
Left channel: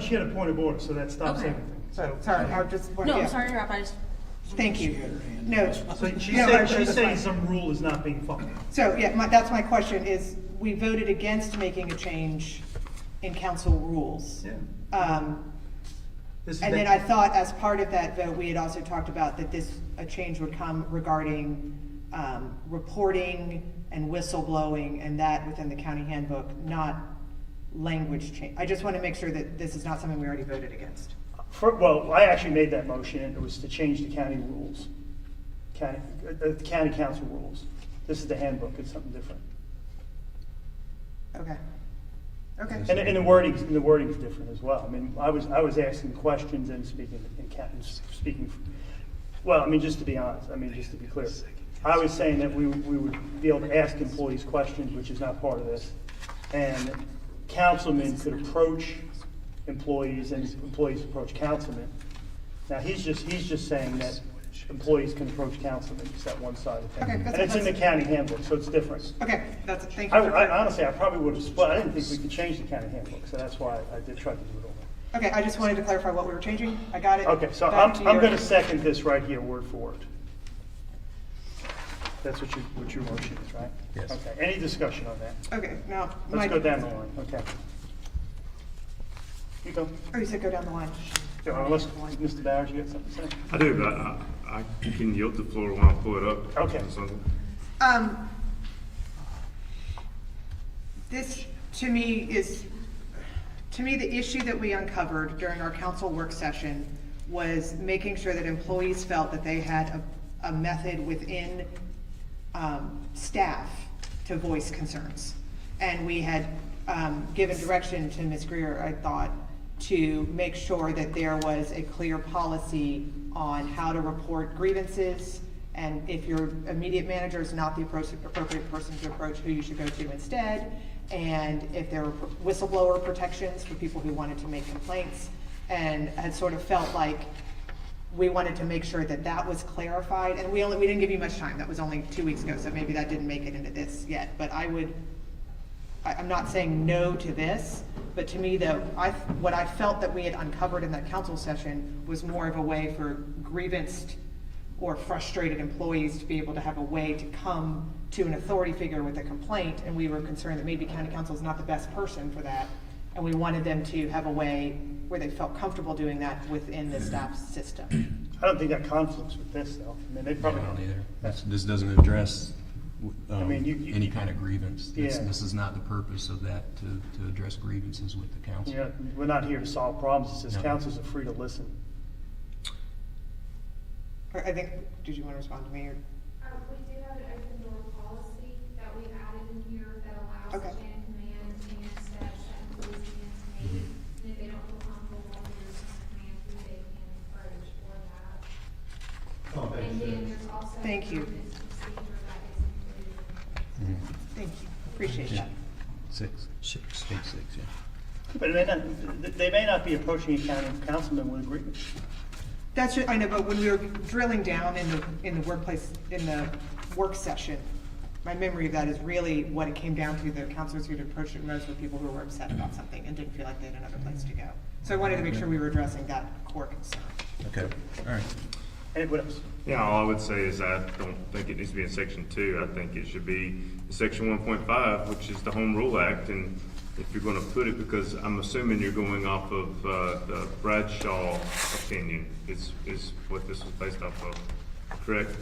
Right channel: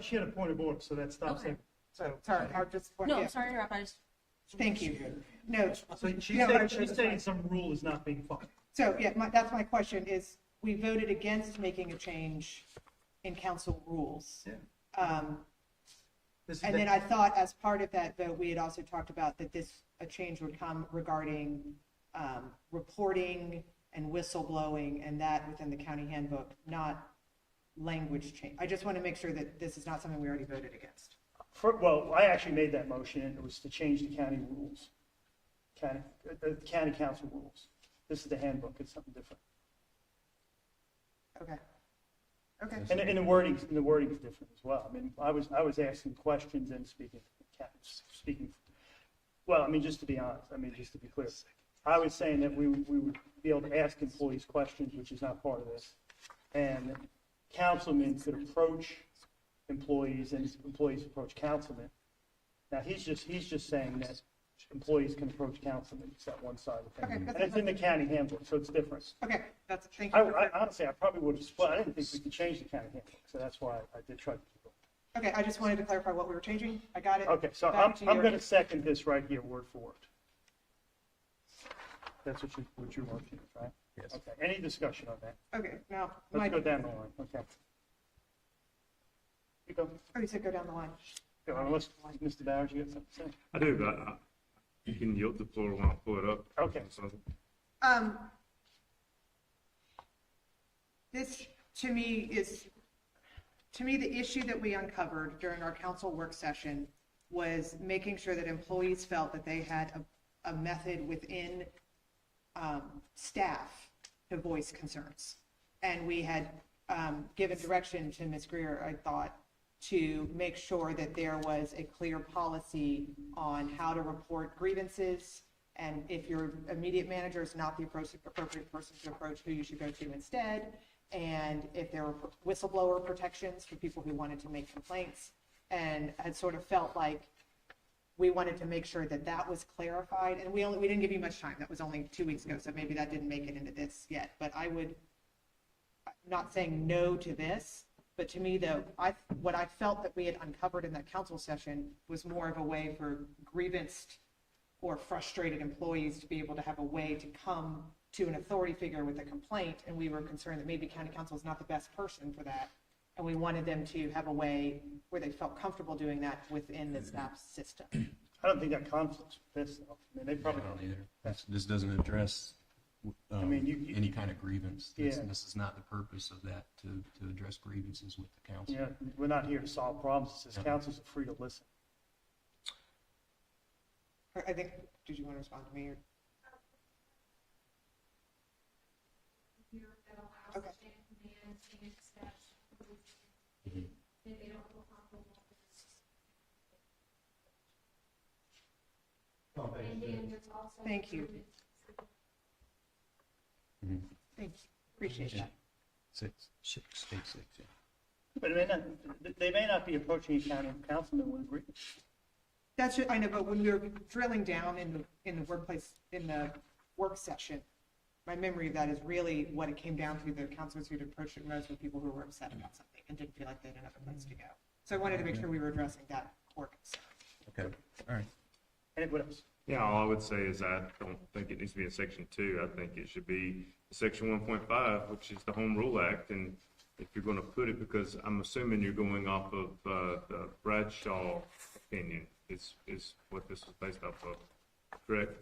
she had a point of order, so that stops everything. So, sorry, I'll just. No, I'm sorry to interrupt, I just. Thank you. No. So she's saying some rule is not being followed. So, yeah, that's my question is, we voted against making a change in council rules. And then I thought as part of that vote, we had also talked about that a change would come regarding reporting and whistleblowing and that within the county handbook, not language change. I just want to make sure that this is not something we already voted against. Well, I actually made that motion, and it was to change the county rules, county council rules. This is the handbook, it's something different. Okay. Okay. And the wording is different as well. I mean, I was asking questions and speaking, well, I mean, just to be honest, I mean, just to be clear. I was saying that we would be able to ask employees questions, which is not part of this. And councilmen could approach employees and employees approach councilmen. Now, he's just saying that employees can approach councilmen, just that one side of things. Okay, and it's in the county handbook, so it's different. Okay, thank you. Honestly, I probably would have split. I didn't think we could change the county handbook, so that's why I did try to do it over. Okay, I just wanted to clarify what we were changing. I got it. Okay, so I'm going to second this right here, word for word. That's what your motion is, right? Yes. Okay, any discussion on that? Okay, now. Let's go down the line, okay. You go. Oh, you said go down the line. Unless, Mr. Bowers, you got something to say? I do, but I can yield the floor when I pull it up. Okay. This, to me, the issue that we uncovered during our council work session was making sure that employees felt that they had a method within staff to voice concerns. And we had given direction to Ms. Greer, I thought, to make sure that there was a clear policy on how to report grievances, and if your immediate manager is not the appropriate person to approach, who you should go to instead, and if there were whistleblower protections for people who wanted to make complaints, and had sort of felt like we wanted to make sure that that was clarified, and we didn't give you much time. That was only 2 weeks ago, so maybe that didn't make it into this yet, but I'm not saying no to this, but to me, what I felt that we had uncovered in that council session was more of a way for grievanced or frustrated employees to be able to have a way to come to an authority figure with a complaint, and we were concerned that maybe county council is not the best person for that, and we wanted them to have a way where they felt comfortable doing that within the staff system. I don't think that conflicts with this, though. I mean, they probably don't either. This doesn't address I mean, any kind of grievance. This Yeah. is not the purpose of that, to address grievances with the council. Yeah, we're not here to solve problems. It says No. councils are free to listen. I think, did you want to respond to me? Or? We do have an open door policy that we've added in here that allows Okay. chain of command and staff that employees begin to meet. And if they don't feel comfortable going through chain of command, who they can approach for that. And then there's also. Thank you. grievance procedure that is included. Thank you. Appreciate that. Six, yeah. But they may not be approaching a county councilman with a grievance. That's I know, but when we were drilling down in the workplace, in the work session, my memory of that is really what it came down to. The counselors who'd approached it most were people who were upset about something and didn't feel like they had another place to go. So I wanted to make sure we were addressing that core concern. Okay, all right. And what else? Yeah, all I would say is I don't think it needs to be in section 2. I think it should be in section 1.5, which is the Home Rule Act. And if you're gonna put it, because I'm assuming you're going off of, the Bradshaw opinion is what this was based off of, correct?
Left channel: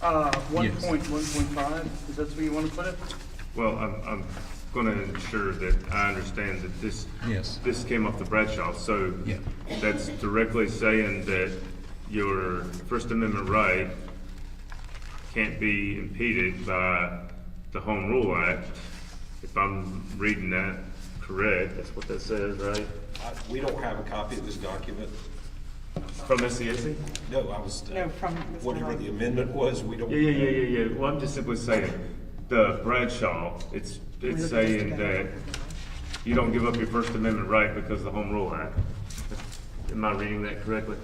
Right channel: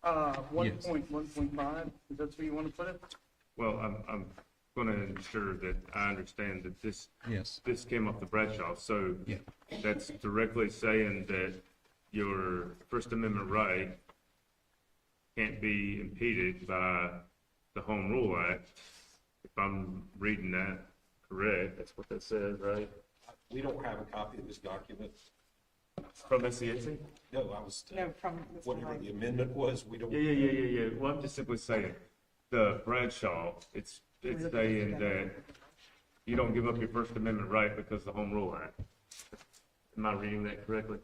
1.5, is that where you want to put it? Well, I'm gonna ensure that I understand that this came off the Bradshaw, so Yeah. that's directly saying that your First Amendment right can't be impeded by the Home Rule Act. If I'm reading that correct, that's what that says, right? We don't have a copy of this document. From SCSC? No, I was, No, from Mr. whatever Wright. the amendment was, we don't. Yeah. Well, I'm just simply saying, the Bradshaw, it's saying that you don't give up your First Amendment right because of the Home Rule Act. Am I reading that correctly?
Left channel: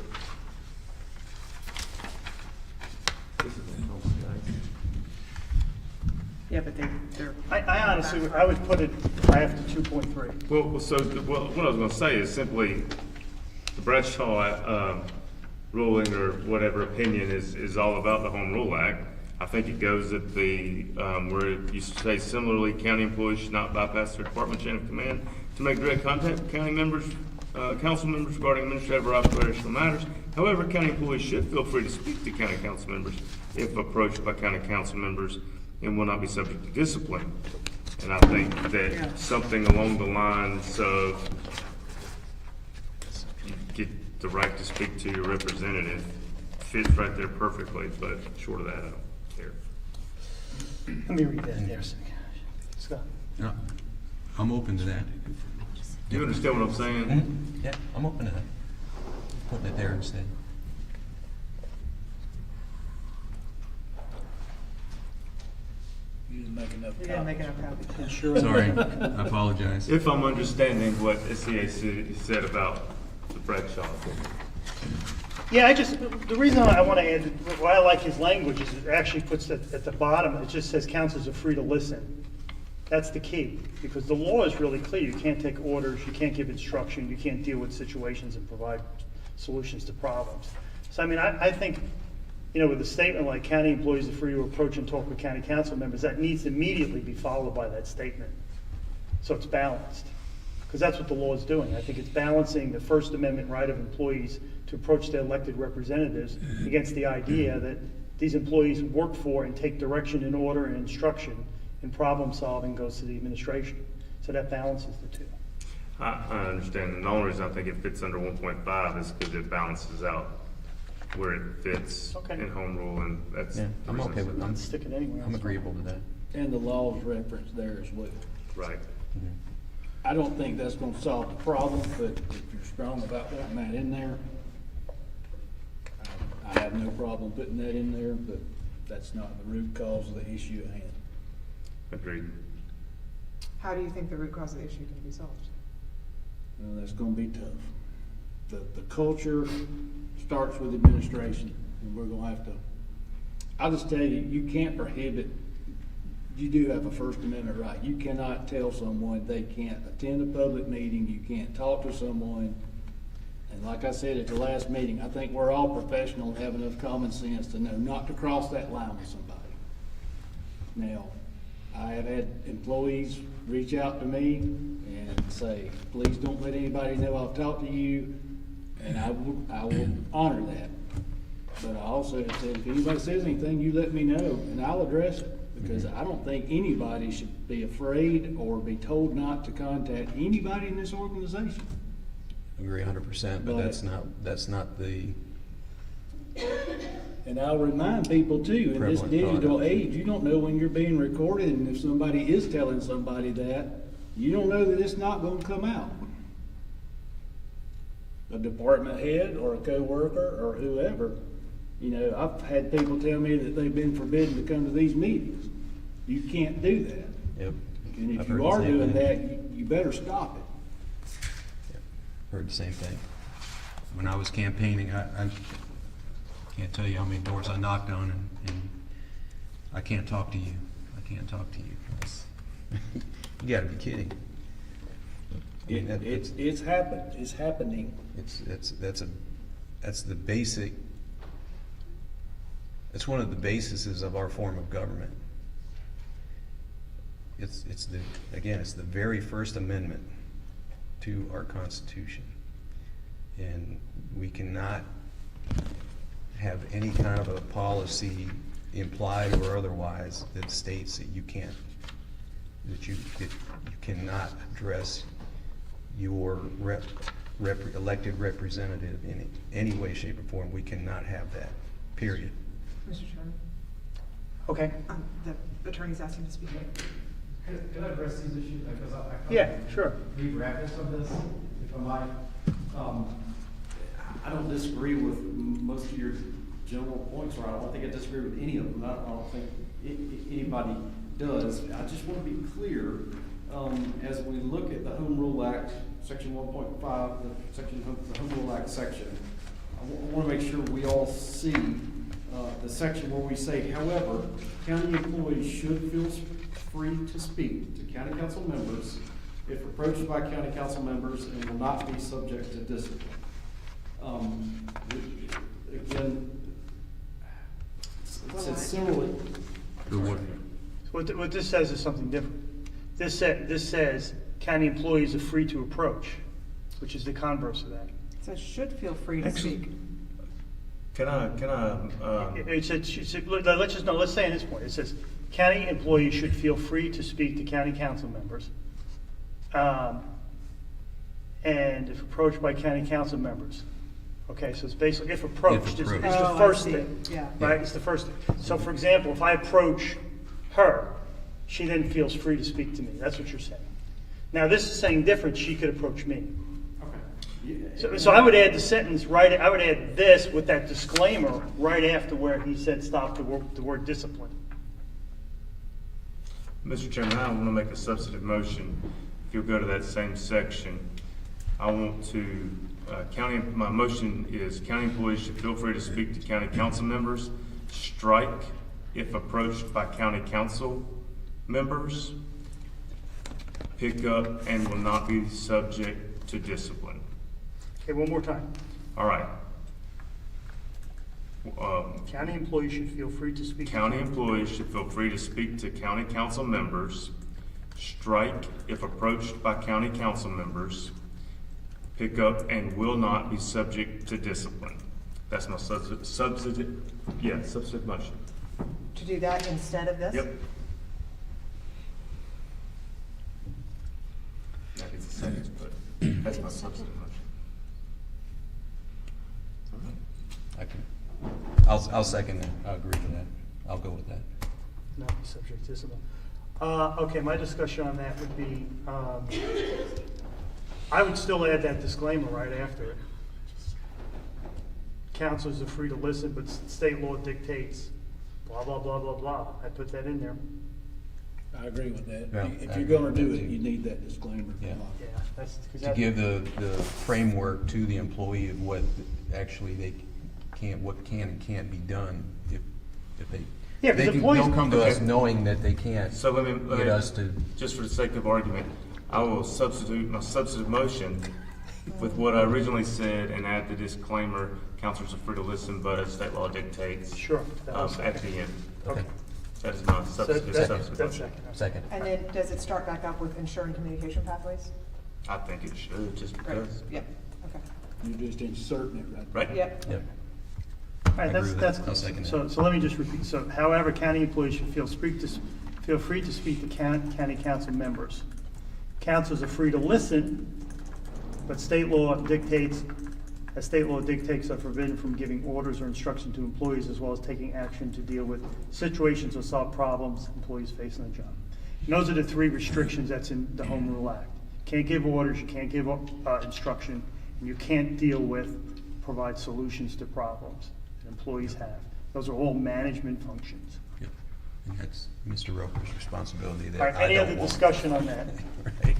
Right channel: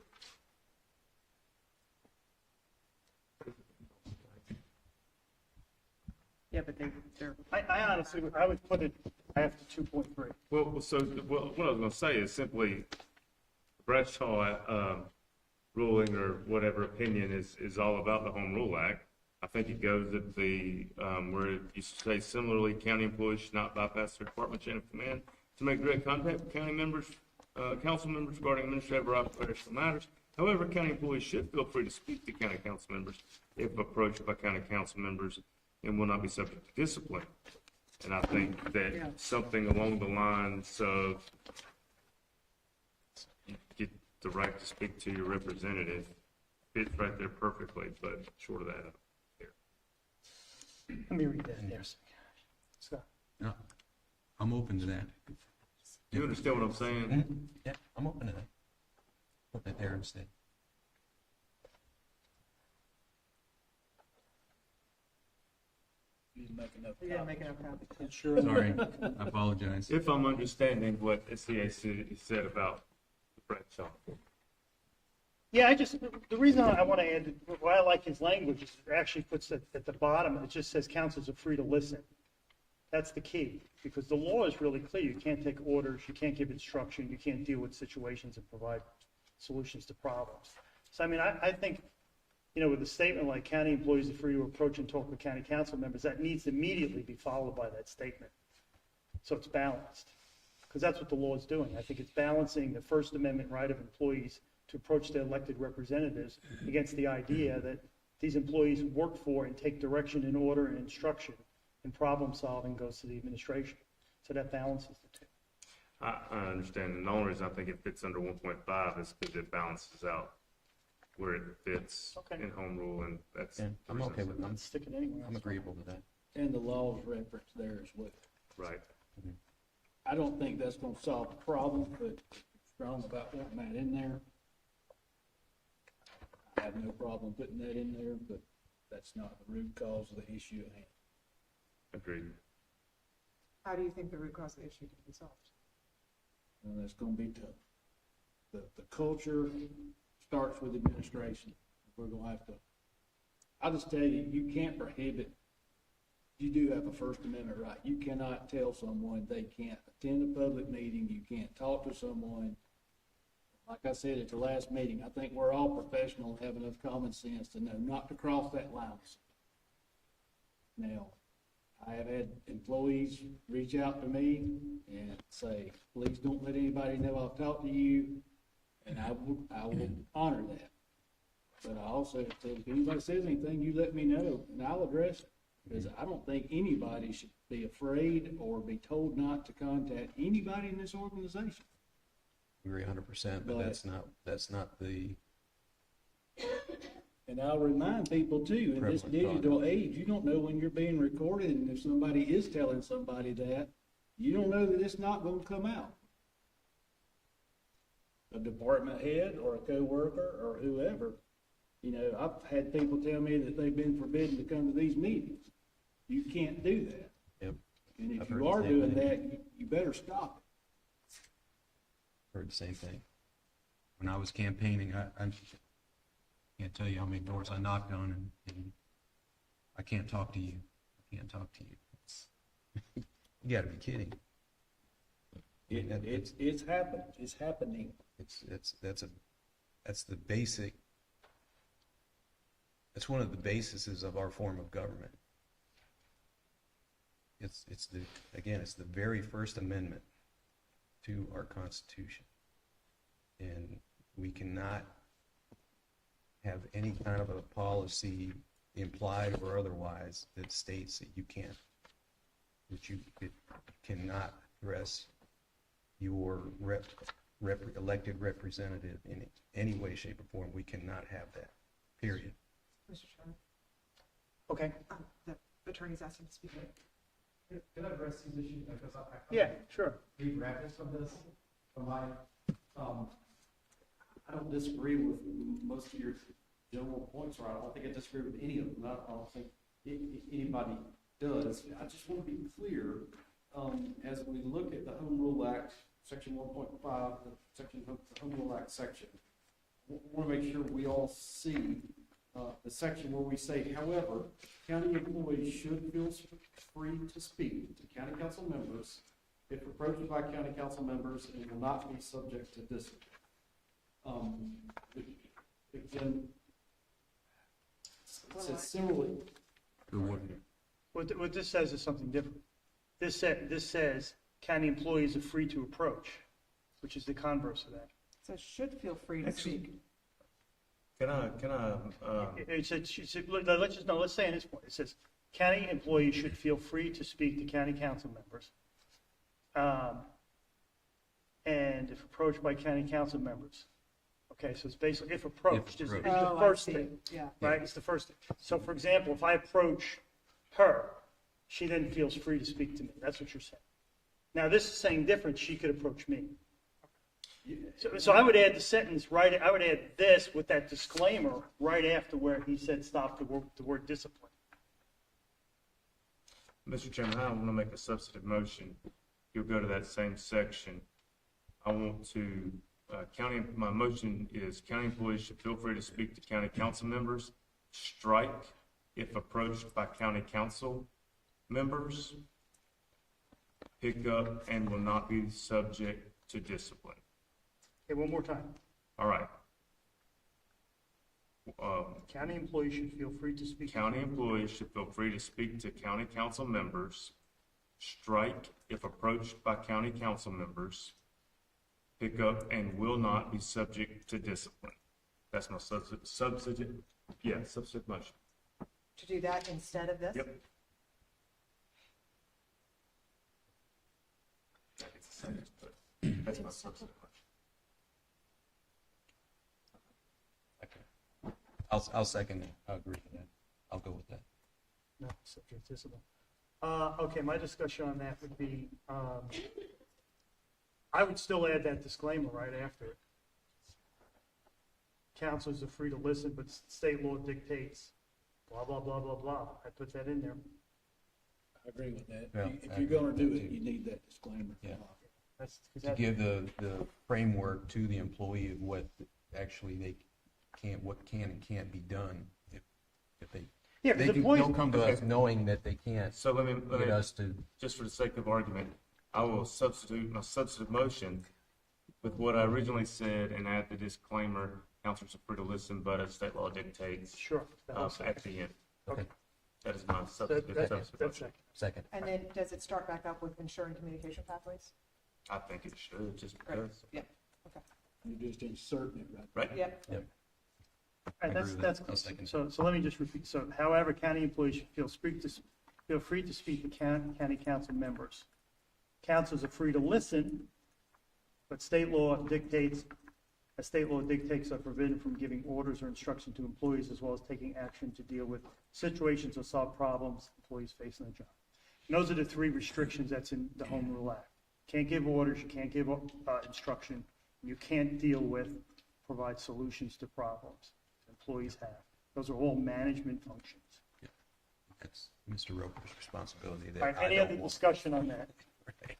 Yeah, but they're. I honestly, I would put it after 2.3. Well, so, what I was gonna say is simply, the Bradshaw, ruling or whatever opinion is all about the Home Rule Act. I think it goes at the, where you say similarly, county employees should not bypass their department chain of command to make direct contact with county members, council members regarding administrative or operational matters. However, county employees should feel free to speak to county council members if approached by county council members and will not be subject to discipline. And I think that something along the lines of you get the right to speak to your representative fits right there perfectly, but short of that, I don't care. Let me read that there, Scott. No, I'm open to that. You understand what I'm saying? Yeah, I'm open to that. Putting it there instead. You didn't make enough You didn't make enough copies. Sure. Sorry, I apologize. If I'm understanding what SCA said about the bread shop. Yeah, the reason I want to add, why I like his language is it actually puts it at the bottom, it just says councils are free to listen. That's the key, because the law is really clear. You can't take orders, you can't give instruction, you can't deal with situations and provide solutions to problems. So I mean, I think, with a statement like county employees are free to approach and talk with county council members, that needs to immediately be followed by that statement. So it's balanced, because that's what the law is doing. I think it's balancing the First Amendment right of employees to approach their elected representatives against the idea that these employees work for and take direction and order and instruction and problem solving goes to the administration. So that balances the two. I understand, and the only reason I think it fits under 1.5 is because it balances out where it fits in home rule, and that's. Yeah, I'm okay with that. Stick it anywhere. I'm agreeable to that. And the law's referenced there as well. Right. I don't think that's gonna solve the problem, but if you're strong about putting that in there, I have no problem putting that in there, but that's not the root cause of the issue at hand. Agreed. How do you think the root cause of the issue can be solved? Well, that's gonna be tough. The culture starts with administration, and we're gonna have to, I'll just tell you, you can't prohibit, you do have a First Amendment right. You cannot tell someone they can't attend a public meeting, you can't talk to someone. And like I said at the last meeting, I think we're all professional and have enough common sense to know not to cross that line with somebody. Now, I have had employees reach out to me and say, please don't let anybody know I've talked to you, and I will honor that. But I also have said, if anybody says anything, you let me know, and I'll address it. Because I don't think anybody should be afraid or be told not to contact anybody in this organization. Agree 100%, but that's not the. And I'll remind people too, in this digital age, you don't know when you're being recorded, and if somebody is telling somebody that, you don't know that it's not gonna come out. A department head or a co-worker or whoever, I've had people tell me that they've been forbidden to come to these meetings. You can't do that. Yep. And if you are doing that, you better stop it. Yep. Heard the same thing. When I was campaigning, I can't tell you how many doors I knocked on, and I can't talk to you. I can't talk to you. You gotta be kidding. I mean, It's happened. It's happening. That's the basic. It's one of the bases of our form of government. It's the very First Amendment to our Constitution. And we cannot have any kind of a policy, implied or otherwise, that states that you cannot address your elected representative in any way, shape, or form. We cannot have that, period. Mr. Chairman? Okay. The attorney's asking to speak. Can I address these issues? Because Yeah, sure. Read wrappings of this, if I might. I don't disagree with most of your general points, or I don't think I disagree with any of them. I don't think anybody does. I just want to be clear, as we look at the Home Rule Act, Section 1.5, the Home Rule Act section, I want to make sure we all see the section where we say, however, county employees should feel free to speak to county council members if approached by county council members and will not be subject to discipline. Again, it says similarly, what this says is something different. This says county employees are free to approach, which is the converse of that. So should feel free to speak. It said, let's say in this point, it says, county employees should feel free to speak to county council members. And if approached by county council members. Okay, so it's basically, if approached is the first thing. Yeah. Right, it's the first thing. So for example, if I approach her, she then feels free to speak to me. That's what you're saying. Now this is saying different, she could approach me. So I would add the sentence right, I would add this with that disclaimer right after where he said stop the word discipline. Mr. Chairman, I want to make a substantive motion. If you'll go to that same section, I want to, my motion is county employees should feel free to speak to county council members. Strike if approached by county council members. Pick up and will not be subject to discipline. Okay, one more time. All right. County employees should feel free to speak. County employees should feel free to speak to county council members. Strike if approached by county council members. Pick up and will not be subject to discipline. That's my substantive motion. To do that instead of this? Yep. That is a sentence, but that's my substantive motion. I'll second that. I'll agree with that. I'll go with that. Not be subject to discipline. Okay, my discussion on that would be, I would still add that disclaimer right after it. Councilors are free to listen, but state law dictates blah, blah, blah, blah, blah. I put that in there. I agree with that. Yeah, If I you're agree gonna with do that it, too. you need that disclaimer. Yeah. Yeah, that's. To give the framework to the employee of what actually what can and can't be done if they. Yeah, they the can, employees they'll come to us knowing that they can't So let me, get us to. just for the sake of argument, I will substitute my substantive motion with what I originally said and add the disclaimer, councilors are free to listen, but as state law dictates. Sure. At the end. Okay. That is my substantive That's motion. Second. And then does it start back up with ensuring communication pathways? I think it should, just Right. because. Yep, okay. You're just inserting it right. Right. Yep. Yep. All right, I agree with that's that. I'll second so let me just repeat. So however, county employees should feel free to speak to county council members. Councils are free to listen, but state law dictates are forbidden from giving orders or instruction to employees as well as taking action to deal with situations or solve problems employees face on the job. And those are the three restrictions that's in the Home Rule Act. Can't give orders, you can't give instruction, and you can't provide solutions to problems that employees have. Those are all management functions. Yep. And that's Mr. Roper's responsibility. All right, any other discussion on that? Right.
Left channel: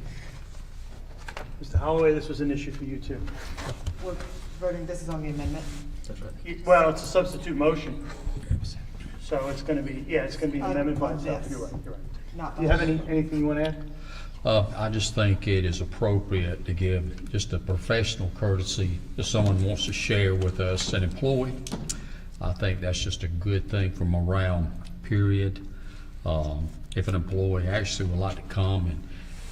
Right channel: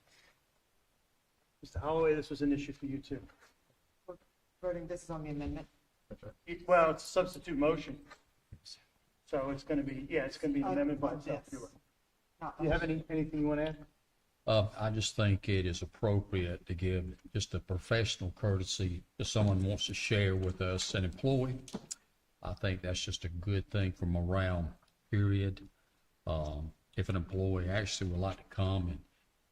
Mr. Holloway, this was an issue for you too. We're voting, this is on the amendment. That's right. Well, it's a substitute motion. So it's gonna be, it's gonna be an amendment by itself. Yes. You're right. Not Do you have anything you wanna add? I just think it is appropriate to give just a professional courtesy if someone wants to share with us an employee. I think that's just a good thing for morale, period. If an employee actually would like to come and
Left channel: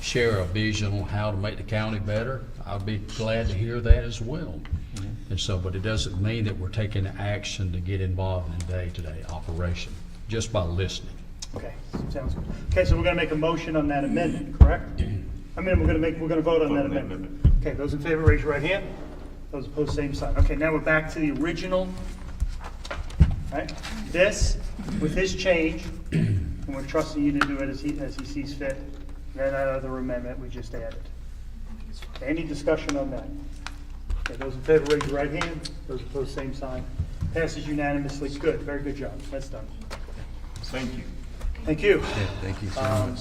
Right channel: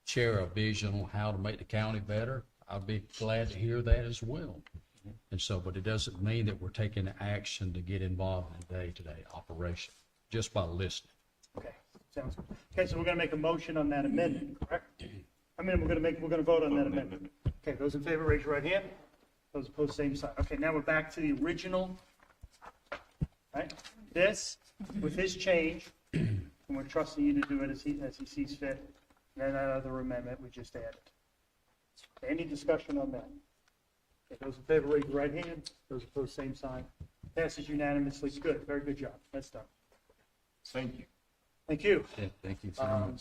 share a vision on how to make the county better, I'd be glad to hear that as well. And so, but it doesn't mean that we're taking action to get involved in day-to-day operation, just by listening. Okay, sounds good. Okay, so we're gonna make a motion on that amendment, correct? I mean, we're gonna vote on that amendment. Okay, those in favor, raise your right hand. Those opposed, same sign. Okay, now we're back to the original. Right? This, with his change, and we're trusting you to do it as he sees fit. Then that other amendment we just added. Any discussion on that? Okay, those in favor, raise your right hand. Those opposed, same sign. Passes unanimously. Good, very good job. That's done. Thank you. Thank you. Yeah, thank you so much.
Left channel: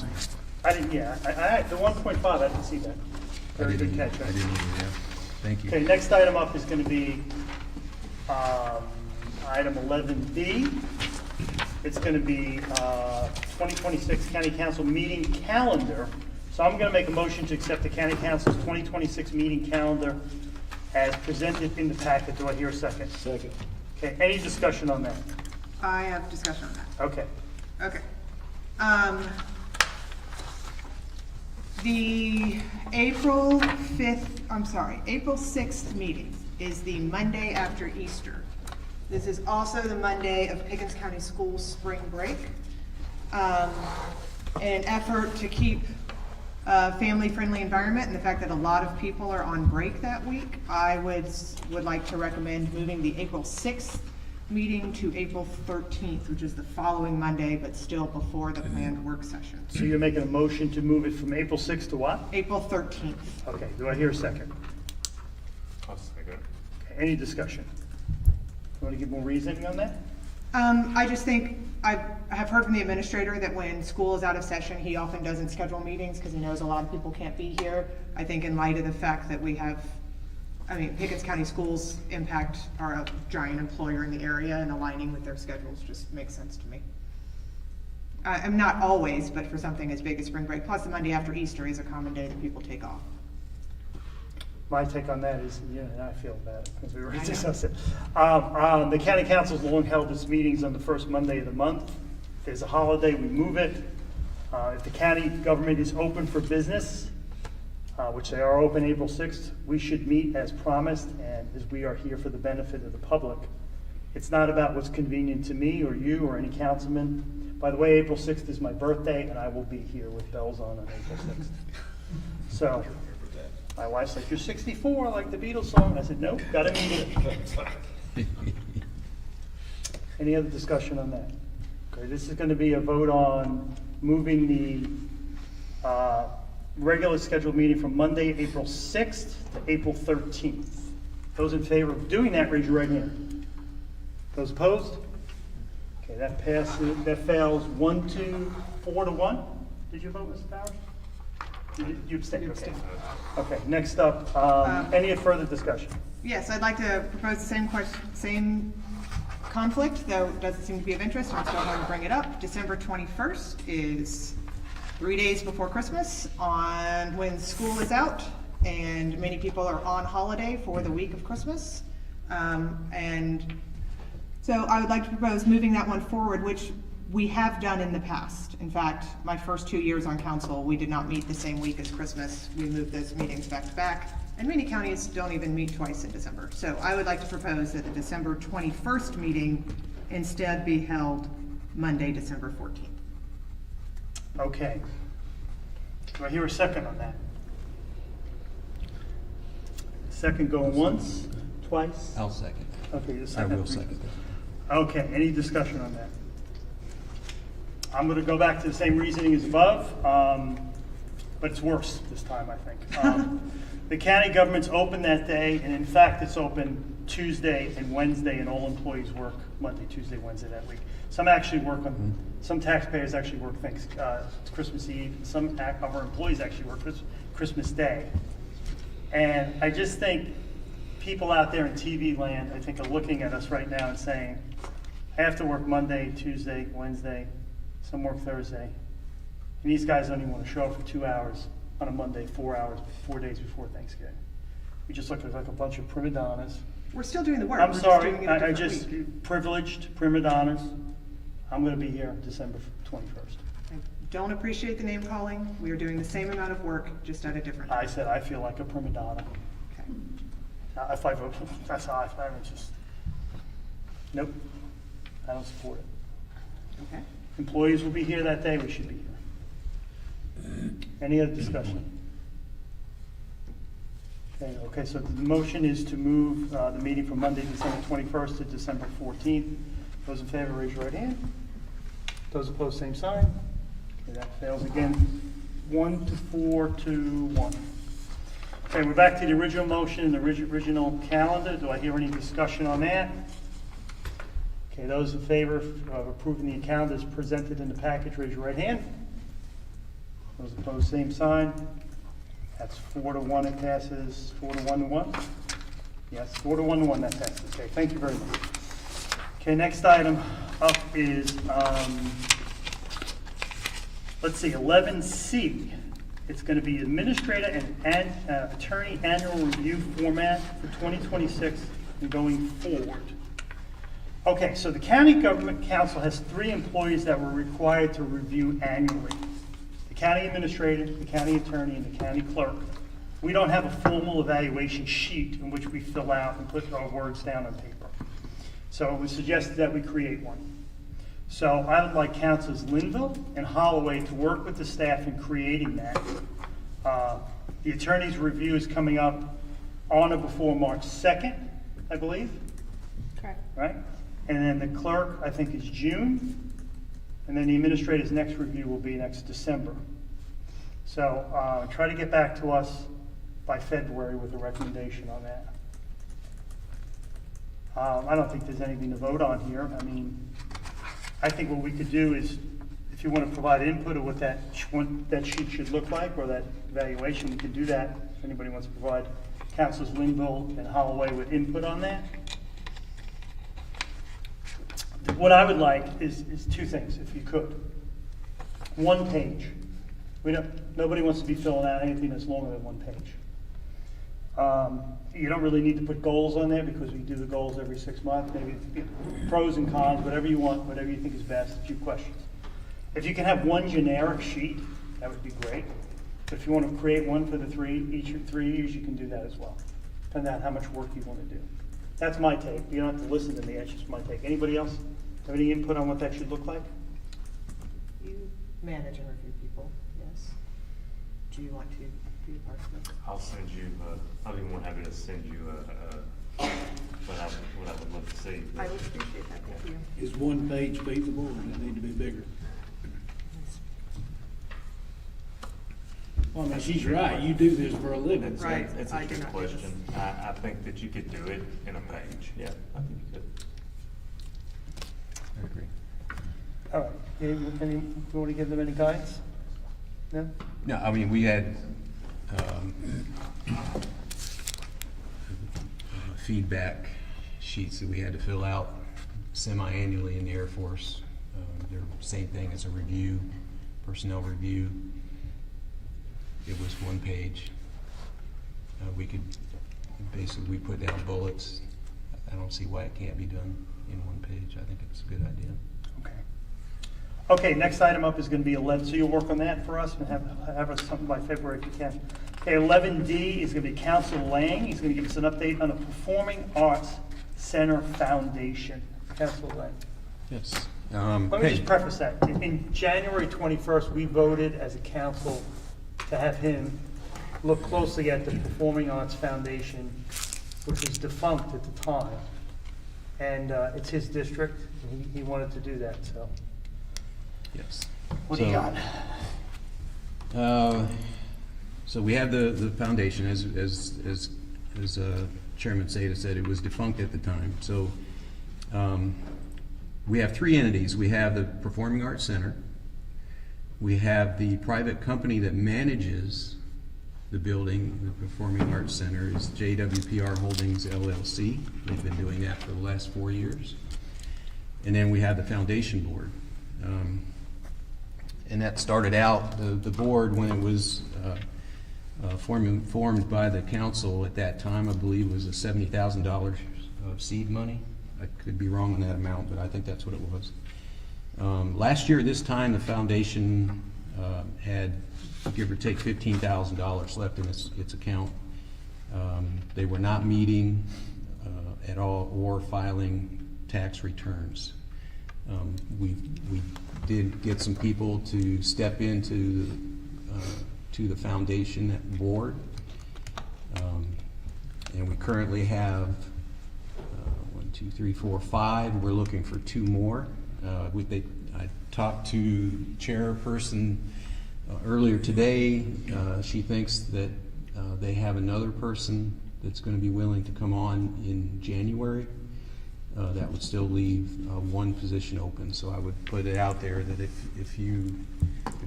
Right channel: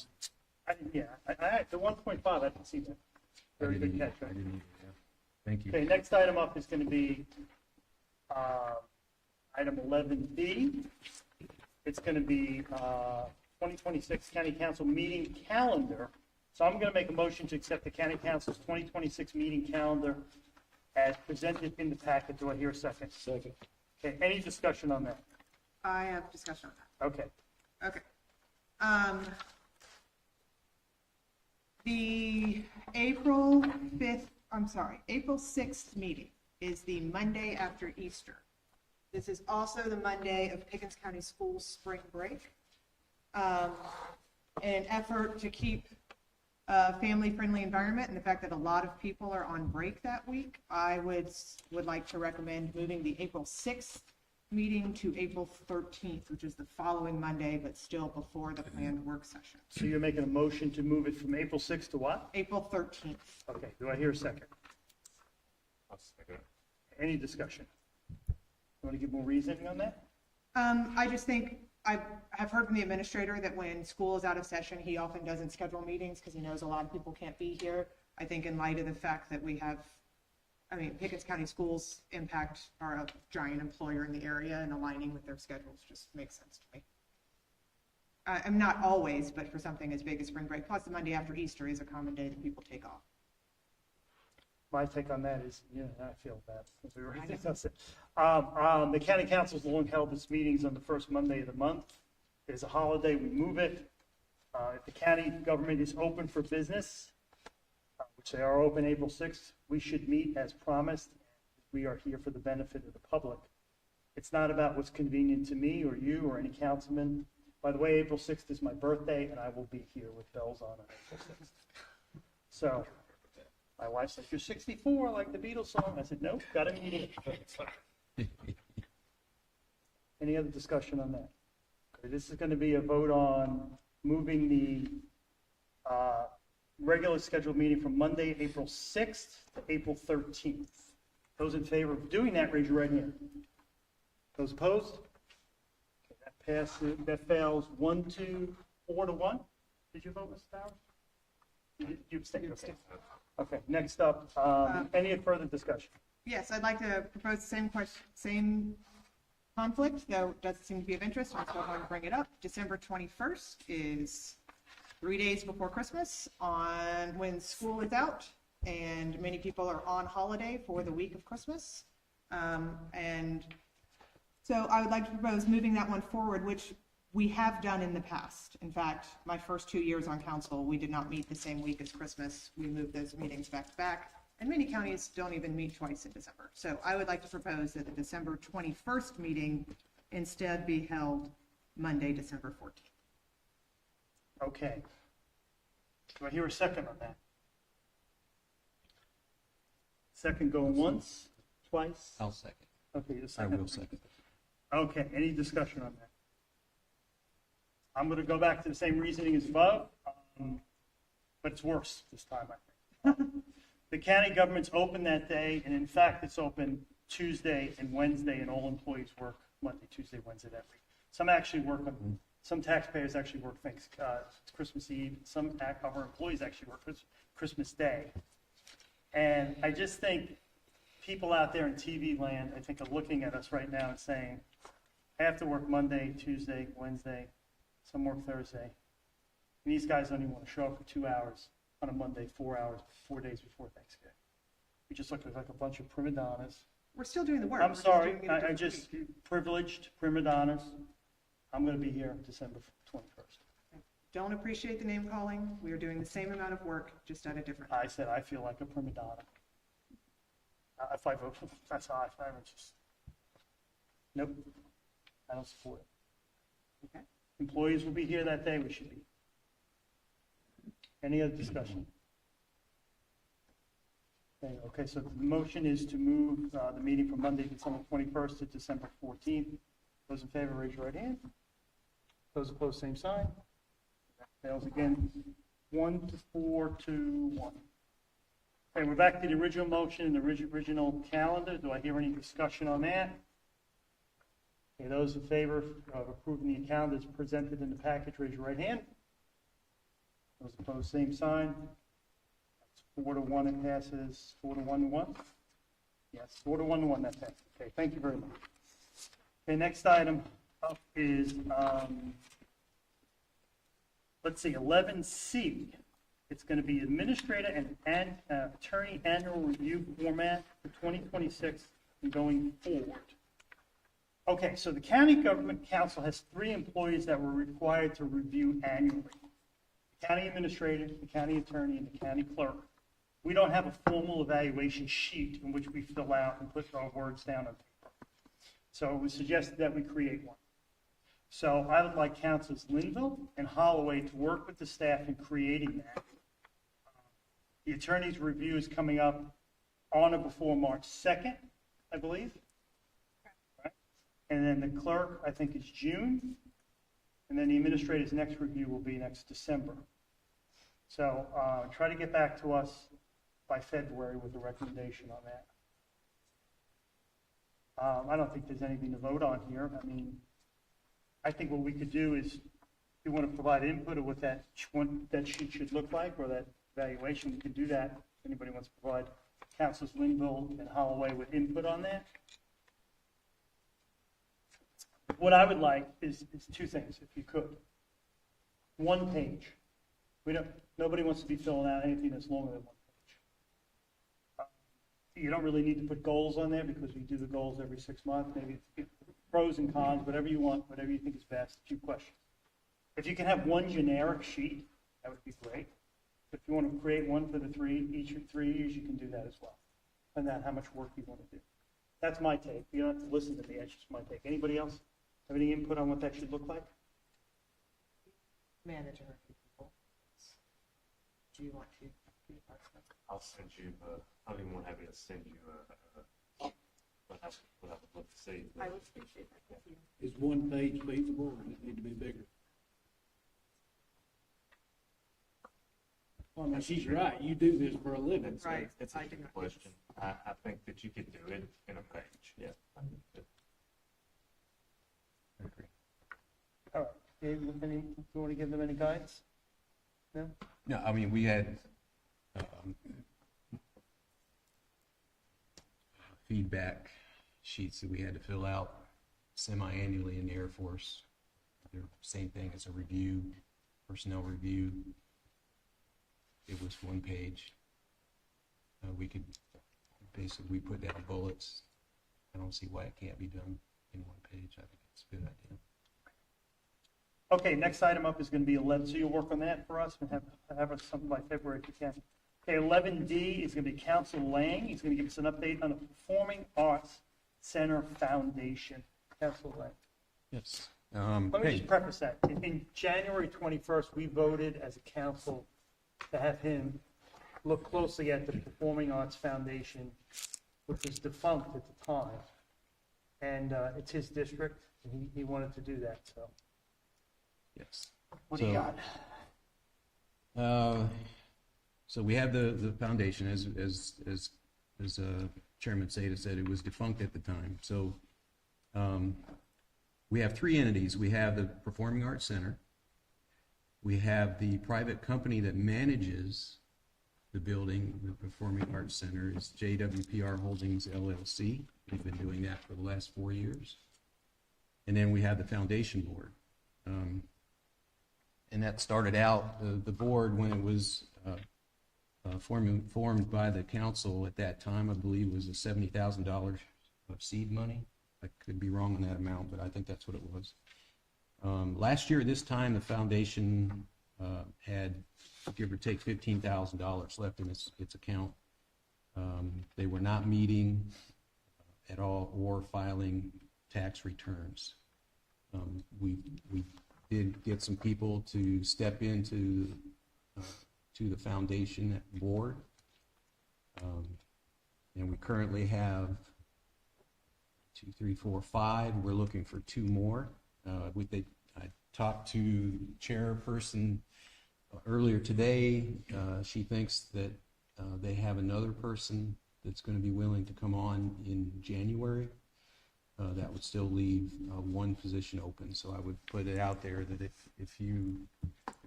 I didn't, the 1.5, I didn't see that. Very good catch. I didn't either, yeah. Thank you. Okay, next item up is gonna be, item 11B. It's gonna be, 2026 County Council meeting calendar. So I'm gonna make a motion to accept the County Council's 2026 meeting calendar as presented in the packet. Do I hear a second? Second. Okay, any discussion on that? I have discussion on that. Okay. Okay. The April 6th meeting is the Monday after Easter. This is also the Monday of Pickens County Schools spring break. In an effort to keep a family-friendly environment and the fact that a lot of people are on break that week, I would like to recommend moving the April 6th meeting to April 13th, which is the following Monday, but still before the planned work session. So you're making a motion to move it from April 6th to what? April 13th. Okay, do I hear a second? I'll second. Okay, any discussion? You want to give more reasoning on that? I just think, I have heard from the administrator that when school is out of session, he often doesn't schedule meetings because he knows a lot of people can't be here. I think in light of the fact that we have, Pickens County Schools are a giant employer in the area, and aligning with their schedules just makes sense to me. I'm not always, but for something as big as spring break, plus the Monday after Easter is a common day that people take off. My take on that is, yeah, I feel bad because we already discussed it. The county council's long held its meetings on the first Monday of the month. If there's a holiday, we move it. If the county government is open for business, which they are open April 6th, we should meet as promised, and as we are here for the benefit of the public. It's not about what's convenient to me or you or any councilman. By the way, April 6th is my birthday, and I will be here with bells on April 6th. So, my wife said, "You're 64, like the Beatles song." I said, "Nope, gotta meet it." Any other discussion on that? Okay, this is gonna be a vote on moving the regular scheduled meeting from Monday, April 6th to April 13th. Those in favor of doing that, raise your right hand. Those opposed? Okay, that passes, that fails 4 to 1. Did you vote, Mr. Bowers? You abstained, okay. Okay, next up, any further discussion? Yes, I'd like to propose the same conflict, though it doesn't seem to be of interest, I'm still going to bring it up. December 21st is 3 days before Christmas, on when school is out, and many people are on holiday for the week of Christmas. And so I would like to propose moving that one forward, which we have done in the past. In fact, my first 2 years on council, we did not meet the same week as Christmas. We moved those meetings back to back, and many counties don't even meet twice in December. So I would like to propose that the December 21st meeting instead be held Monday, December 14th. Okay. Do I hear a second on that? Second going once, twice? I'll second. Okay, you I second. will second that. Okay, any discussion on that? I'm gonna go back to the same reasoning as above, but it's worse this time, I think. The county government's open that day, and in fact, it's open Tuesday and Wednesday, and all employees work Monday, Tuesday, Wednesday that week. Some actually work on, some taxpayers actually work Christmas Eve, and some of our employees actually work Christmas Day. And I just think people out there in TV land, I think, are looking at us right now and saying, I have to work Monday, Tuesday, Wednesday, some work Thursday. And these guys don't even want to show up for 2 hours on a Monday, 4 hours, 4 days before Thanksgiving. We just look like a bunch of prima donnas. We're still doing the work. I'm We're sorry, just doing it a I different just, week. privileged prima donnas. I'm gonna be here December 21st. I don't appreciate the name calling. We are doing the same amount of work, just at a different time. I said I feel like a prima donna. Okay. If I vote, that's how I would just, nope, I don't support it. Okay. Employees will be here that day, we should be here. Any other discussion? Okay, so the motion is to move the meeting from Monday, December 21st to December 14th. Those in favor, raise your right hand. Those opposed, same sign. Okay, that fails again. 1 to 4 to 1. Okay, we're back to the original motion, the original calendar. Do I hear any discussion on that? Okay, those in favor of approving the calendar as presented in the package, raise your right hand. Those opposed, same sign. That's 4 to 1, it passes. 4 to 1 to 1? Yes, 4 to 1 to 1, that passes. Okay, thank you very much. Okay, next item up is, let's see, 11C. It's going to be administrator and attorney annual review format for 2026 and going forward. Okay, so the county government council has 3 employees that were required to review annually. The county administrator, the county attorney, and the county clerk. We don't have a formal evaluation sheet in which we fill out and put our words down on paper. So it was suggested that we create one. So I would like councilors Linville and Holloway to work with the staff in creating that. The attorney's review is coming up on or before March 2nd, I believe. Correct. Right? And then the clerk, I think, is June. And then the administrator's next review will be next December. So try to get back to us by February with a recommendation on that. I don't think there's anything to vote on here. I mean, I think what we could do is, if you want to provide input of what that sheet should look like, or that evaluation, we can do that. If anybody wants to provide councilors Linville and Holloway with input on that. What I would like is 2 things, if you could. 1 page. Nobody wants to be filling out anything that's longer than 1 page. You don't really need to put goals on there because we do the goals every 6 months. Maybe pros and cons, whatever you want, whatever you think is best. A few questions. If you can have 1 generic sheet, that would be great. If you want to create one for the 3, each of 3 years, you can do that as well. Depending on how much work you want to do. That's my take. You don't have to listen to me. That's just my take. Anybody else have any input on what that should look like? You manage and review people, yes. Do you want to be part of it? I'll send you, I'll be more happy to send you what I would love to see. I would appreciate that, thank you. Is 1 page feasible, or does it need to be bigger? Well, I mean, she's right, you do this for a living. It's a good question. I think that you could do it in a page. Yeah, I think you could. I agree. All right. You want to give them any guidance? No? No, I mean, we had feedback sheets that we had to fill out semi-annually in the Air Force. They're the same thing as a review, personnel review. It was 1 page. We could, basically, we put down bullets. I don't see why it can't be done in 1 page. I think it's a good idea. Okay, next item up is going to be 11, so you'll work on that for us and have us something by February if you can. Okay, 11D is going to be Council Lang. He's going to give us an update on the Performing Arts Center Foundation. Council Lang. Yes. Let me just preface that. In January 21st, we voted as a council to have him look closely at the Performing Arts Foundation, which was defunct at the time. And it's his district, and he wanted to do that, so. Yes. What do you got? So we have the foundation, as Chairman Seda said, it was defunct at the time. So we have 3 entities. We have the Performing Arts Center. We have the private company that manages the building, the Performing Arts Center, is JWPR Holdings LLC. They've been doing that for the last 4 years. And then we have the foundation board. And that started out, the board, when it was formed by the council at that time, I believe was a $70,000 of seed money. I could be wrong on that amount, but I think that's what it was. Last year, this time, the foundation had, give or take, $15,000 left in its account. They were not meeting at all or filing tax returns. We did get some people to step into to the foundation board, and we currently have 1, 2, 3, 4, 5. We're looking for 2 more. I talked to chairperson earlier today. She thinks that they have another person that's going to be willing to come on in January. That would still leave 1 position open. So I would put it out there that if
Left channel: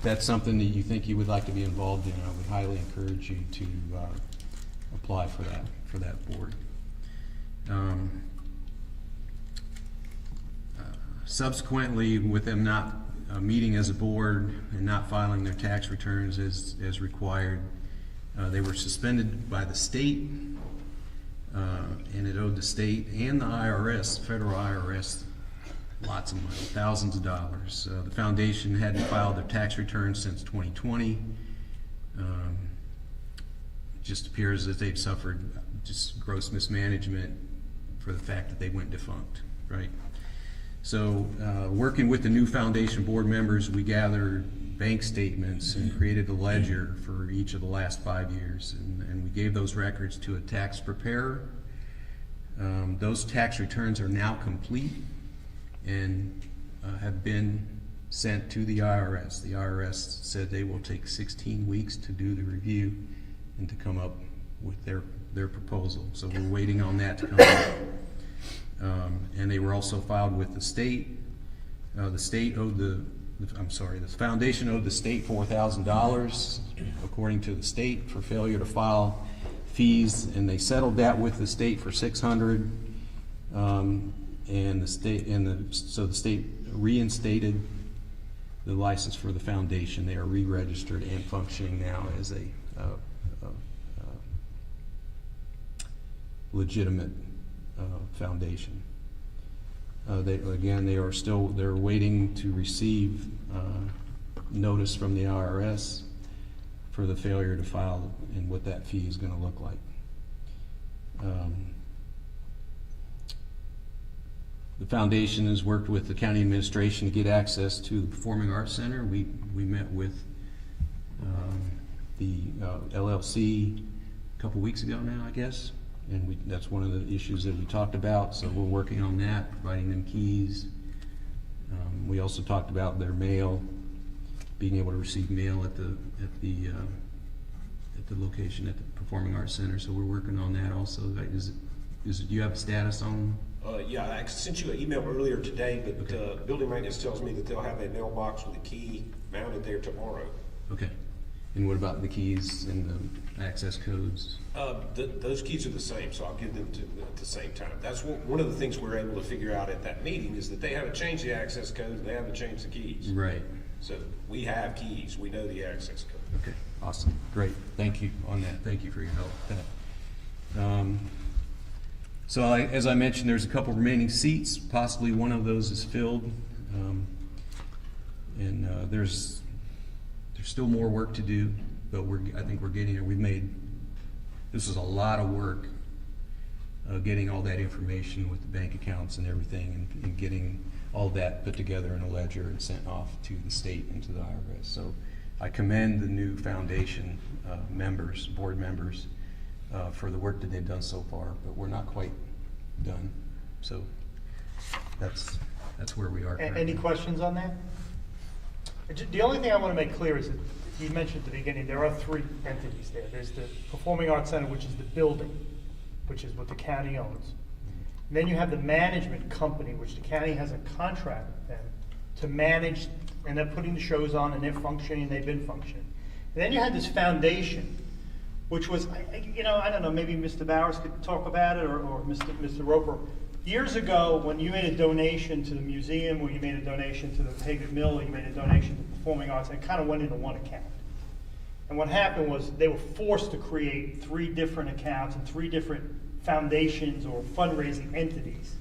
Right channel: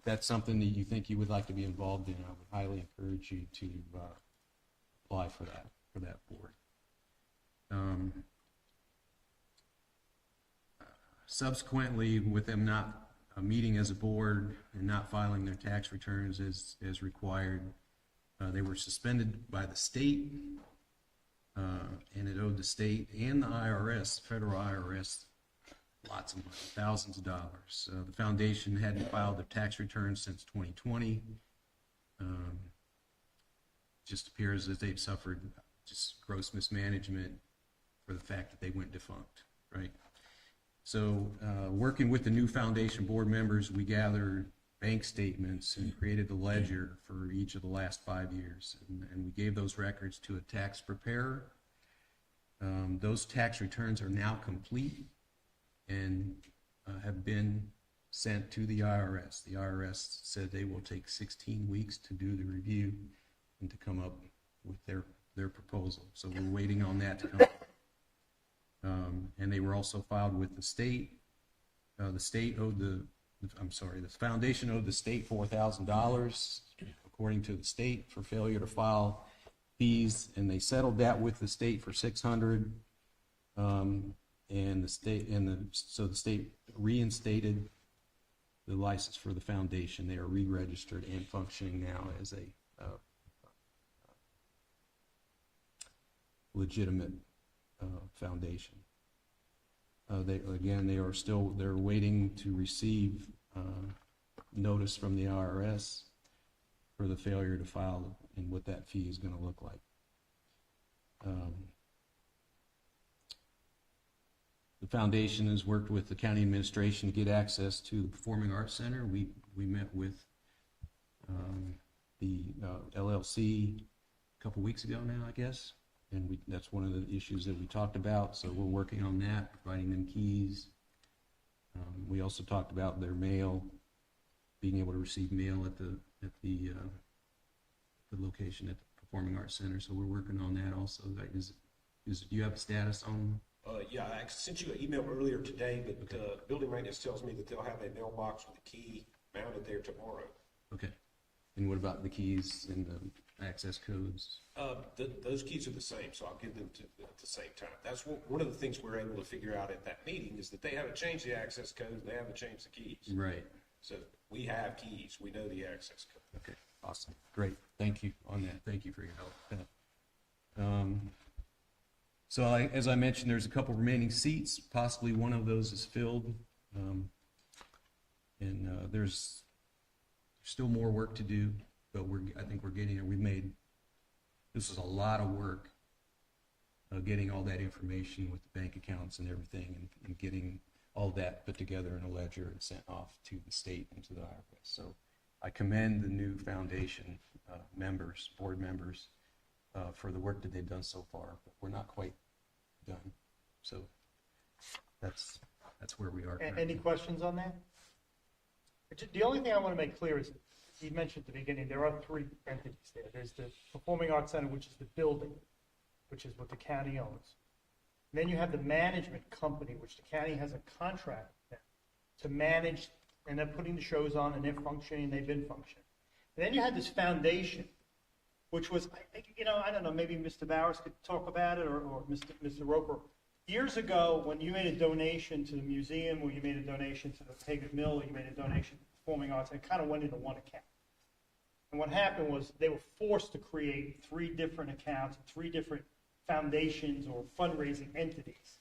that's something that you think you would like to be involved in, I would highly encourage you to apply for that board. Subsequently, with them not meeting as a board and not filing their tax returns as required, they were suspended by the state. And it owed the state and the IRS, federal IRS, lots of money, thousands of dollars. The foundation hadn't filed their tax returns since 2020. It just appears that they've suffered just gross mismanagement for the fact that they went defunct, right? So, working with the new foundation board members, we gathered bank statements and created a ledger for each of the last 5 years, and we gave those records to a tax preparer. Those tax returns are now complete and have been sent to the IRS. The IRS said they will take 16 weeks to do the review and to come up with their proposal. So we're waiting on that to come up. And they were also filed with the state. The state owed the foundation owed the state $4,000, according to the state, for failure to file fees, and they settled that with the state for $600. And so the state reinstated the license for the foundation. They are re-registered and functioning now as a legitimate foundation. They're waiting to receive notice from the IRS for the failure to file and what that fee is going to look like. The foundation has worked with the county administration to get access to the Performing Arts Center. We met with the LLC a couple weeks ago now, I guess. And that's one of the issues that we talked about, so we're working on that, providing them keys. We also talked about their mail, being able to receive mail at the location at the Performing Arts Center. So we're working on that also. Do you have a status on? Yeah, I sent you an email earlier today, but building maintenance tells me that they'll have a mailbox with a key mounted there tomorrow. Okay. And what about the keys and the access codes? Those keys are the same, so I'll give them to them at the same time. That's one of the things we're able to figure out at that meeting, is that they haven't changed the access code and they haven't changed the keys. Right. So we have keys, we know the access code. Okay, awesome, great, thank you on that, thank you for your help with that. So as I mentioned, there's a couple remaining seats, possibly one of those is filled. And there's still more work to do, but I think we're getting there. This is a lot of work, getting all that information with the bank accounts and everything, and getting all that put together in a ledger and sent off to the state and to the IRS. So I commend the new foundation board members, for the work that they've done so far, but we're not quite done. So that's where we are currently. Any questions on that? The only thing I want to make clear is that you mentioned at the beginning, there are three entities there. There's the Performing Arts Center, which is the building, which is what the county owns. And then you have the management company, which the county has a contract with them to manage, and they're putting the shows on, and they're functioning, they've been functioning. And then you had this foundation, which was, I don't know, maybe Mr. Bowers could talk about it, or Mr. Roper. Years ago, when you made a donation to the museum, or you made a donation to the Hagan Mill, or you made a donation to Performing Arts, it kind of went into one account. And what happened was they were forced to create 3 different accounts and 3 different foundations or fundraising entities.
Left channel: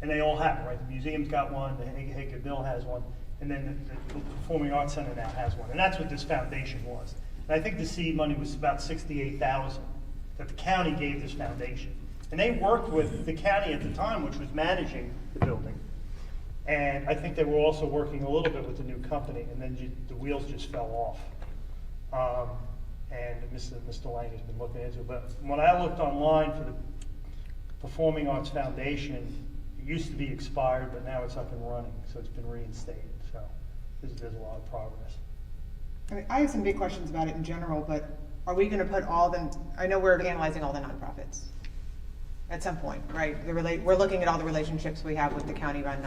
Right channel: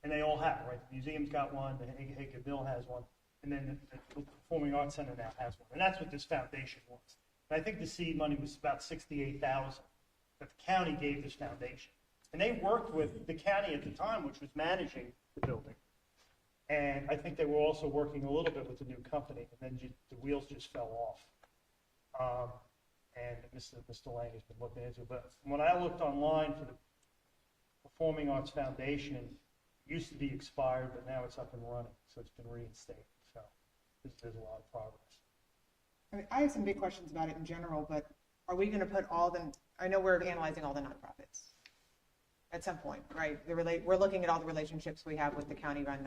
And they all have it, right? The museum's got one, the Hagan Mill has one, and then the Performing Arts Center now has one. And that's what this foundation was. And I think the seed money was about $68,000 that the county gave this foundation. And they worked with the county at the time, which was managing the building. And I think they were also working a little bit with the new company, and then the wheels just fell off. And Mr. Lang has been looking into it. But when I looked online for the Performing Arts Foundation, it used to be expired, but now it's up and running, so it's been reinstated. So there's a lot of progress. I mean, I have some big questions about it in general, but are we going to put all them? I know we're analyzing all the nonprofits at some point, right? We're looking at all the relationships we have with the county-run,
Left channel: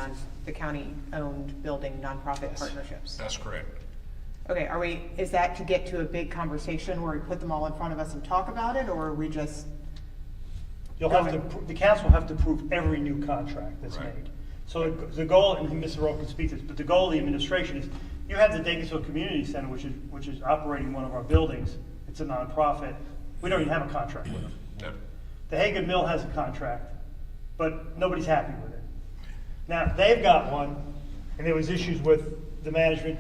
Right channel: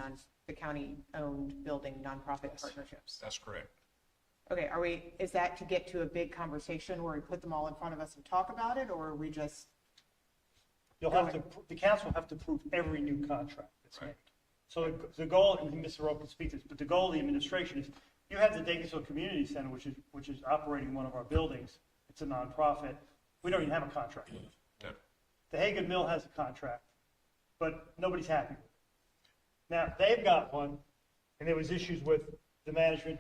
the county-owned building nonprofit partnerships. That's correct. Okay, is that to get to a big conversation where we put them all in front of us and talk about it, or are we just? The council will have to approve every new contract that's made. So the goal, and Mr. Rowe can speak to this, but the goal of the administration is, you have the Dacusville Community Center, which is operating one of our buildings. It's a nonprofit. We don't even have a contract with them. No. The Hagan Mill has a contract, but nobody's happy with it. Now, they've got one, and there was issues with the management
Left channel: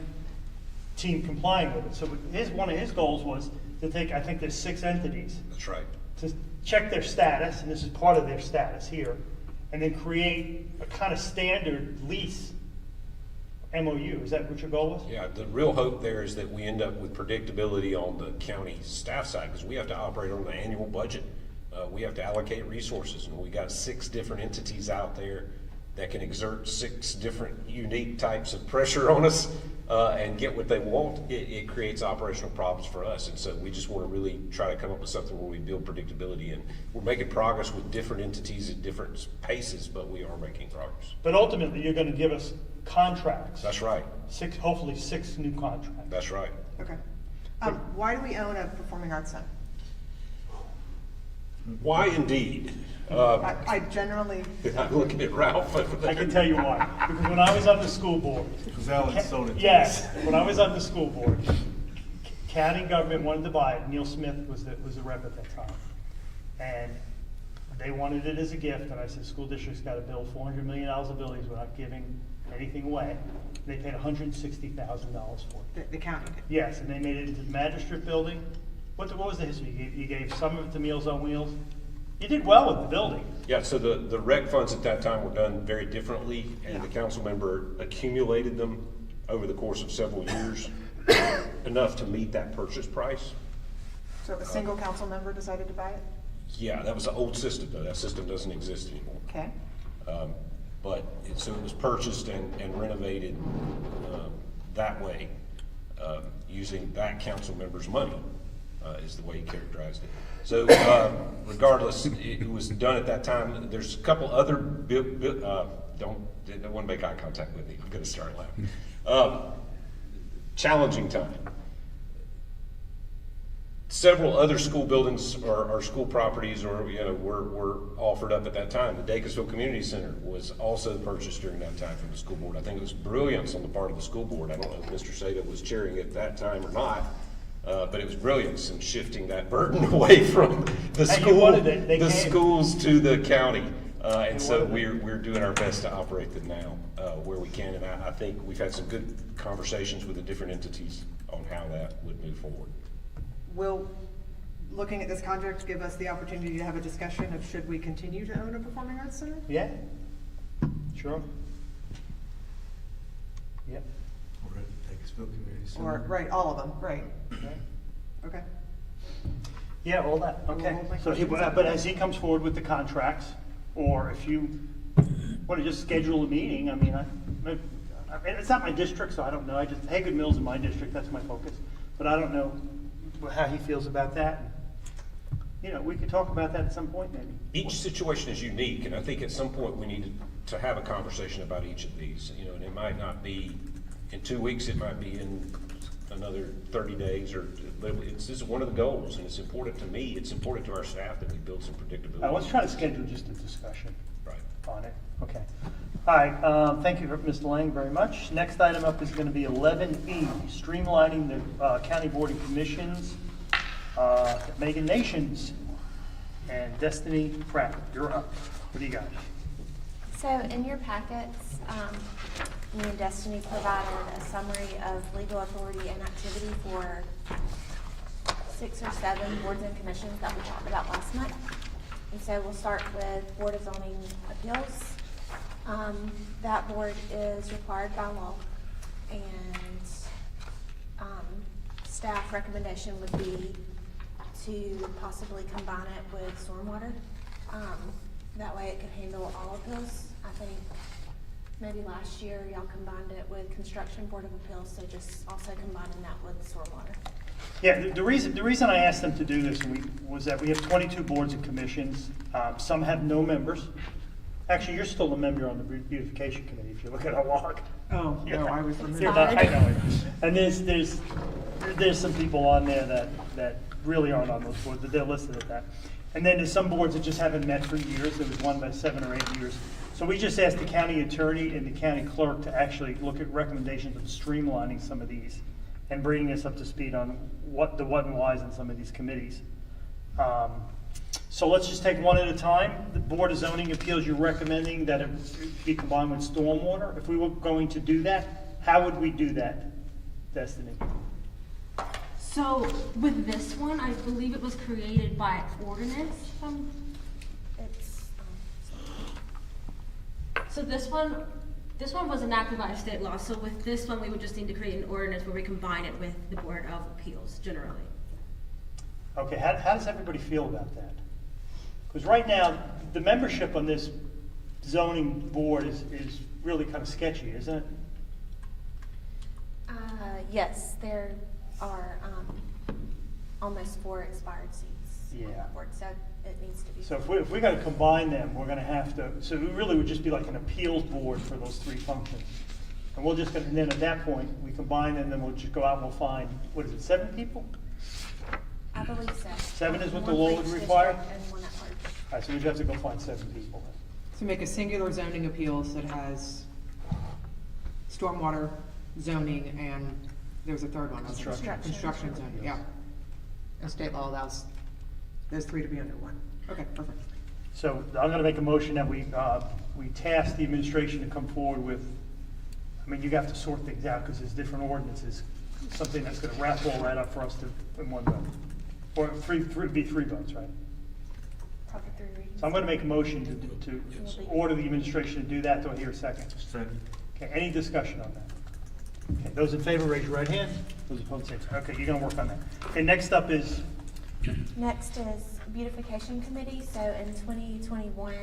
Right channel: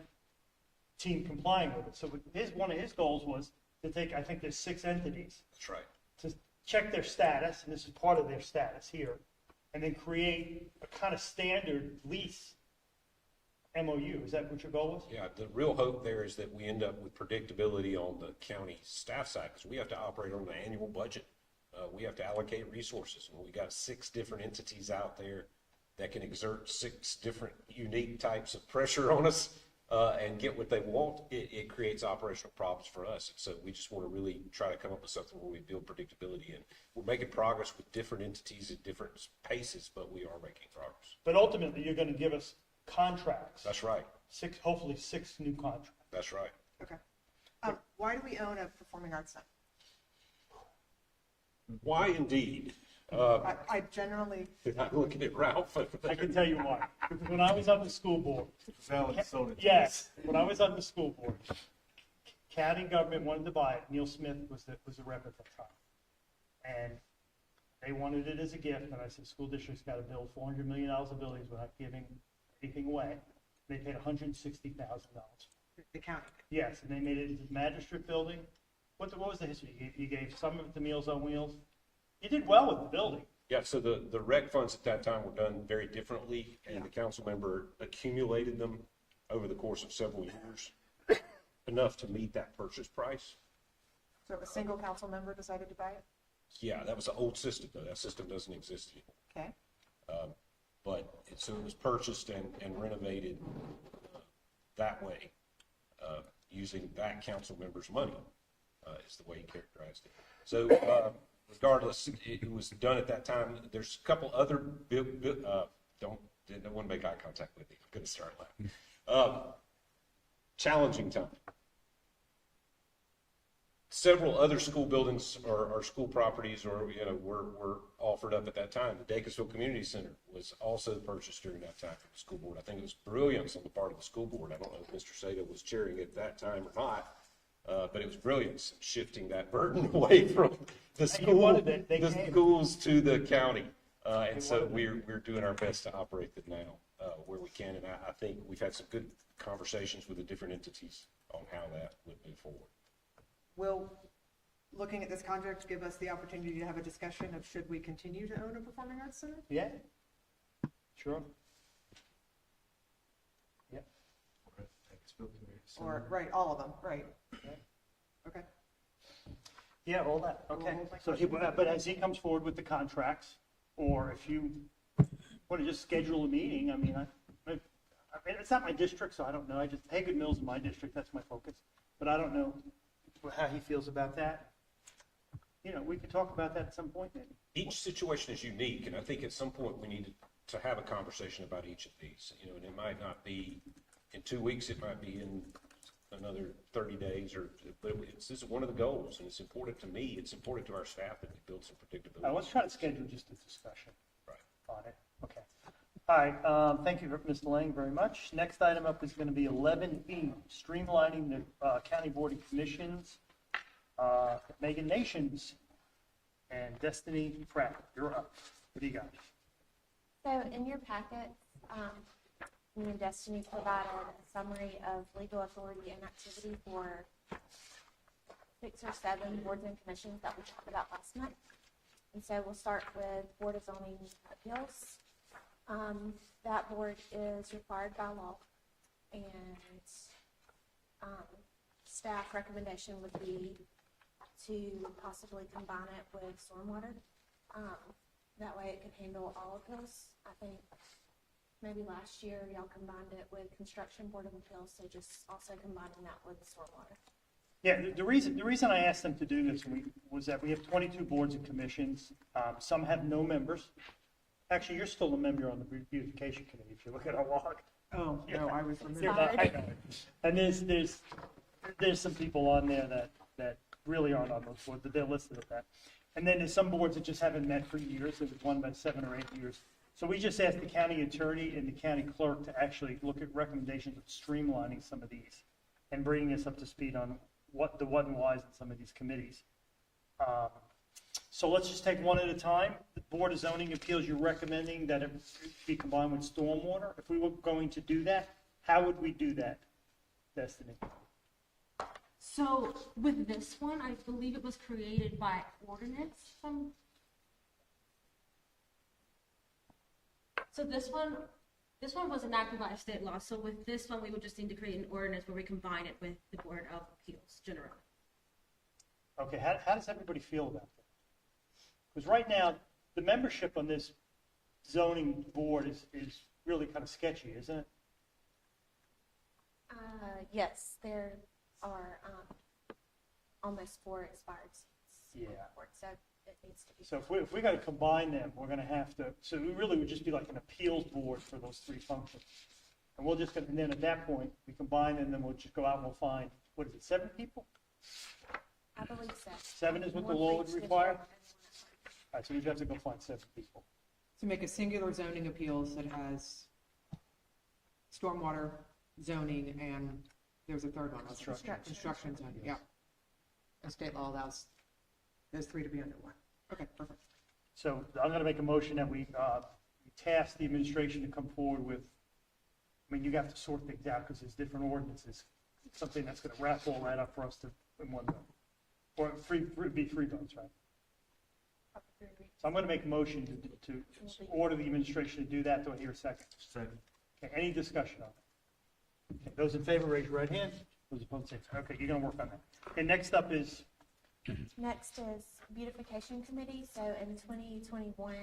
team complying with it. So one of his goals was to take, I think there's 6 entities. That's right. To check their status, and this is part of their status here, and then create a kind of standard lease MOU. Is that what your goal was? Yeah, the real hope there is that we end up with predictability on the county staff side, because we have to operate on an annual budget. We have to allocate resources, and we got 6 different entities out there that can exert 6 different unique types of pressure on us and get what they want. It creates operational problems for us, and so we just want to really try to come up with something where we build predictability, and we're making progress with different entities at different paces, but we are making progress. But ultimately, you're going to give us contracts. That's right. Hopefully 6 new contracts. That's right. Okay. Why do we own a performing arts center? Why indeed? I generally. I'm looking at Ralph over there. I can tell you why. Because when I was on the school board. Because Alan sold it to Yes, us. when I was on the school board, county government wanted to buy it. Neil Smith was the rep at that time. And they wanted it as a gift, and I said, school district's got to build $400 million of buildings without giving anything away. They paid $160,000 for it. The county did. Yes, and they made it into the magistrate building. What was the history? You gave some of it to Meals on Wheels. You did well with the building. Yeah, so the rec funds at that time were done very differently, and the council member accumulated them over the course of several years, enough to meet that purchase price. So a single council member decided to buy it? Yeah, that was the old system, though. That system doesn't exist anymore. Okay. So it was purchased and renovated that way, using that council member's money, is the way he characterized it. So regardless, it was done at that time. There's a couple other, don't want to make eye contact with me. I'm going to start laughing. Challenging time. Several other school buildings or school properties were offered up at that time. The Dacusville Community Center was also purchased during that time from the school board. I think it was brilliance on the part of the school board. I don't know if Mr. Sato was chairing it at that time or not, but it was brilliance in shifting that burden away from the schools to the county. And so we're doing our best to operate them now where we can. And I think we've had some good conversations with the different entities on how that would move forward. Will looking at this contract give us the opportunity to have a discussion of should we continue to own a performing arts center? Yeah, sure. Yep. Or at Dacusville Community Center. Or, right, all of them, right. Okay. Yeah, all that, okay. So, but as he comes forward with the contracts, or if you want to just schedule a meeting, I mean, it's not my district, so I don't know. Haygood Mills is my district, that's my focus. But I don't know how he feels about that. You know, we could talk about that at some point, maybe. Each situation is unique, and I think at some point we need to have a conversation about each of these. You know, and it might not be in 2 weeks, it might be in another 30 days, but this is one of the goals, and it's important to me, it's important to our staff that we build some predictability. Let's try to schedule just a discussion on it. Okay. All right, thank you, Mr. Lang, very much. Next item up is going to be 11E, streamlining the county board of commissions. Megan Nations and Destiny Pratt, you're up. What do you got? So in your packets, me and Destiny provided a summary of legal authority and activity for 6 or 7 boards and commissions that we talked about last month. And so we'll start with Board of Zoning Appeals. That board is required by law, and staff recommendation would be to possibly combine it with stormwater. That way it could handle all appeals. I think maybe last year y'all combined it with Construction Board of Appeals, so just also combining that with stormwater. Yeah, the reason I asked them to do this was that we have 22 boards and commissions. Some have no members. Actually, you're still a member on the beautification committee if you look at our log. Oh, yeah. no, I was removed. I know. And there's some people on there that really aren't on those boards, but they're listed at that. And then there's some boards that just haven't met for years. There was one by 7 or 8 years. So we just asked the county attorney and the county clerk to actually look at recommendations of streamlining some of these and bringing us up to speed on what and whys in some of these committees. So let's just take one at a time. The Board of Zoning Appeals, you're recommending that it be combined with stormwater. If we were going to do that, how would we do that, Destiny? So with this one, I believe it was created by ordinance. It's, So this one was enacted by a state law. So with this one, we would just need to create an ordinance where we combine it with the Board of Appeals generally. Okay, how does everybody feel about that? Because right now, the membership on this zoning board is really kind of sketchy, isn't it? yes, there are, almost 4 expired seats on Yeah. that board, so it needs to be. So if we gotta combine them, we're gonna have to, so it really would just be like an appeals board for those 3 functions. And we'll just, and then at that point, we combine them, then we'll just go out and we'll find, what is it, 7 people? I believe so. 7 is what the One law for would each require? district and one at large. All right, so we'd have to go find 7 people. To make a singular zoning appeals that has stormwater, zoning, and there was a third one. wasn't there? Construction. Construction zoning, yeah. And state law allows those 3 to be under one. Okay, perfect. So I'm gonna make a motion that we task the administration to come forward with, I mean, you have to sort things out because there's different ordinances, something that's gonna wrap all that up for us to, in one vote. Or be 3 votes, right? Probably 3 readings. So I'm gonna make a motion to order the administration to do that. Do I hear a second? Second. Okay, any discussion on that? Okay, those in favor, raise your right hand. Those opposed, say so. Okay, you're gonna work on that. Okay, next up is, Next is beautification committee. So in 2021,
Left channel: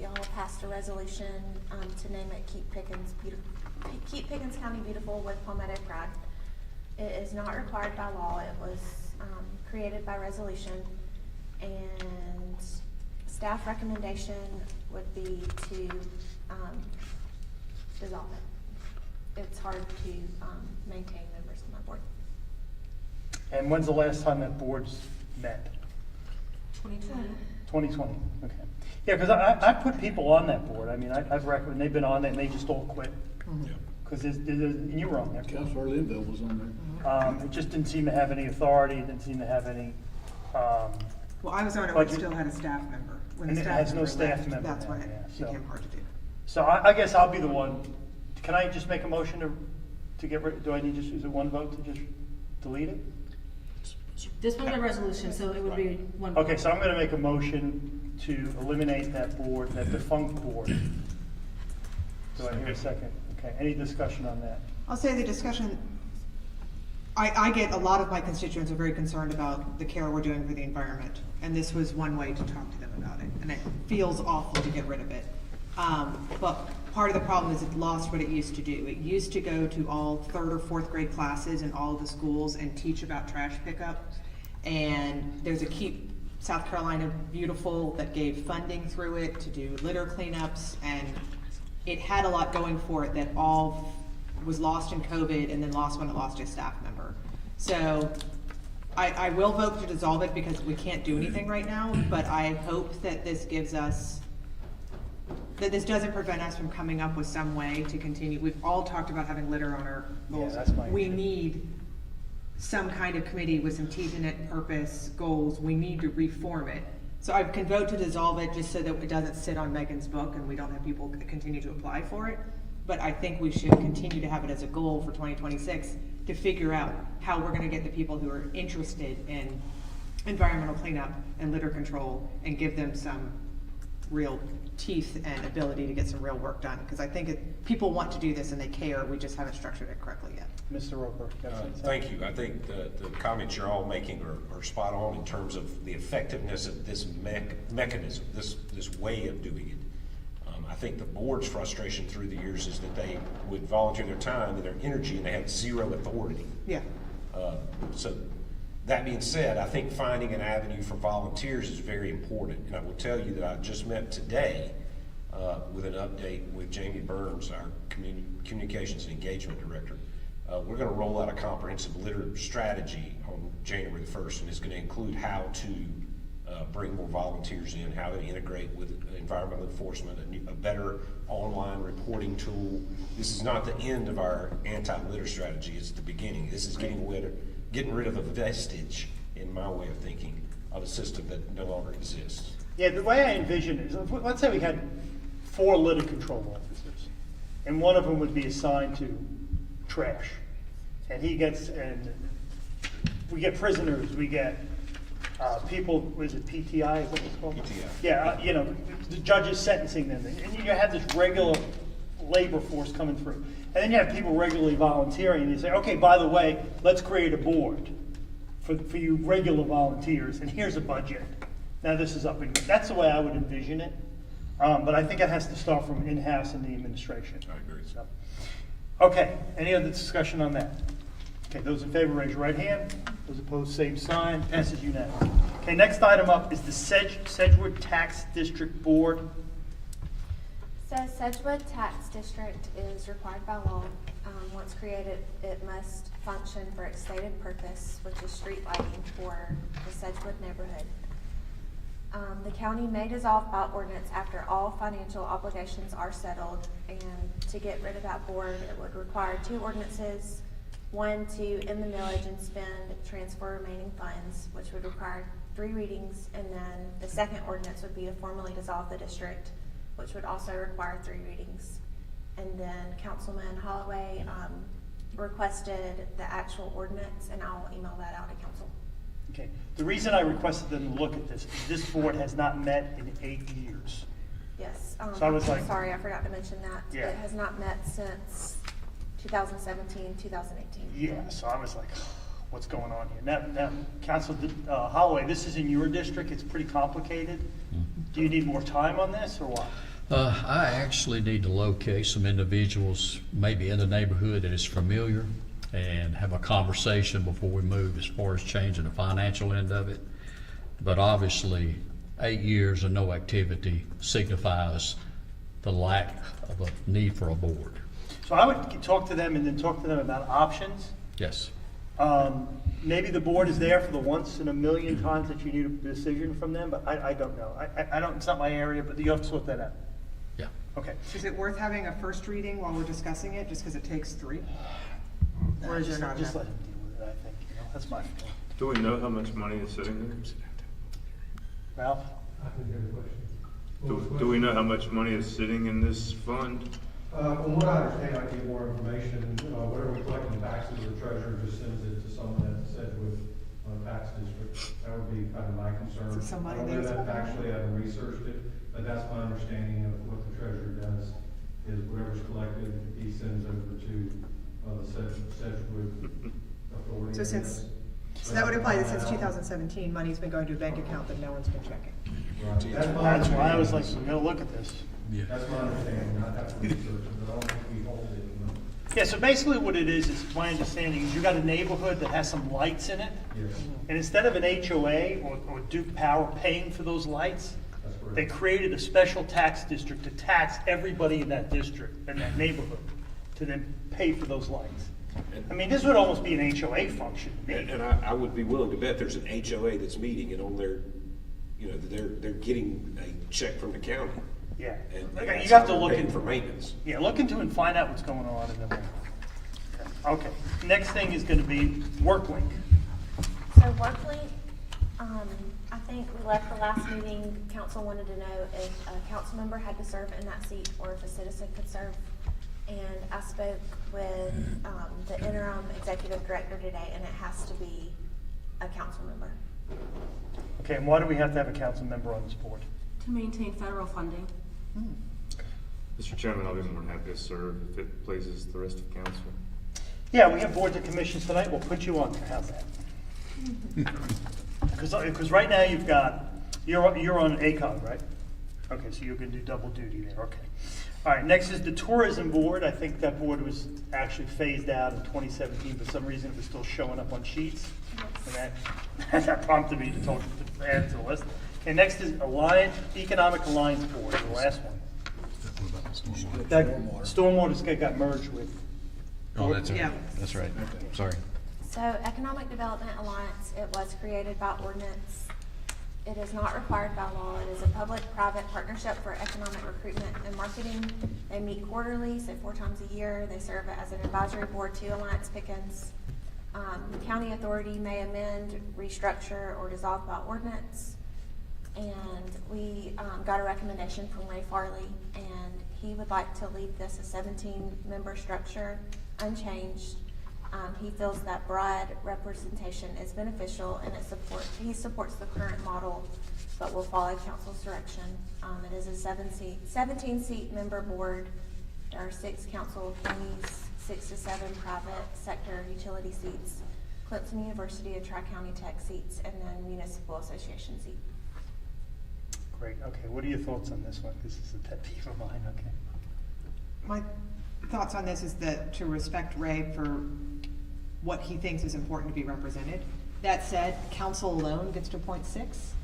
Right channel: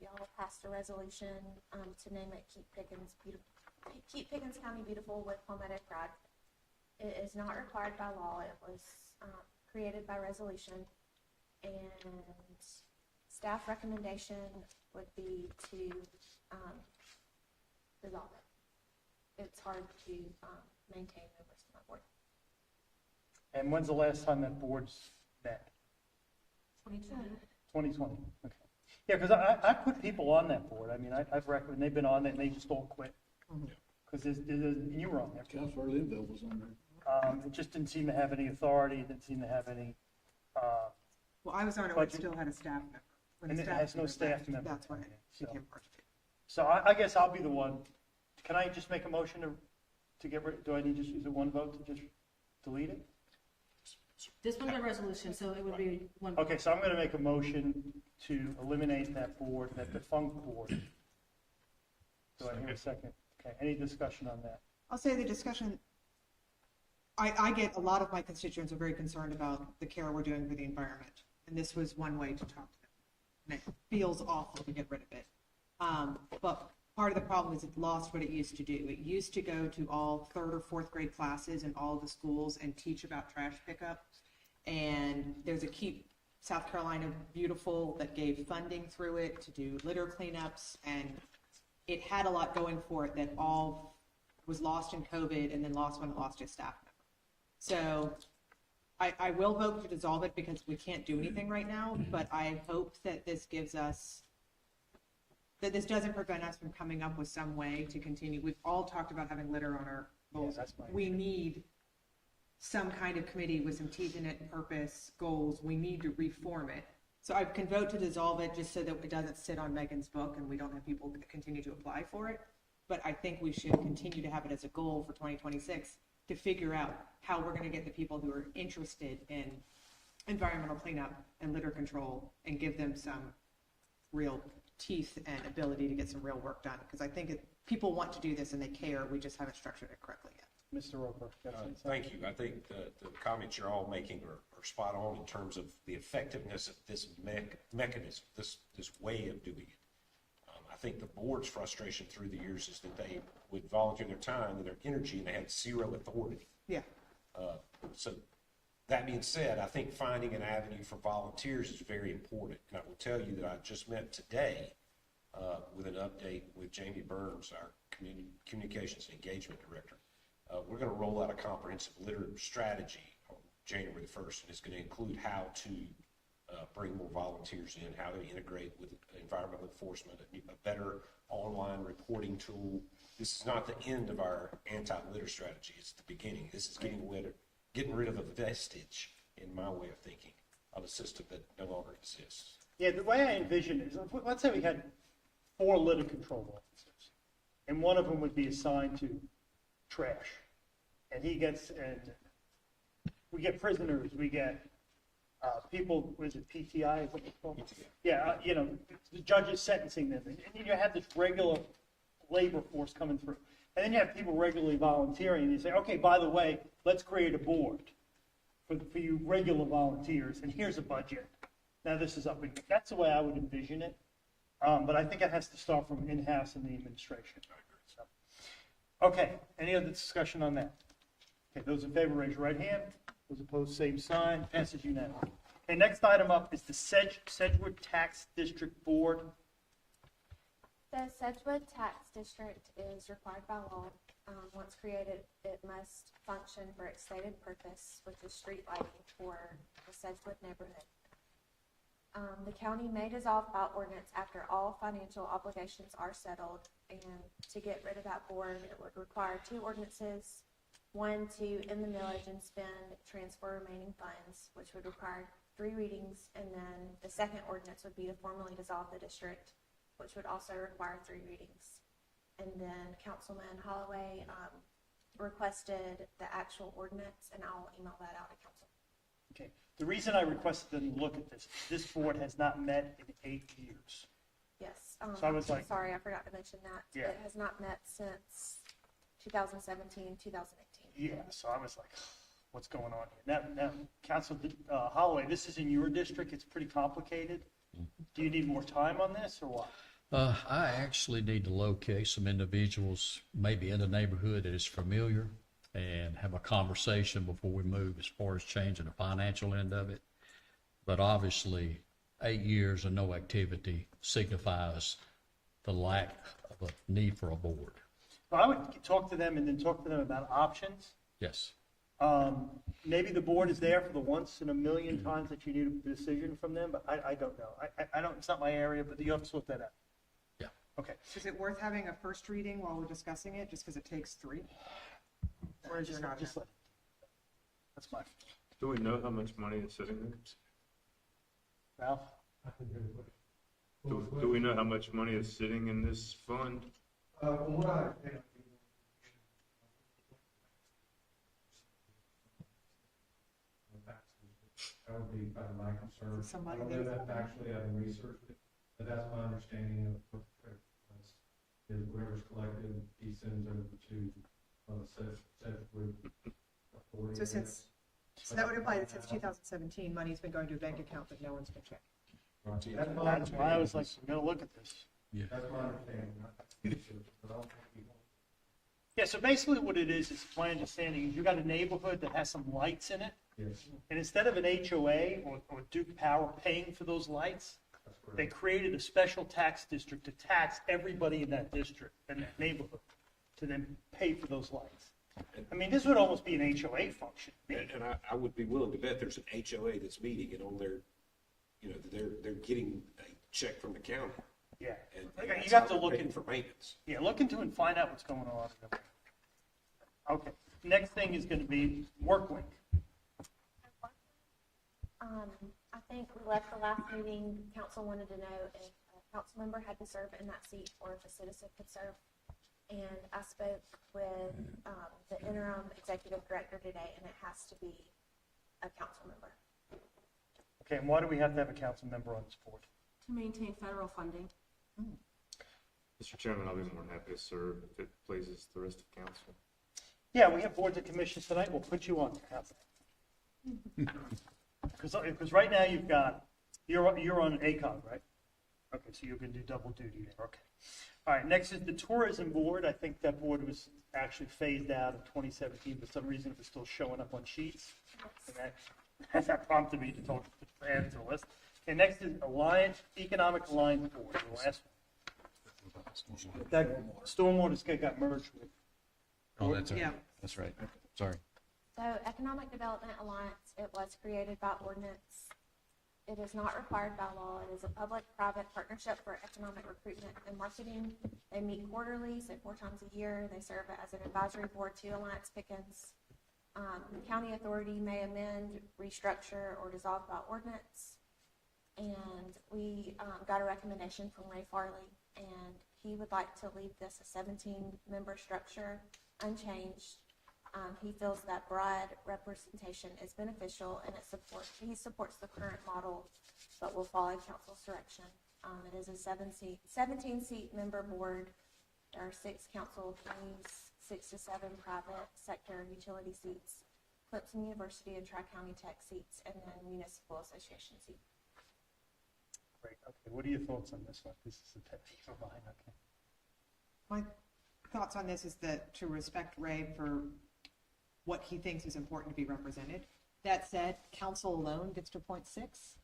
y'all passed a resolution to name it Keep Pickens County Beautiful with Palmetto Pride. It is not required by law. It was created by resolution, and staff recommendation would be to dissolve it. It's hard to maintain members on that board. and when's the last time that board's met? 2020. 2020, okay. Yeah, because I put people on that board. I mean, I've recommended, they've been on it and they just all quit. Because and you were on there. Councilor Linville was on there. It just didn't seem to have any authority, it didn't seem to have any, Well, I was on it when Like it you- still had a staff member. When the and it staff has no member staff left, member That's now, when it yeah, so. became hard to do. So I guess I'll be the one. Can I just make a motion to get rid, do I need to just use a 1 vote to just delete it? This one's a resolution, so it would be one. Okay, so I'm gonna make a motion to eliminate that board, that defunct board. Do I hear a second? Okay, any discussion on that? I'll say the discussion, I get a lot of my constituents are very concerned about the care we're doing for the environment, and this was one way to talk to them about it, and it feels awful to get rid of it. But part of the problem is it lost what it used to do. It used to go to all 3rd or 4th grade classes in all of the schools and teach about trash pickup. And there's a Keep South Carolina Beautiful that gave funding through it to do litter cleanups, and it had a lot going for it that all was lost in COVID and then lost when it lost a staff member. So I will vote to dissolve it because we can't do anything right now, but I hope that this gives us, that this doesn't prevent us from coming up with some way to continue. We've all talked about having litter on our goals. that's my We issue. need some kind of committee with some teeth in it, purpose, goals. We need to reform it. So I can vote to dissolve it just so that it doesn't sit on Megan's book and we don't have people continue to apply for it. But I think we should continue to have it as a goal for 2026 to figure out how we're gonna get the people who are interested in environmental cleanup and litter control and give them some real teeth and ability to get some real work done. Because I think people want to do this and they care, we just haven't structured it correctly yet. Mr. Roper? Thank you. I think the comments you're all making are spot on in terms of the effectiveness of this mechanism, this way of doing it. I think the board's frustration through the years is that they would volunteer their time and their energy and they had zero authority. Yeah. So that being said, I think finding an avenue for volunteers is very important. And I will tell you that I just met today with an update with Jamie Burns, our Communications and Engagement Director. We're going to roll out a comprehensive litter strategy on January the 1st, and it's going to include how to bring more volunteers in, how to integrate with environmental enforcement, a better online reporting tool. This is not the end of our anti-litter strategy, it's the beginning. This is getting rid of a vestige, in my way of thinking, on a system that no longer exists. Yeah, the way I envision it is, let's say we had 4 litter control officers, and one of them would be assigned to trash. And we get prisoners, we get people, was it PTI, is what it's called? PTI. Yeah, the judges sentencing them, and you have this regular labor force coming through. And then you have people regularly volunteering, and you say, okay, by the way, let's create a board for you regular volunteers, and here's a budget. Now this is up and, that's the way I would envision it. But I think it has to start from in-house in the administration. I agree. So, okay, any other discussion on that? Okay, those in favor, raise your right hand. Those opposed, same sign. Passes unanimously. Okay, next item up is the Sedgwood Tax District Board. So Sedgwood Tax District is required by law. Once created, it must function for its stated purpose, which is street lighting for the Sedgwood neighborhood. The county may dissolve by ordinance after all financial obligations are settled, and to get rid of that board, it would require 2 ordinances. One, to end the millage and transfer remaining funds, which would require 3 readings, and then the second ordinance would be to formally dissolve the district, which would also require 3 readings. And then Councilman Holloway requested the actual ordinance, and I'll email that out to council. Okay, the reason I requested them to look at this is this board has not met in 8 years. Yes, So I was like, sorry, I forgot to mention that. Yeah. It has not met since 2017, 2018. Yeah, so I was like, what's going on here? Now, Council Holloway, this is in your district, it's pretty complicated. Do you need more time on this, or what? I actually need to locate some individuals, maybe in the neighborhood that is familiar, and have a conversation before we move as far as changing the financial end of it. But obviously, 8 years of no activity signifies the lack of a need for a board. So I would talk to them and then talk to them about options. Yes. Maybe the board is there for the once in a million times that you need a decision from them, but I don't know. I don't, it's not my area, but you have to sort that out. Yeah. Okay. Is it worth having a first reading while we're discussing it, just because it takes 3? Or is there not Just enough? let him deal with it, I think, that's my feeling. Do we know how much money is sitting there? Ralph? Do we know how much money is sitting in this fund? From what I understand, I get more information, whatever we collect in taxes, the treasurer just sends it to someone at the Sedgwood tax district. That would be kind of my concern. So somebody I don't know thinks that about it. factually, I haven't researched it, but that's my understanding of what the treasurer does, is whatever's collected, he sends over to the Sedgwood authority. So so that would imply that since 2017, money's been going to a bank account that no one's been checking. Right. That's why I was like, we gotta look at this. Yeah. That's my understanding, I have to research it, but I don't think we hold it. Yeah, so basically what it is my understanding is you got a neighborhood that has some lights in it, Yes, and instead of an HOA or Duke Power paying for those lights, that's correct. they created a special tax district to tax everybody in that district, in that neighborhood, to then pay for those lights. I mean, this would almost be an HOA function to me. And I would be willing to bet there's an HOA that's meeting, and on their, they're getting a check from the county. Yeah, And Okay, that's you have how to look they're paying into for maintenance. Yeah, look into and find out what's going on in the. Okay, next thing is gonna be WorkLink. So WorkLink, I think we left the last meeting, council wanted to know if a council member had to serve in that seat or if a citizen could serve. And I spoke with, the interim executive director today, and it has to be a council member. Okay, and why do we have to have a council member on this board? To maintain federal funding. Mr. Chairman, I'll be more than happy to serve if it pleases the rest of council. Yeah, we have boards and commissions tonight, we'll put you on there, how's that? Because right now you've got, you're on ACOG, right? Okay, so you're gonna do double duty there, okay. All right, next is the tourism board. I think that board was actually phased out in 2017, for some reason it was still showing up on sheets. And that prompted me to add to the list. Okay, next is Economic Alliance Board, the last one. That Stormwater got merged with. Oh, that's Yeah. right, that's right, sorry. So Economic Development Alliance, it was created by ordinance. It is not required by law. It is a public-private partnership for economic recruitment and marketing. They meet quarterly, so 4 times a year. They serve as an advisory board to Alliance Pickens. The county authority may amend, restructure, or dissolve by ordinance. And we got a recommendation from Ray Farley, and he would like to leave this a 17-member structure unchanged. He feels that broad representation is beneficial, and he supports the current model, but will follow council's direction. It is a 17-seat member board. There are 6 council appointees, 6 to 7 private sector utility seats, Clemson University and Tri-County Tech seats, and then municipal association seat. Great, okay, what are your thoughts on this one? This is a pet peeve of mine, okay. My thoughts on this is that to respect Ray for what he thinks is important to be represented. That said, council alone gets to appoint 6,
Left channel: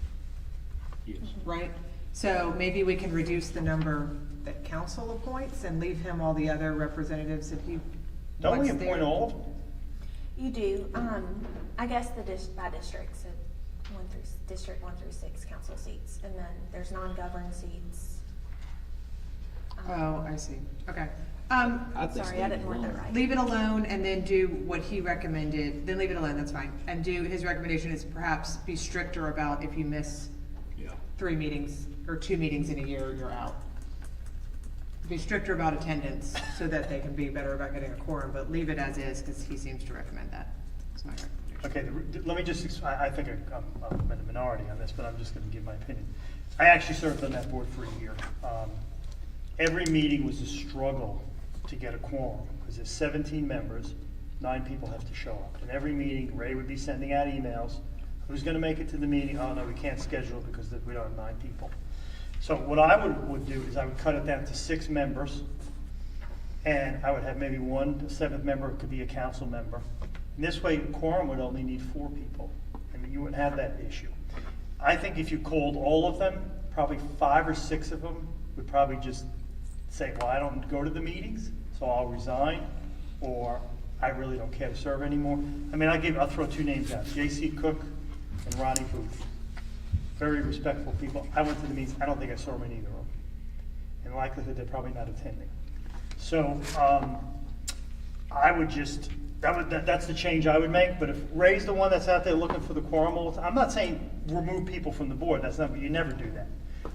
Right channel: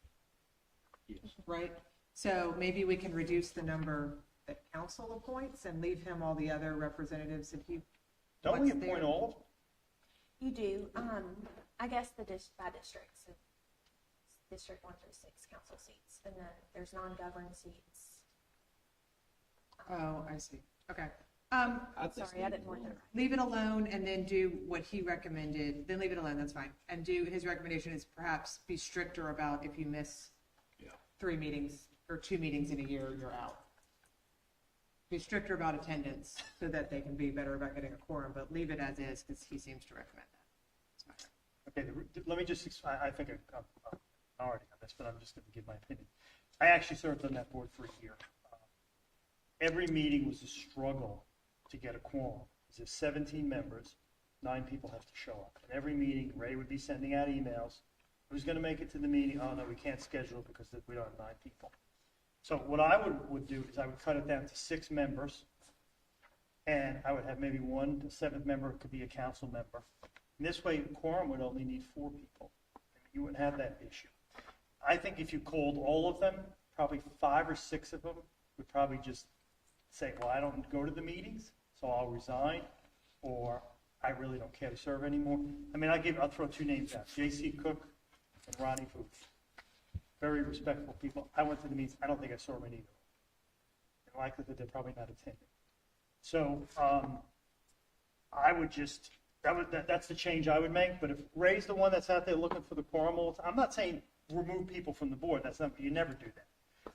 Yes. right? So maybe we can reduce the number that council appoints and leave him all the other representatives if he Don't we wants there. appoint all of them? You do, I guess by districts, District 1 through 6 council seats, and then there's non-governed seats. Oh, I see, okay. Sorry, I didn't word that right. Leave it alone and then do what he recommended, then leave it alone, that's fine. And do, his recommendation is perhaps be stricter about if you miss 3 meetings or 2 meetings in a year, you're out. Be stricter about attendance so that they can be better about getting a quorum, but leave it as is because he seems to recommend that. That's my recommendation. Okay, let me just, I think I'm in the minority on this, but I'm just gonna give my opinion. I actually served on that board for a year. Every meeting was a struggle to get a quorum, because there's 17 members, 9 people have to show up. And every meeting, Ray would be sending out emails, who's gonna make it to the meeting? Oh no, we can't schedule it because we don't have 9 people. So what I would do is I would cut it down to 6 members, and I would have maybe 1 7th member could be a council member. And this way, a quorum would only need 4 people, and you wouldn't have that issue. I think if you called all of them, probably 5 or 6 of them would probably just say, well, I don't go to the meetings, so I'll resign, or I really don't care to serve anymore. I mean, I'll throw 2 names out, J.C. Cook and Ronnie Booth. Very respectful people. I went to the meetings, I don't think I saw them in either of them. In likelihood, they're probably not attending. So, I would just, that's the change I would make, but if Ray's the one that's out there looking for the quorum all the time, I'm not saying remove people from the board, that's not, you never do that.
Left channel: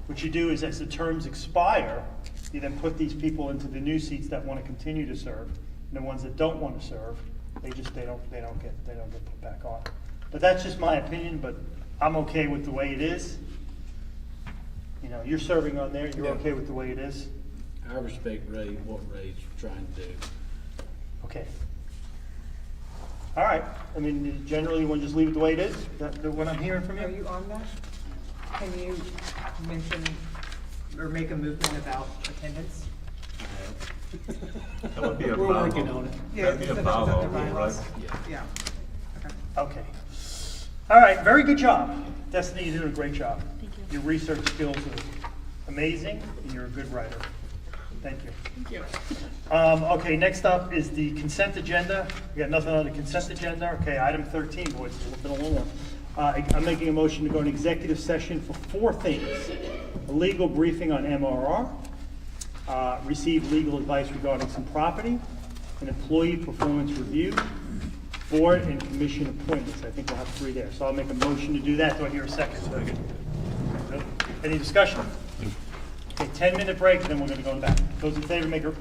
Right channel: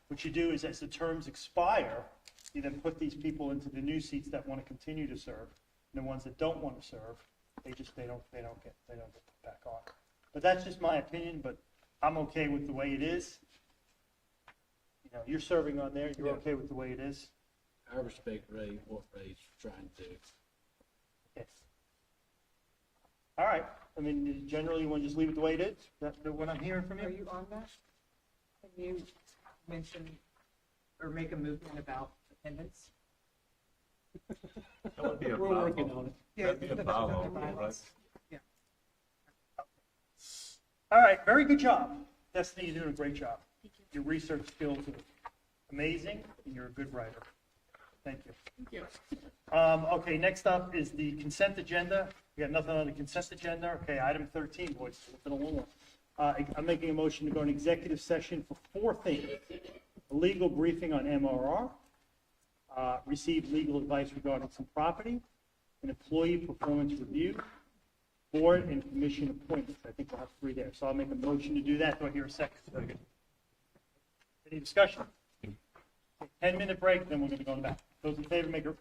What you do is as the terms expire, you then put these people into the new seats that want to continue to serve, and the ones that don't want to serve, they don't get put back on. But that's just my opinion, but I'm okay with the way it is. You know, you're serving on there, you're okay with the way it is? I respect Ray, what Ray's trying to do. Okay. All right, I mean, generally, you want to just leave it the way it is? Is that what I'm hearing from you? Are you on that? Can you mention or make a movement about attendance? That would be a We're bylaw. working on it. Yeah, That'd be a so that's bylaw, under right? bylaws. Yeah. Okay. All right, very good job. Destiny, you did a great job. Thank you. Your research skills are amazing, and you're a good writer. Thank you. Thank you. Okay, next up is the consent agenda. We got nothing on the consent agenda. Okay, item 13, boys, it's a little bit of a long one. I'm making a motion to go into executive session for 4 things. A legal briefing on MRR, receive legal advice regarding some property, an employee performance review, board and commission appointments. I think we'll have 3 there. So I'll make a motion to do that. Do I hear a second? Any discussion? Okay, 10-minute break, then we're gonna go back. Those in favor, make a